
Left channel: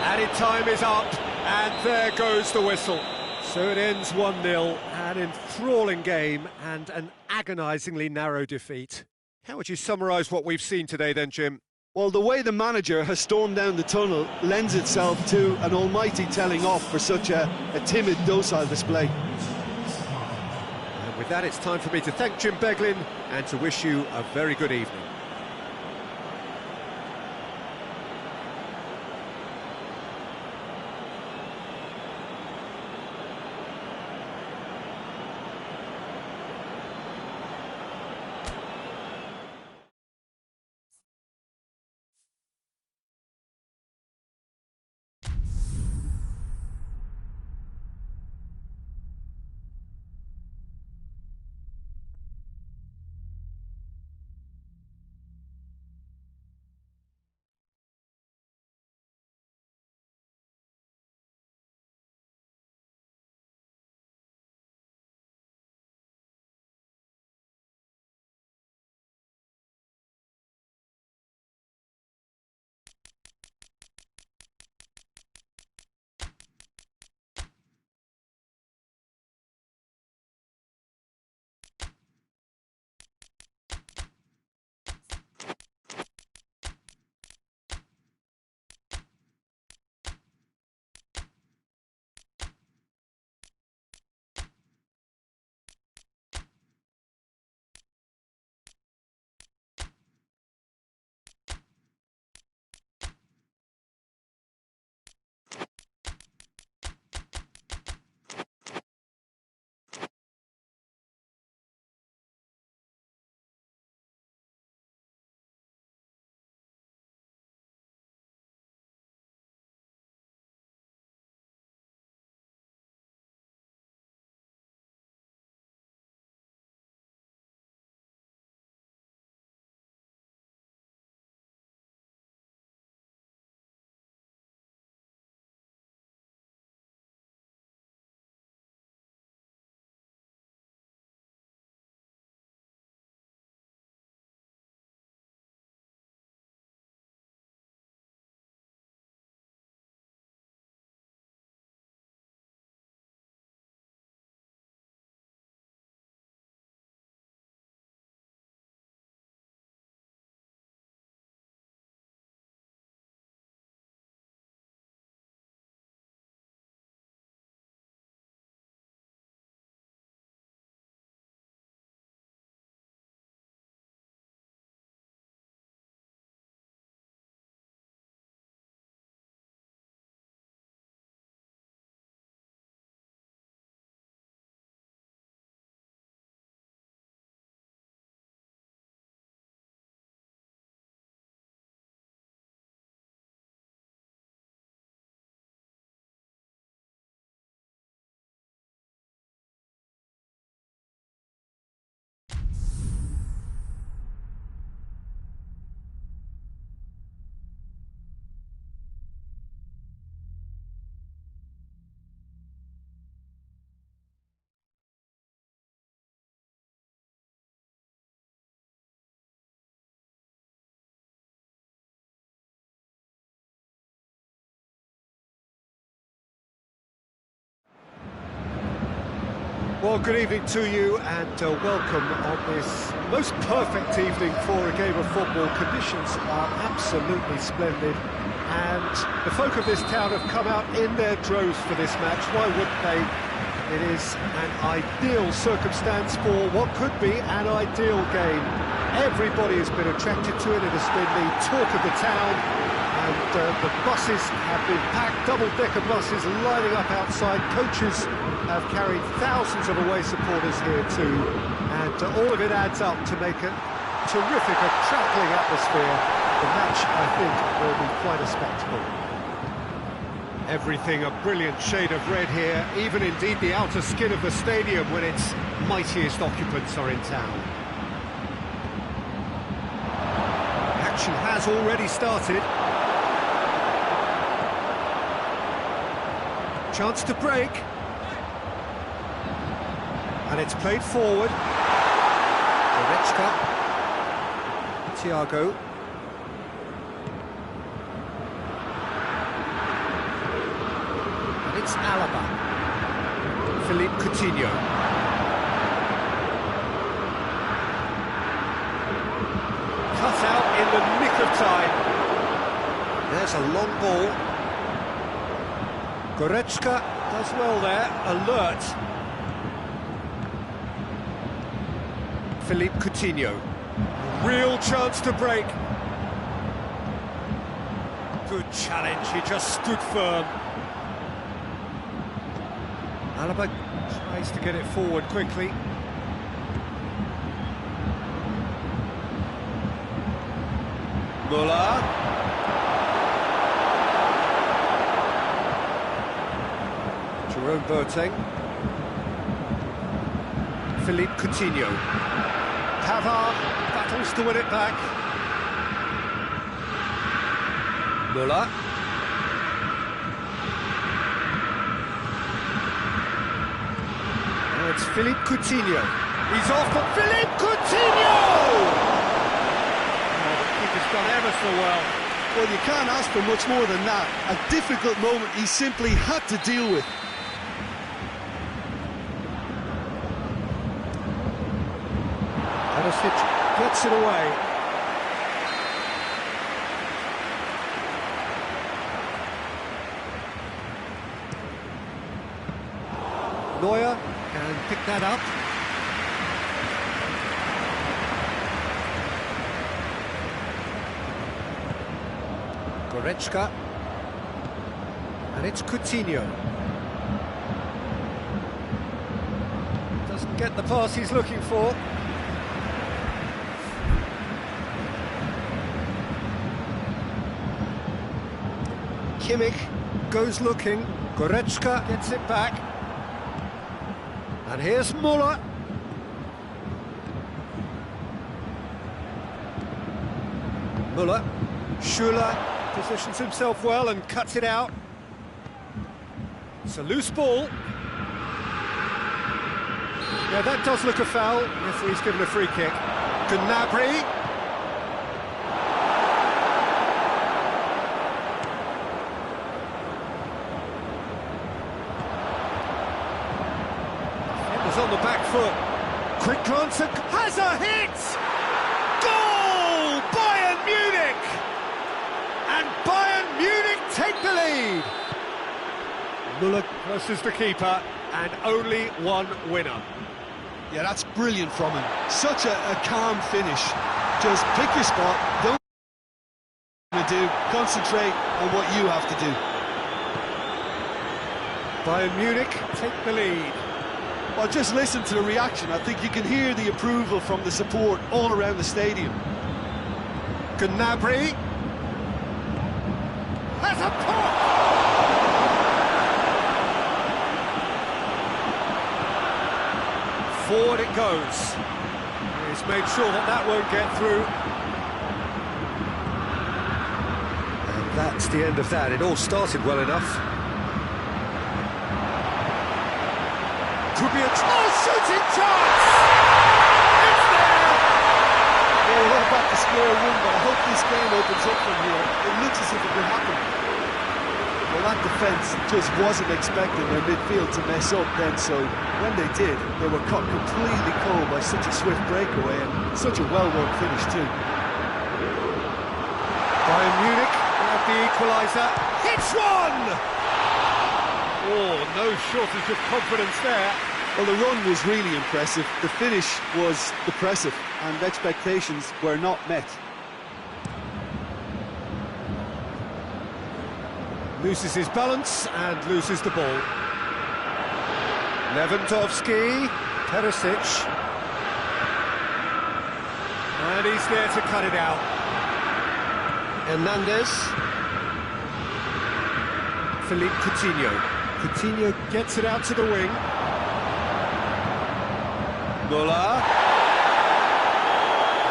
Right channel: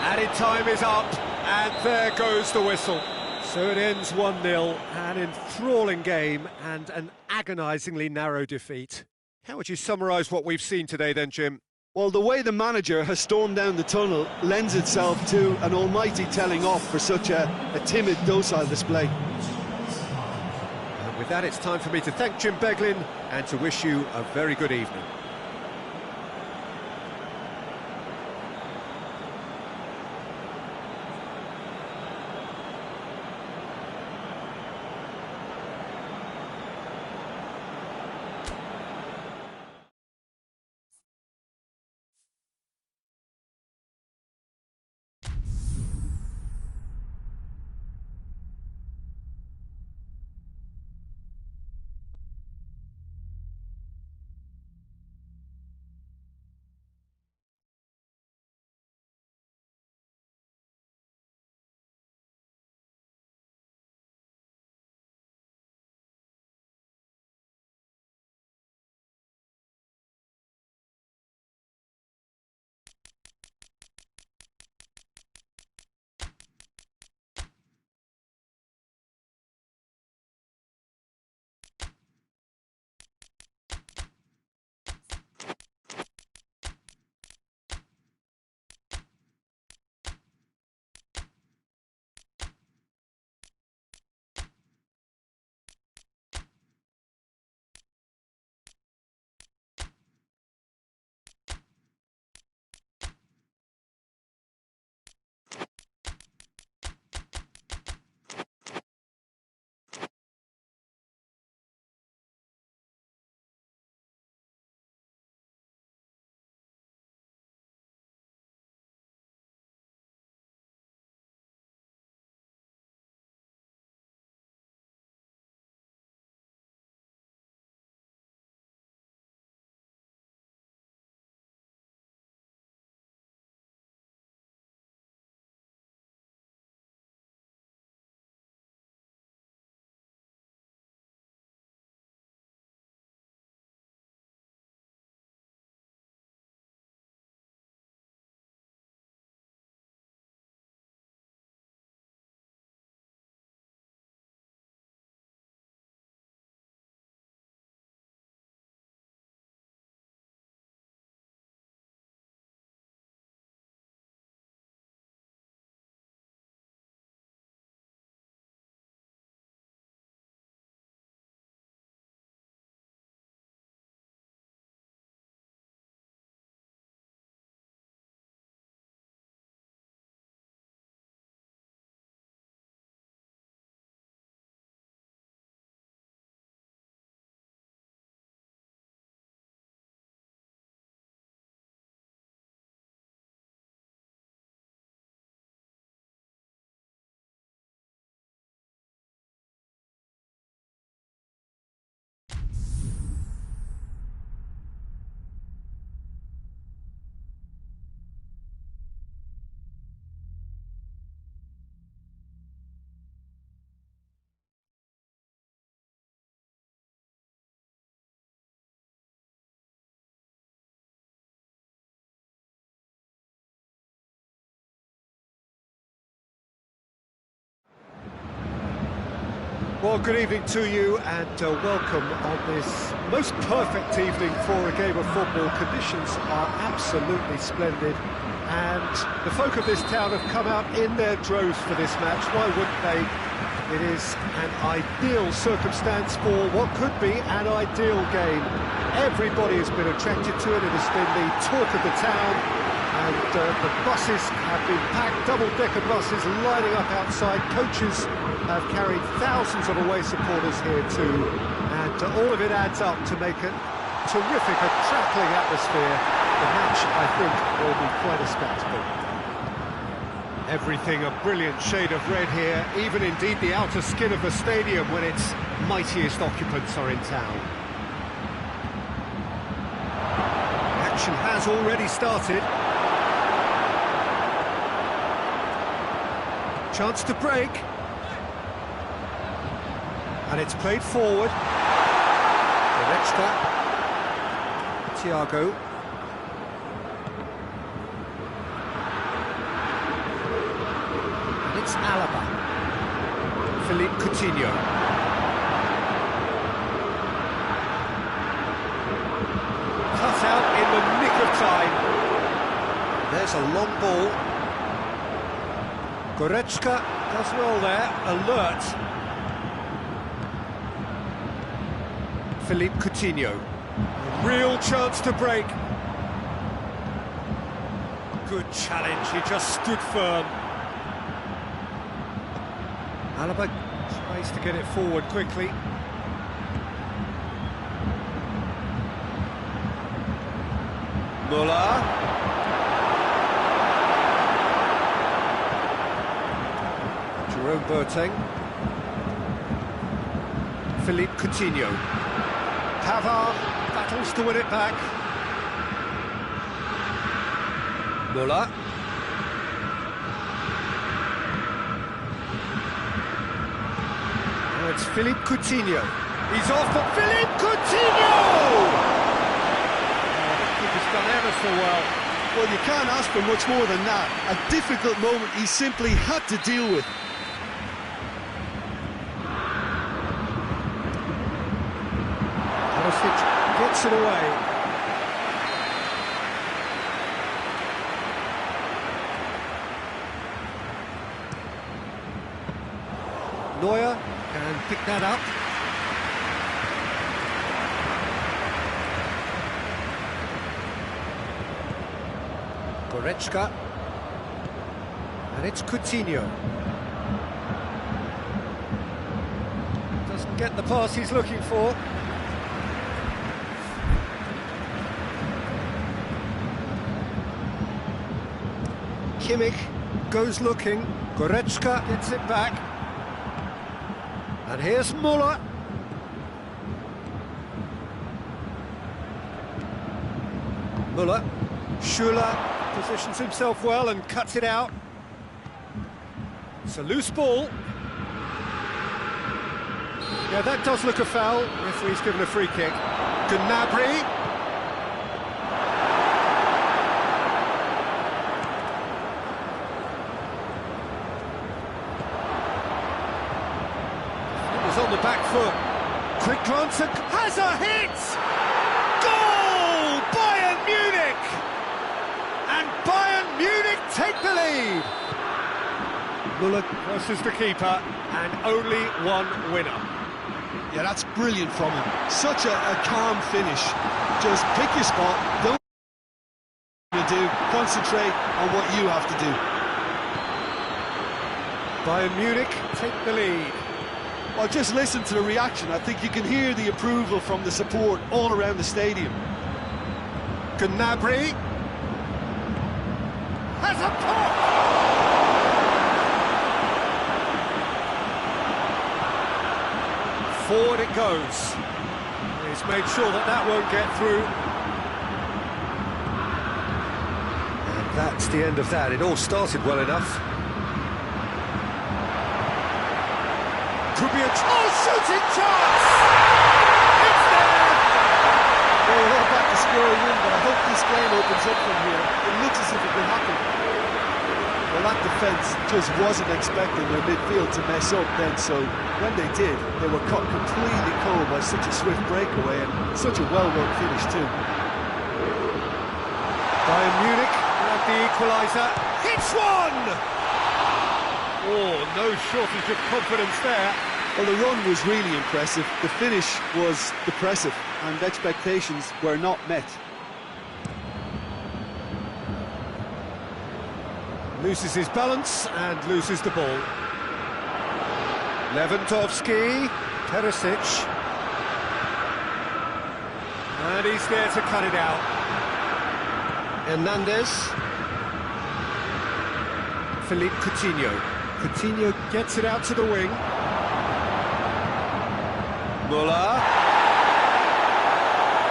Added time is up, and there goes the whistle. So it ends 1-0, an enthralling game and an agonisingly narrow defeat. How would you summarise what we've seen today then, Jim? Well, the way the manager has stormed down the tunnel lends itself to an almighty telling off for such a timid, docile display. And with that, it's time for me to thank Jim Beglin and to wish you a very good evening. Well, good evening to you and welcome on this most perfect evening for a game of football. Conditions are absolutely splendid and the folk of this town have come out in their droves for this match. Why wouldn't they? It is an ideal circumstance for what could be an ideal game. Everybody has been attracted to it. It has been the talk of the town, and the buses have been packed, double-decker buses lining up outside. Coaches have carried thousands of away supporters here too, and all of it adds up to make a terrific, crackling atmosphere. The match, I think, will be quite a spectacle. Everything a brilliant shade of red here, even indeed the outer skin of the stadium when its mightiest occupants are in town. The action has already started. Chance to break. And it's played forward. Goretzka. Thiago. And it's Alaba. Philippe Coutinho. Cut out in the nick of time. There's a long ball. Goretzka does well there, alert. Philippe Coutinho. A real chance to break. Good challenge, he just stood firm. Alaba tries to get it forward quickly. Müller. Jerome Boateng. Philippe Coutinho. Pavard battles to win it back. Müller. Now it's Philippe Coutinho. He's off, but Philippe Coutinho! Oh, the keeper's done ever so well. Well, you can't ask for much more than that. A difficult moment he simply had to deal with. Hadosic gets it away. Neuer can pick that up. Goretzka. And it's Coutinho. Doesn't get the pass he's looking for. Kimmich goes looking. Goretzka gets it back. And here's Müller. Müller. Schuller positions himself well and cuts it out. It's a loose ball. Yeah, that does look a foul. Referee's given a free kick. Gnabry. On the back foot. Quick glance and has a hit! Goal! Bayern Munich! And Bayern Munich take the lead. Müller versus the keeper, and only one winner. Yeah, that's brilliant from him. Such a calm finish. Just pick your spot, don't do, concentrate on what you have to do. Bayern Munich take the lead. Well, just listen to the reaction. I think you can hear the approval from the support all around the stadium. Gnabry has a pop! Forward it goes. He's made sure that that won't get through. And that's the end of that. It all started well enough. Could be a shooting chance! It's there! Well, we're all back to square one, but I hope this game opens up from here. It looks as if it will happen. Well, that defence just wasn't expecting their midfield to mess up then, so when they did, they were caught completely cold by such a swift breakaway and such a well-worked finish too. Bayern Munich have the equaliser. Hits one! Oh, no shortage of confidence there. Well, the run was really impressive, the finish was depressive, and expectations were not met. Loses his balance and loses the ball. Lewandowski, Perisic. And he's there to cut it out. Hernandez. Philippe Coutinho. Coutinho gets it out to the wing. Muller.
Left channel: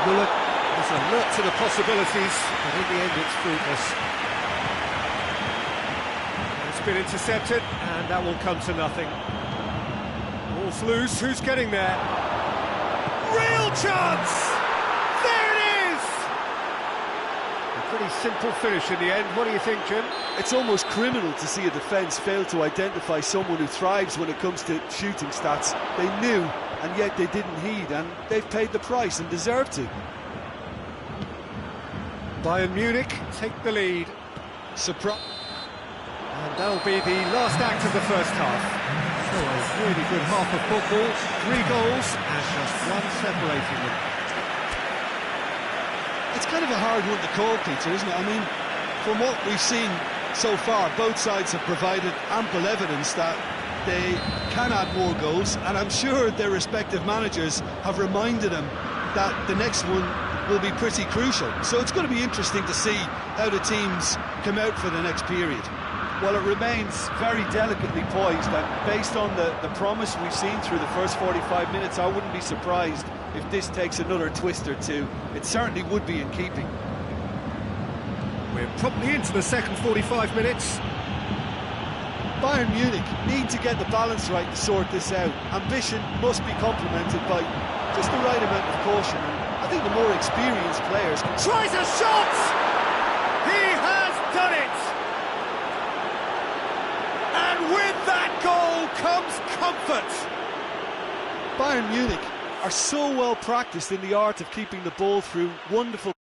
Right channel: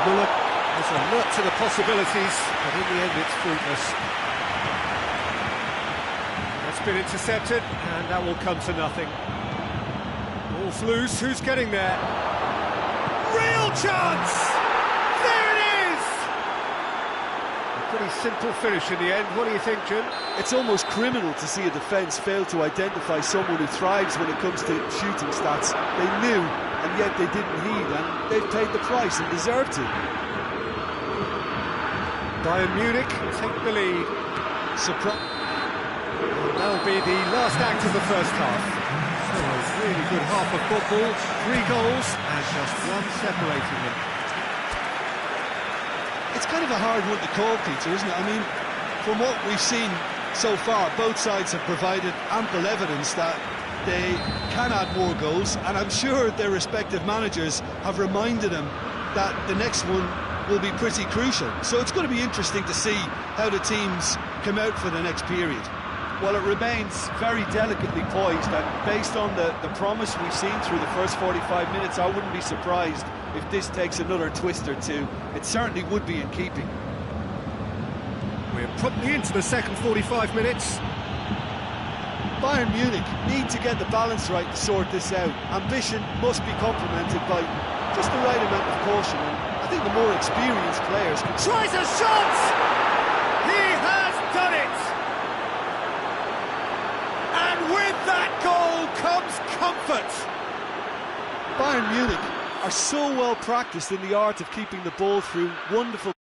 Muller was alert to the possibilities, but in the end it's fruitless. It's been intercepted, and that will come to nothing. Ball's loose, who's getting there? Real chance! There it is! A pretty simple finish in the end. What do you think, Jim? It's almost criminal to see a defence fail to identify someone who thrives when it comes to shooting stats. They knew, and yet they didn't heed, and they've paid the price and deserve to. Bayern Munich take the lead. Surprise. And that'll be the last act of the first half. So a really good half of football, 3 goals and just one separating them. It's kind of a hard one to call, Peter, isn't it? I mean, from what we've seen so far, both sides have provided ample evidence that they can add more goals, and I'm sure their respective managers have reminded them that the next one will be pretty crucial. So it's going to be interesting to see how the teams come out for the next period. Well, it remains very delicately poised, and based on the promise we've seen through the first 45 minutes, I wouldn't be surprised if this takes another twist or two. It certainly would be in keeping. We're promptly into the second 45 minutes. Bayern Munich need to get the balance right to sort this out. Ambition must be complemented by just the right amount of caution, and I think the more experienced players can... Tries a shot! He has done it! And with that goal comes comfort. Bayern Munich are so well practiced in the art of keeping the ball through wonderful